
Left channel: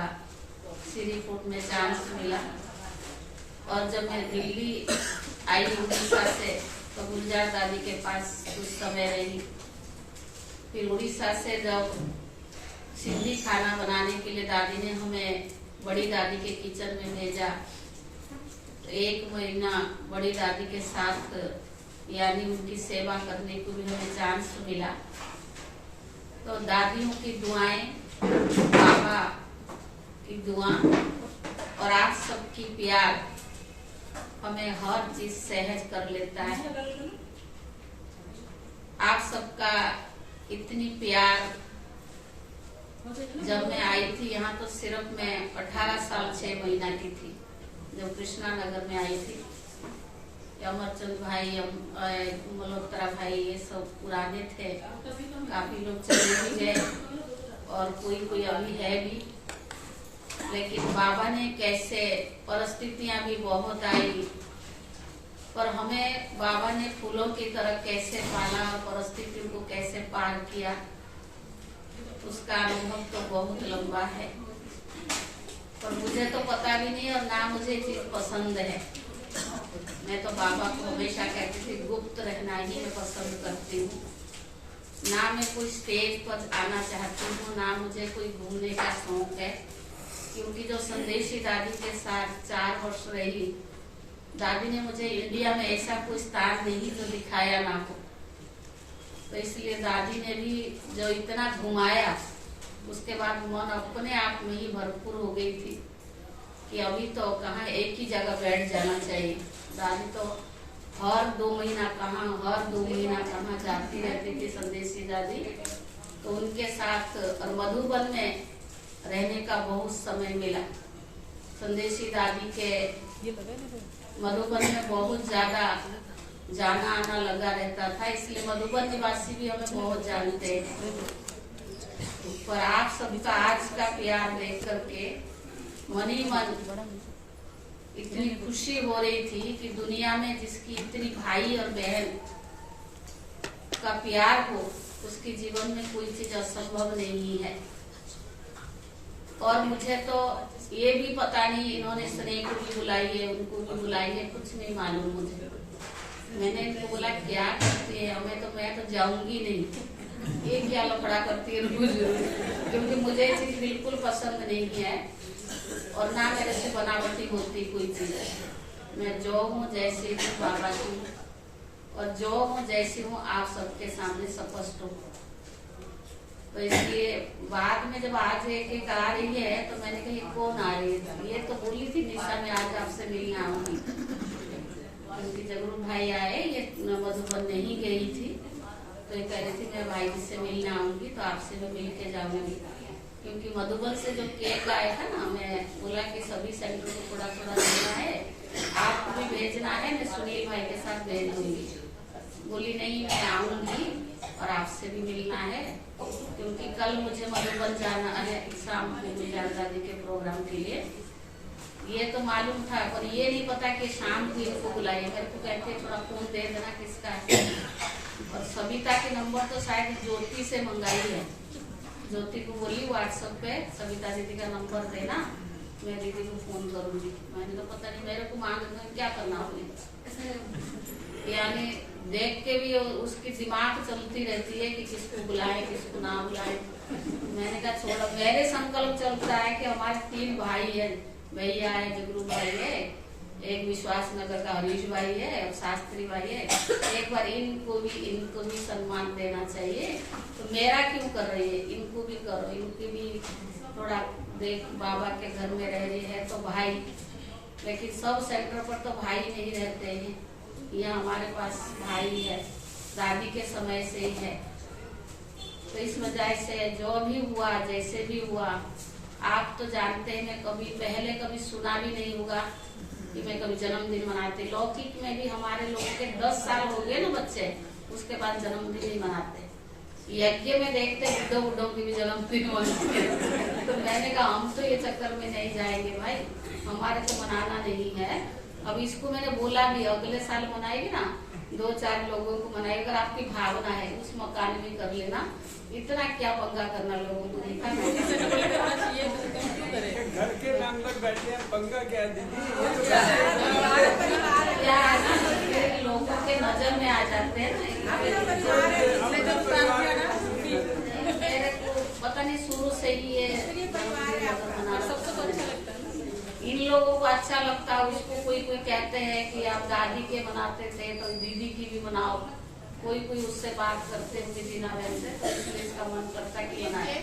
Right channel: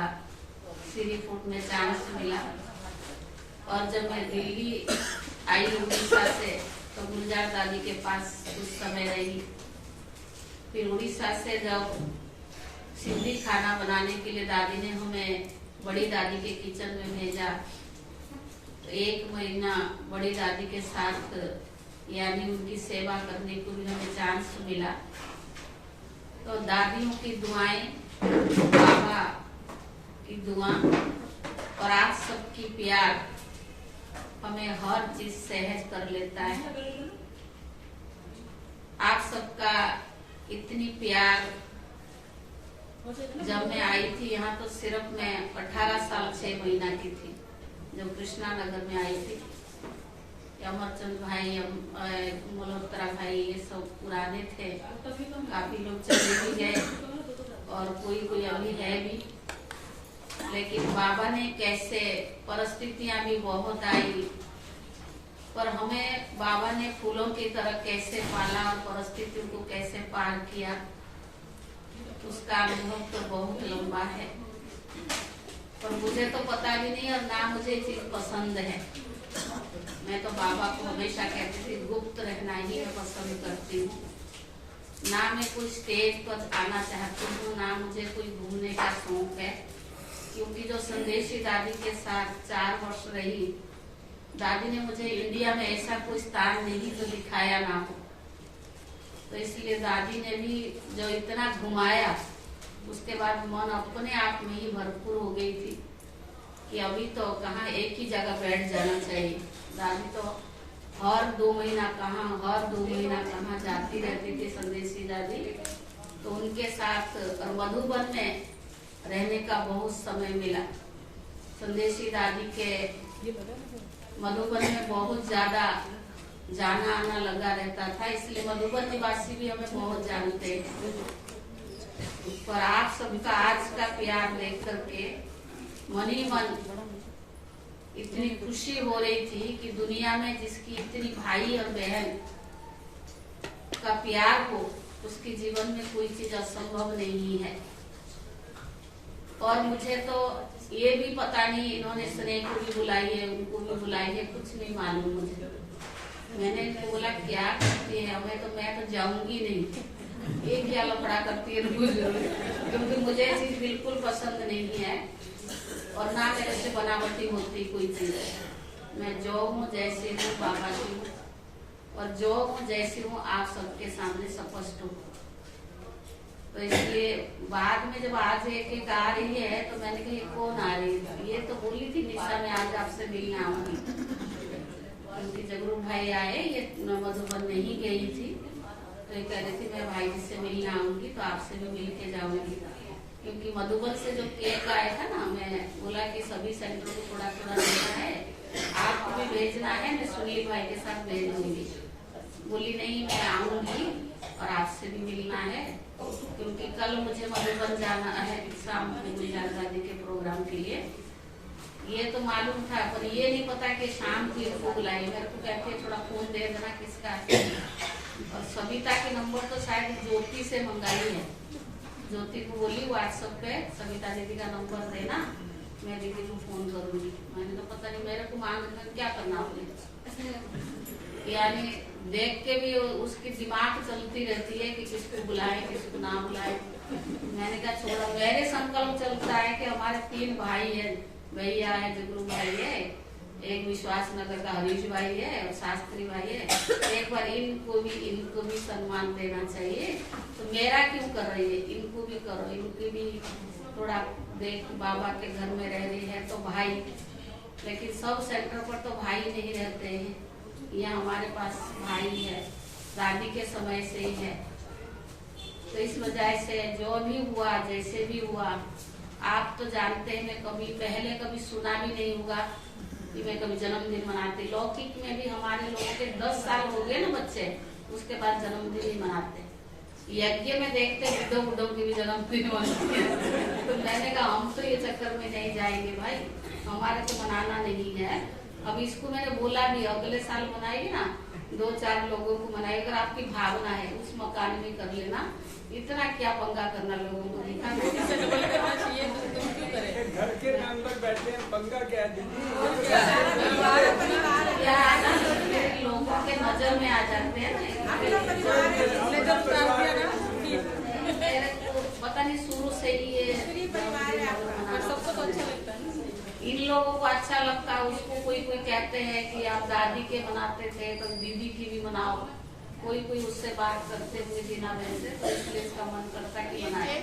श्रीफूट में चांस मिला। और जब मैं दिल्ली आई उड़ीसा से, तो गुलजार दादी के पास कुछ समय रही। फिर उड़ीसा से जब सिंधी खाना बनाने के लिए दादी ने हमें बड़ी दादी के किचन में भेजा, तो 1 महीना बड़ी दादी के साथ यानी उनकी सेवा करने को भी हमें चांस मिला। तो दादियों की दुआएं, बाबा की दुआ और आप सबकी प्यार हमें हर चीज सहज कर लेता है। आप सबका इतनी प्यार, जब मैं आई थी यहाँ तो सिर्फ मैं 18 साल 6 महीना की थी जब कृष्णा नगर में आई थी। अमरचंद भाई, मल्होत्रा भाई, ये सब पुराने थे, काफी लोग चले भी गए और कोई अभी है भी। लेकिन बाबा ने कैसे, परिस्थितियां भी बहुत आई, पर हमें बाबा ने फूलों की तरह कैसे पाला और परिस्थितियों को कैसे पार किया, उसका अनुभव तो बहुत लंबा है। पर मुझे तो पता भी नहीं और ना मुझे चीज पसंद है। मैं तो बाबा को हमेशा कहती थी गुप्त रहना ही मैं पसंद करती हूँ। ना मैं कोई स्टेज पर आना चाहती हूँ, ना मुझे कोई घूमने का शौक है, क्योंकि जो संदेशी दादी के साथ 4 वर्ष रही, दादी ने मुझे इंडिया में ऐसा कोई स्थान नहीं जो दिखाया ना हो। तो इसलिए दादी ने भी जो इतना घुमाया, उसके बाद मन अपने आप में ही भरपूर हो गई थी कि अभी तो कहाँ एक ही जगह बैठ जाना चाहिए। दादी तो हर 2 महीना कहाँ जाती रहती थी संदेशी दादी। तो उनके साथ और मधुबन में रहने का बहुत समय मिला। संदेशी दादी के मधुबन में बहुत ज्यादा जाना आना लगा रहता था, इसलिए मधुबन निवासी भी हमें बहुत जानते हैं। पर आप सबका आज का प्यार देख करके मन ही मन इतनी खुशी हो रही थी कि दुनिया में जिसकी इतनी भाई और बहन का प्यार हो, उसके जीवन में कोई चीज असंभव नहीं है। और मुझे तो ये भी पता नहीं, इन्होंने स्नेह को भी बुलाई है, उनको भी बुलाई है, कुछ नहीं मालूम मुझे। मैंने इनको बोला क्या करती है हमें, तो मैं तो जाऊंगी नहीं, ये क्या लफड़ा करती है रोज, क्योंकि मुझे ये चीज बिल्कुल पसंद नहीं है और ना मेरे से बनावटी होती कोई चीज। मैं जो हूँ जैसी हूँ बाबा की हूँ, और जो हूँ जैसी हूँ आप सबके सामने स्पष्ट हूँ। तो इसलिए बाद में जब आज एक आ रही है तो मैंने कहा ये कौन आ रही है, ये तो बोली थी निशा मैं आज आपसे मिलने आऊंगी, क्योंकि जगरू भाई आए, ये मधुबन नहीं गई थी, तो ये कह रही थी मैं भाई जी से मिलने आऊंगी तो आपसे भी मिल के जाऊंगी। क्योंकि मधुबन से जो केक आया था ना, मैं बोला कि सभी सेंटर को थोड़ा थोड़ा देना है, आपको भी भेजना है, मैं सुनील भाई के साथ भेज दूंगी। बोली नहीं मैं आऊंगी और आपसे भी मिलना है, क्योंकि कल मुझे मधुबन जाना है शाम को गुलजार दादी के प्रोग्राम के लिए। ये तो मालूम था, पर ये नहीं पता कि शाम को इनको बुलाइए। मेरे को कहते हैं थोड़ा फोन दे देना किसका है, और सविता के नंबर तो शायद ज्योति से मंगाई है। ज्योति को बोली व्हाट्सएप पे सविता दीदी का नंबर देना, मैं दीदी को फोन करूंगी। मैंने तो पता नहीं मेरे को मांगना क्या करना आपने, यानी देख के भी उसकी दिमाग चलती रहती है कि किसको बुलाए किसको ना बुलाए। मैंने कहा छोड़ो, मेरे संकल्प चलता है कि हमारे 3 भाई है, भैया है, जगरू भाई है, एक विश्वास नगर का हरीश भाई है और शास्त्री भाई है। एक बार इनको भी सम्मान देना चाहिए। तो मेरा क्यों कर रही है, इनको भी करो, इनकी भी थोड़ा देख, बाबा के घर में रह रही है तो भाई, लेकिन सब सेंटर पर तो भाई नहीं रहते हैं। यहाँ हमारे पास भाई है, दादी के समय से ही है। तो इस वजह से जो भी हुआ, जैसे भी हुआ, आप तो जानते हैं मैं पहले कभी सुना भी नहीं होगा कि मैं कभी जन्मदिन मनाती। लौकिक में भी हमारे लोगों के 10 साल हो गए ना बच्चे, उसके बाद जन्मदिन नहीं मनाते। यज्ञ में देखते बुड्ढों की भी जन्मदिन मनाते हैं। तो मैंने कहा हम तो ये चक्कर में नहीं जाएंगे भाई, हमारे तो मनाना नहीं है। अब इसको मैंने बोला भी अगले साल मनाएगी ना, 2-4 लोगों को मनाएगी। अगर आपकी भावना है उस मकान में कर लेना, इतना क्या पंगा करना लोगों को दिखा। घर के मेंबर बैठे हैं, पंगा क्या क्या ना, लोगों के नजर में आ जाते हैं ना। मेरे को पता नहीं शुरू से ही ये सबको अच्छा लगता है। इन लोगों को अच्छा लगता है उसको कोई कोई कहते हैं कि आप दादी के मनाते थे तो दीदी की भी मनाओ, कोई कोई उससे बात करते हुए जीना बहन से, तो इसलिए इसका मन करता कि बनाए।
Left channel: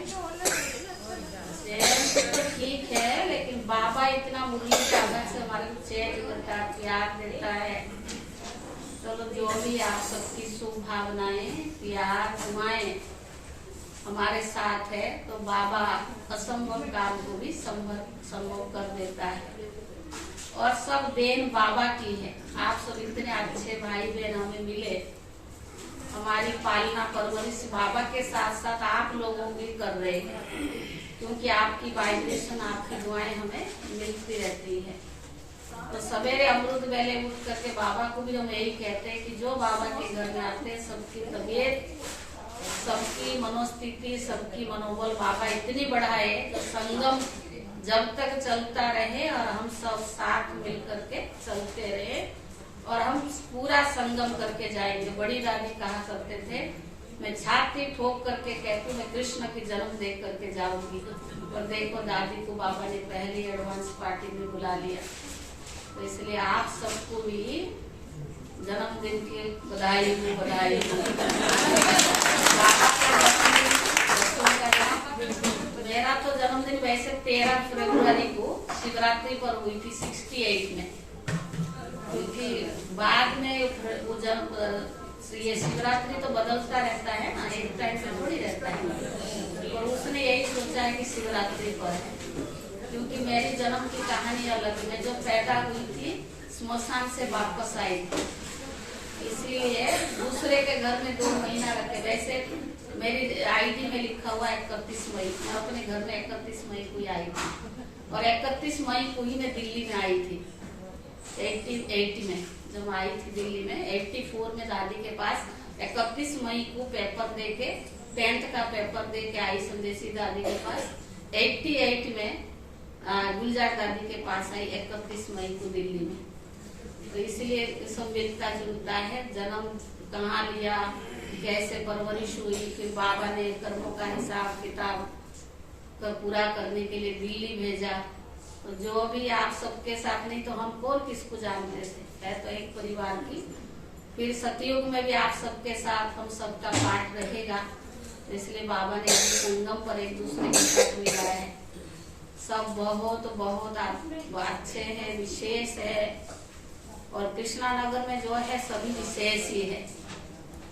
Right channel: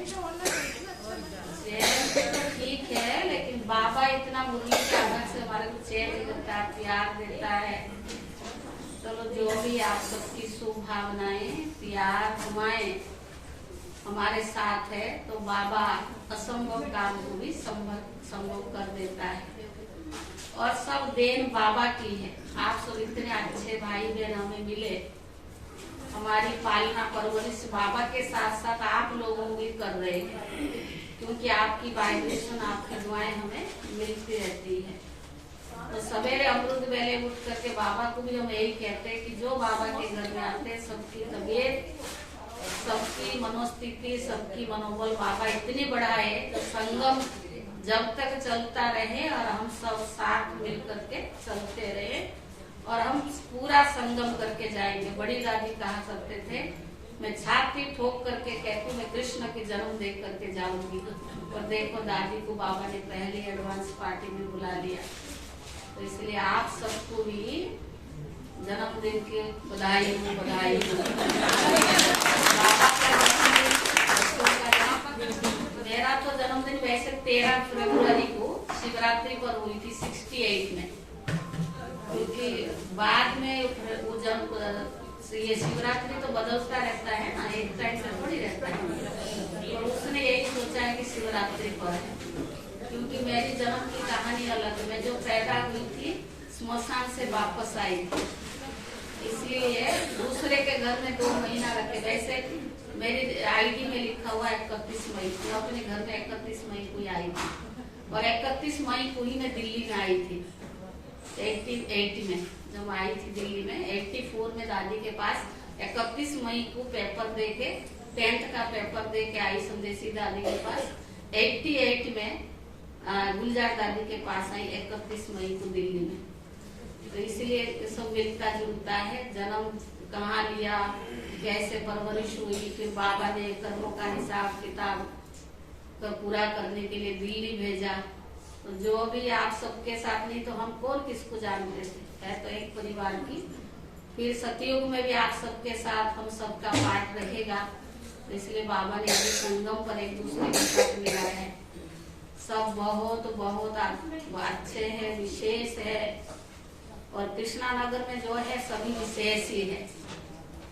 चेंज तो ठीक है, लेकिन बाबा इतना मुरली के आदत से हमारे को चेंज करता है, प्यार देता है। चलो जो भी आप सबकी शुभ भावनाएं, प्यार, दुआएं हमारे साथ है, तो बाबा असंभव काम को भी संभव कर देता है। और सब देन बाबा की है। आप सब इतने अच्छे भाई बहन हमें मिले, हमारी पालना परवरिश बाबा के साथ साथ आप लोगों भी कर रहे हैं, क्योंकि आपकी वाइब्रेशन, आपकी दुआएं हमें मिलती रहती है। तो सवेरे अमृत वेले उठ करके बाबा को भी हम यही कहते हैं कि जो बाबा के घर में आते हैं सबकी तबीयत, सबकी मनोस्थिति, सबकी मनोबल बाबा इतनी बढ़ाए तो संगम जब तक चलता रहे और हम सब साथ मिल करके चलते रहे और हम पूरा संगम करके जाएंगे। बड़ी दादी कहा करते थे, मैं छाती ठोक करके कहती मैं कृष्ण की जन्म देख करके जाऊंगी, और देखो दादी को बाबा ने पहली एडवांस पार्टी में बुला लिया। तो इसलिए आप सबको भी जन्मदिन की बधाई हो, बधाई हो। बाबा का जन्मदिन, बच्चों का जन्म, मेरा तो जन्मदिन वैसे 13 फरवरी को शिवरात्रि पर हुई थी 68 में, क्योंकि बाद में वो जन्म, ये शिवरात्रि तो बदलता रहता है ना, एक टाइम से थोड़ी रहता है, और उसने यही सोचा है कि शिवरात्रि पर है, क्योंकि मेरी जन्म की कहानी अलग है। मैं जो पैदा हुई थी स्मशान से वापस आई थी, इसलिए दूसरे के घर में 2 महीना रखे। वैसे मेरी आईडी में लिखा हुआ 31 मई, मैं अपने घर में 31 मई को ही आई थी, और 31 मई को ही मैं दिल्ली में आई थी 80 में, जब आई थी दिल्ली में। 84 में दादी के पास 31 मई को पेपर दे के, 10th का पेपर दे के आई संदेशी दादी के पास। 88 में गुलजार दादी के पास आई 31 मई को दिल्ली में। तो इसलिए सब मिलता जुलता है। जन्म कहाँ लिया, कैसे परवरिश हुई, फिर बाबा ने कर्मों का हिसाब किताब पूरा करने के लिए दिल्ली भेजा। तो जो भी आप सबके साथ, नहीं तो हम कौन किसको जानते थे, है तो एक परिवार की। फिर सतयुग में भी आप सबके साथ हम सबका पाठ रहेगा, तो इसलिए बाबा ने अभी संगम पर एक दूसरे के साथ मिला है। सब बहुत बहुत अच्छे हैं, विशेष है। और कृष्णा नगर में जो है सभी विशेष ही है।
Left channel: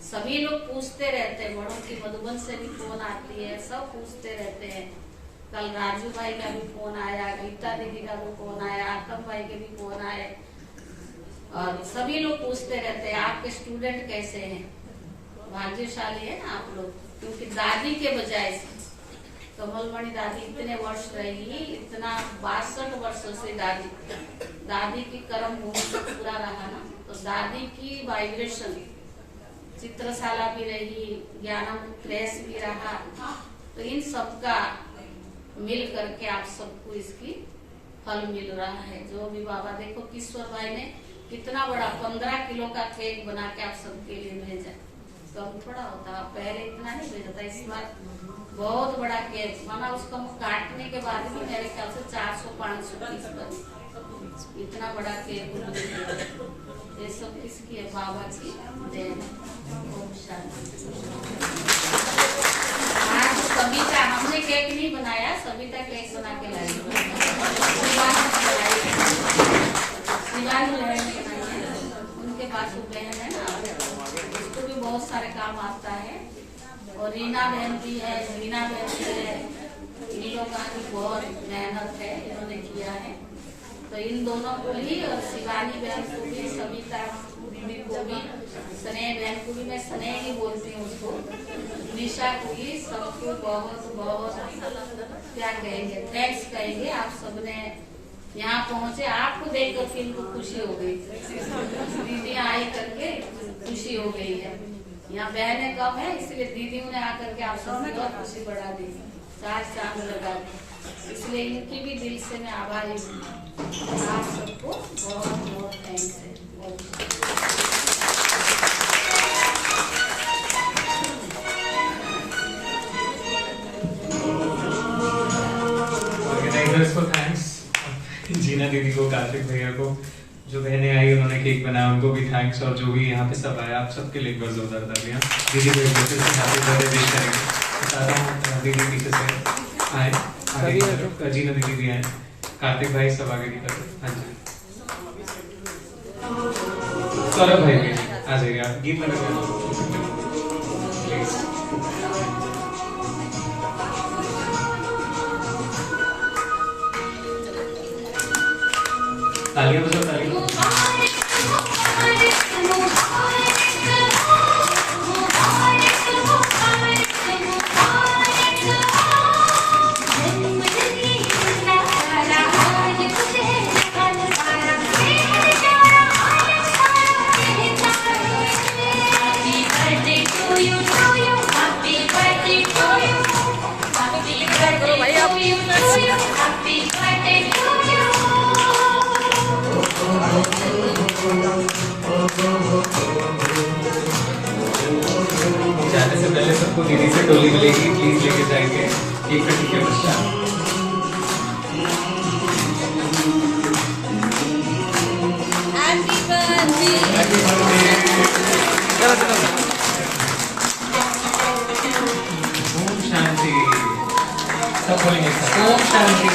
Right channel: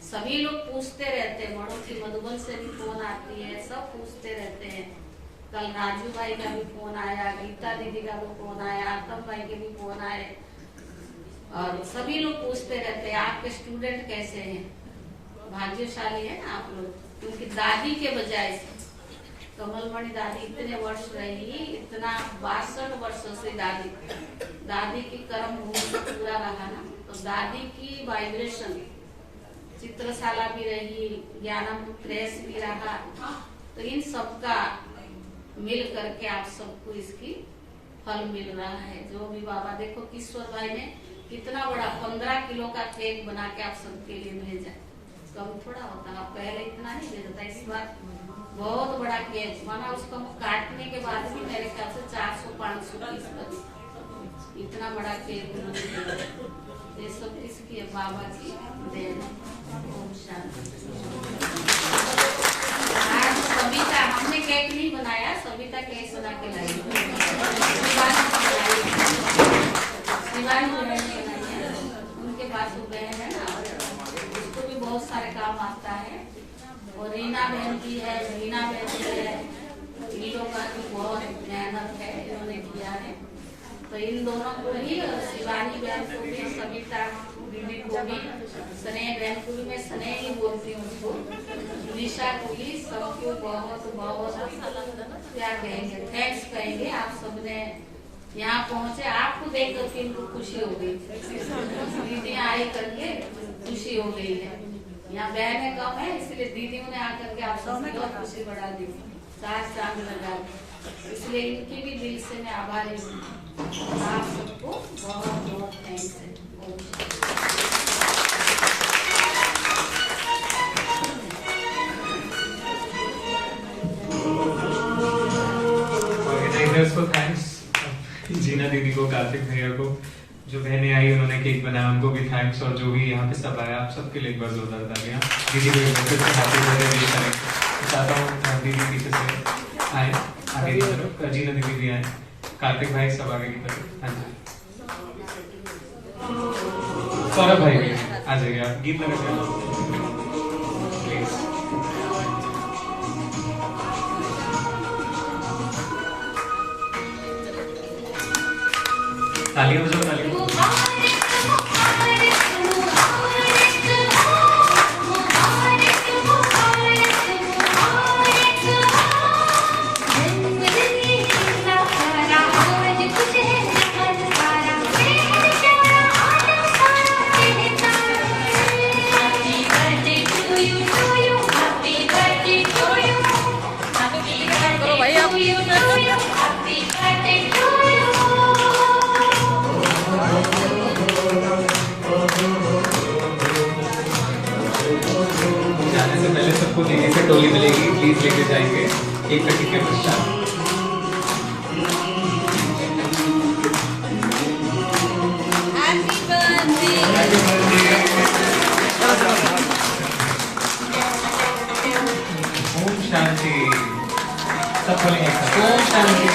सभी लोग पूछते रहते हैं, बड़ों की मधुबन से भी फोन आती है, सब पूछते रहते हैं। कल राजू भाई का भी फोन आया, गीता दीदी का भी फोन आया, आतम भाई के भी फोन आए, और सभी लोग पूछते रहते हैं आपके स्टूडेंट कैसे हैं। भाग्यशाली है ना आप लोग, क्योंकि दादी के बजाय कमलमणि दादी इतने वर्ष रही, इतना 62 वर्षों से दादी की कर्म भूमि से पूरा रहा ना, तो दादी की वाइब्रेशन, चित्रशाला भी रही, ज्ञानम प्रेस भी रहा, तो इन सबका मिल करके आप सबको इसकी फल मिल रहा है। जो भी बाबा, देखो किशोर भाई ने कितना बड़ा 15 किलो का केक बना के आप सबके लिए भेजा, कम थोड़ा होता, पहले इतना नहीं भेजा था, इस बार बहुत बड़ा केक माना। उसको काटने के बाद भी मेरे ख्याल से 400-500 पीस बने, इतना बड़ा केक उन्होंने दिया। ये सब किसकी है? बाबा की देन है। ओम शांति। आज सविता, हमने केक नहीं बनाया, सविता केक बना के लाई, शिवानी बहन बनाई है, उनके पास वो बहन है ना, उसको भी बहुत सारे काम आता है। और रीना बहन भी है, रीना बहन भी है, इन लोगों का भी बहुत मेहनत है, इन्होंने किया है। तो इन दोनों को भी, और शिवानी बहन को भी, सविता दीदी को भी, स्नेह बहन को भी, मैं स्नेह ही बोलती हूँ उसको, निशा को भी, सबको बहुत बहुत क्या कहेंगे, थैंक्स कहेंगे। आप सबने यहाँ पहुँचे, आपको देख करके इनको खुशी हो गई, दीदी आई करके खुशी हो गई है। यहाँ बहनें कम है, इसलिए दीदियों ने आकर के आप सबकी और खुशी बढ़ा दी, 4 चांद लगा दी, इसलिए इनकी भी दिल से मैं आभारी हूँ। आप सबको बहुत बहुत थैंक्स है। ऑर्गेनाइजर्स को थैंक्स। जीना दीदी को, कार्तिक भैया को, जो बहनें आई उन्होंने केक बनाया उनको भी थैंक्स, और जो भी यहाँ पे सब आया आप सबके लिए एक बार जोरदार तालियां। दीदी को एक बार फिर से हैप्पी बर्थडे विश करेंगे। चाहता हूँ दीदी पीछे से आए, आगे की तरफ जीना दीदी भी आए, कार्तिक भाई सब आगे की तरफ। हाँ जी सौरभ भाई भी आ जाइए, आप गीत लगा प्लीज। तालियां बजाओ, तालियां। जाने से पहले सबको दीदी से टोली मिलेगी, प्लीज लेके जाएंगे एक पेटी के पश्चात। ओम शांति, सब बोलेंगे ओम शांति।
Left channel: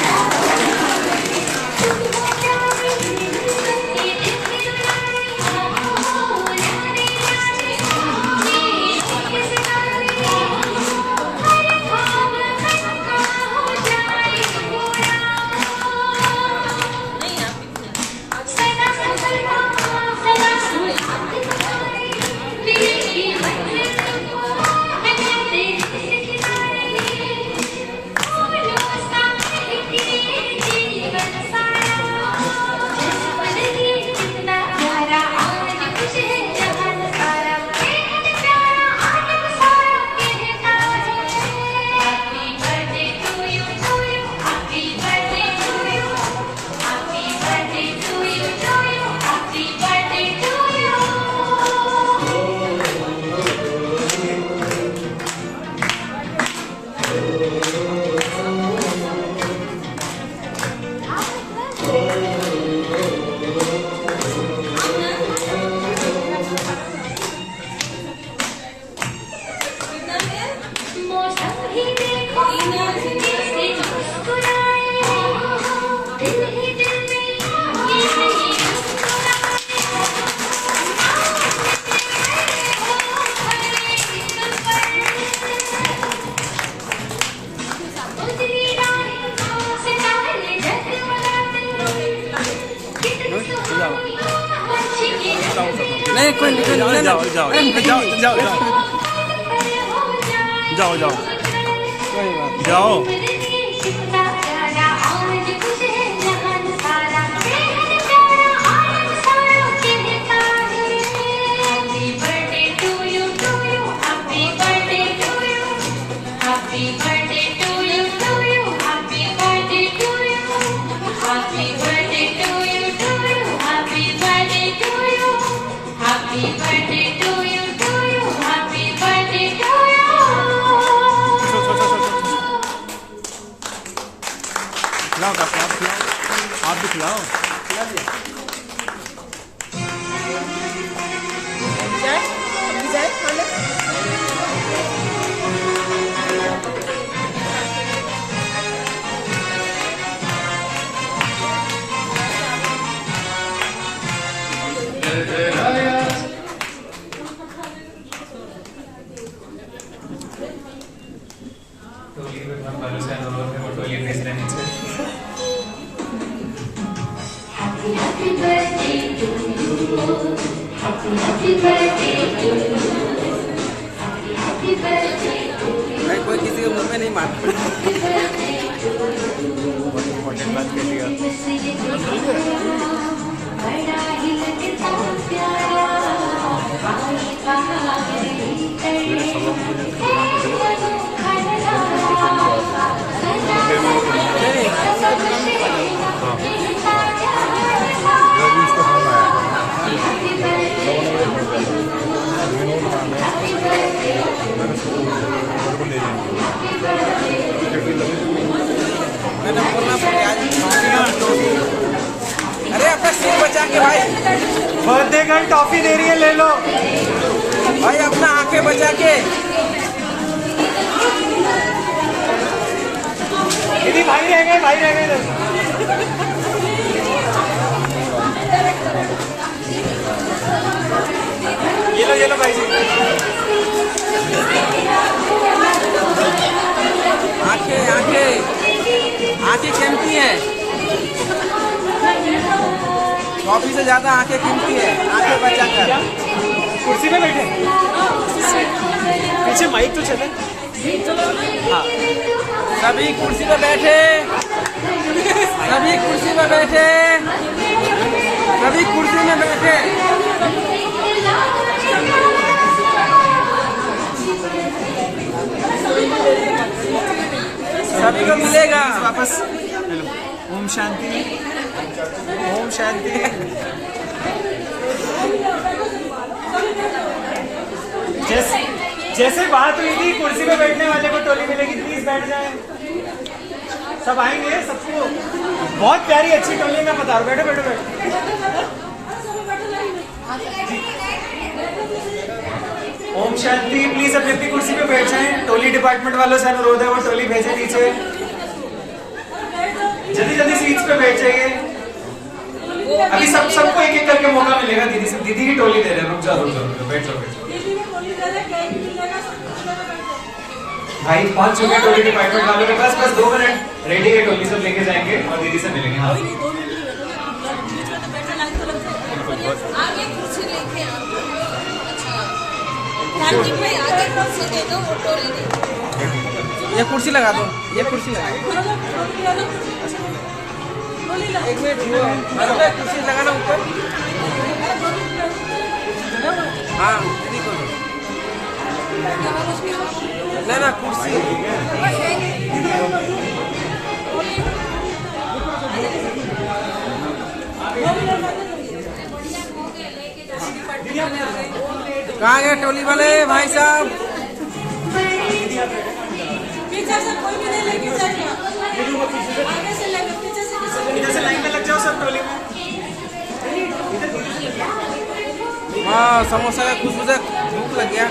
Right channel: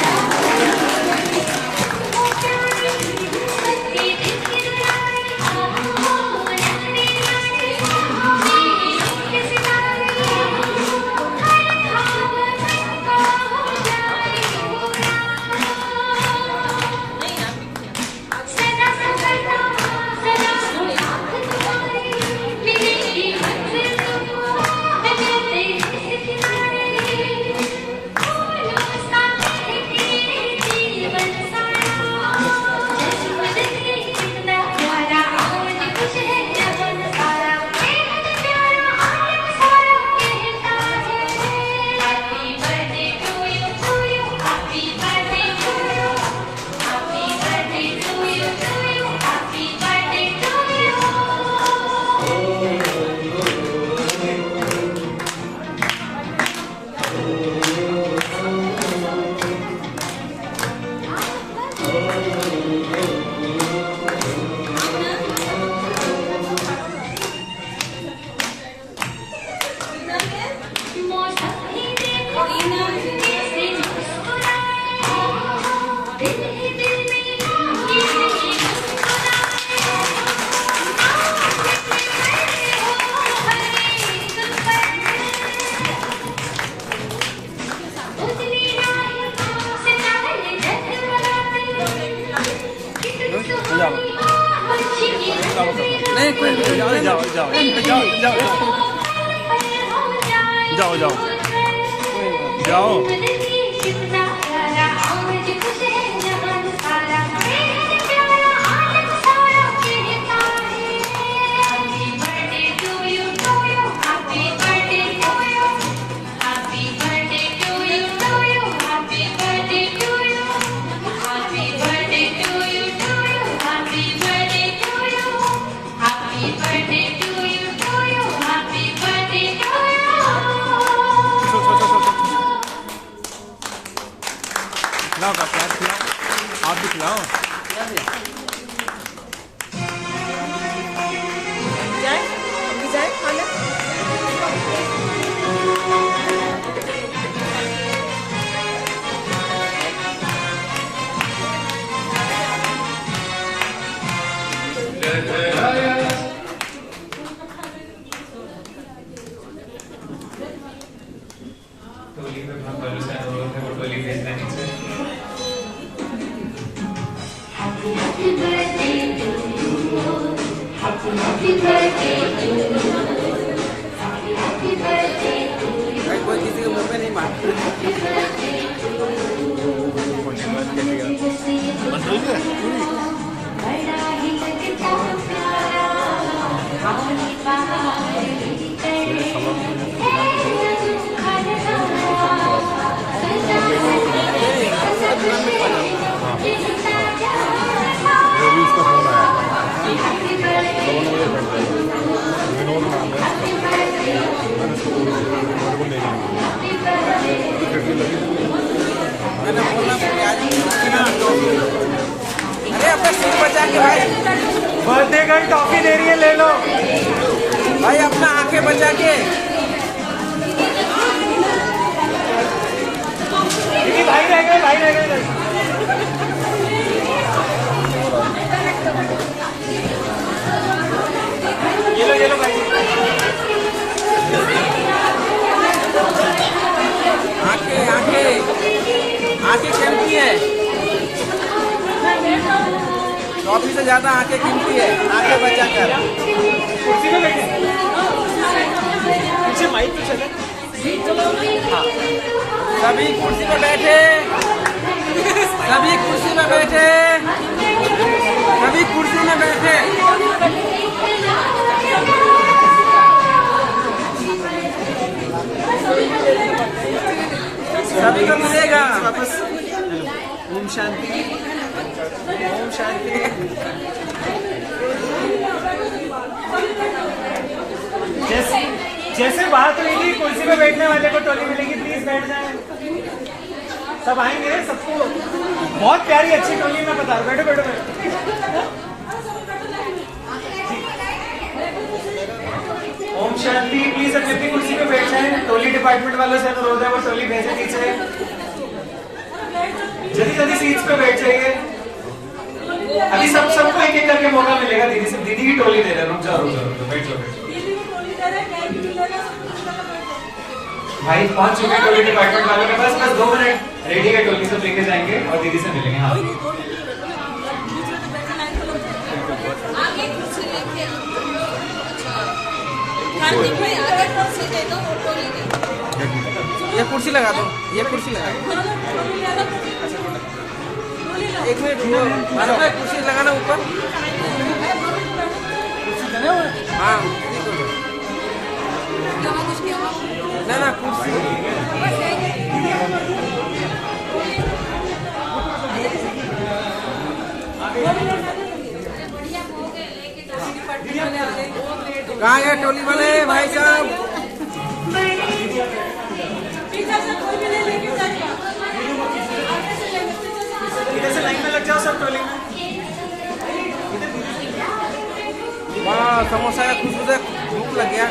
जाओ खिलाओ का प्यार खिलाओ, आप भी खिलाओ। हम भी जाए खाना। कोई किसी को मुंह में नहीं मारता। विनोद नाम है, मैंने उसको ले जाऊंगा। के भाई बर्थडे गर्ल टॉफी दे रही है, ले लो भाई अपना आंखें बचा के। भाई रह गए, भाई रह गए। ये लो भाई जी। आंखें आंखें आंखें कीमती है, ट्रॉफी से ज्यादा आंखें कीमती है, आंखें बचाकर। कुर्सी पे बैठे, पीछे माइक तो चले। सभी कुर्सी पे बैठे, सभी कुर्सी पे बैठे, सभी कुर्सी में बैठे। सभी को मिलेगा। ओम शांति, ओम शांति। जैसे बात हुई थी कुर्सी पे बैठने वाले को टोली मिलेगी, प्लीज बैठ जाए। सब आएंगे, सबको बहुत प्यारी अच्छी टोली में बता रहा हूँ। बैठो बैठो बैठो। ओम शांति। प्लीज अपनी अपनी कुर्सी पे बैठ जाए। टोली डिपार्टमेंट वालों से अनुरोध है वो टोली भेजे नीचे। जल्दी जल्दी सीट्स पे बैठ जाइए। अभी सबको एक एक करके मौका मिलेगा। दीदी की टोली दे रहे हैं। रुक जाओ बैठ जाओ बैठ जाओ। भाई पहुंच चुके टोली डिपार्टमेंट वालों के पास। बस 2 मिनट रेडी है, टोली सब लेके जाएंगे और दीदी से मिलेंगे। हाँ आगे कुर्सी लेके आओ। अच्छा कार्तिक भाई आगे कुर्सी दे दो, वो टोली दे दो। ये कुर्सी लगा दो, ये कुर्सी लगा दो। एक मिनट मालूम है कुर्सी लगाना ऊपर। हाँ ना ना कुर्सी। कहाँ गए टोली वाले भाई साहब? पीछे से कोई भी नहीं लेके जाएगा। इधर से लाइन में लग जाओ सब टोली में। हाँ समोसा का खुशबू से भूख लग गया।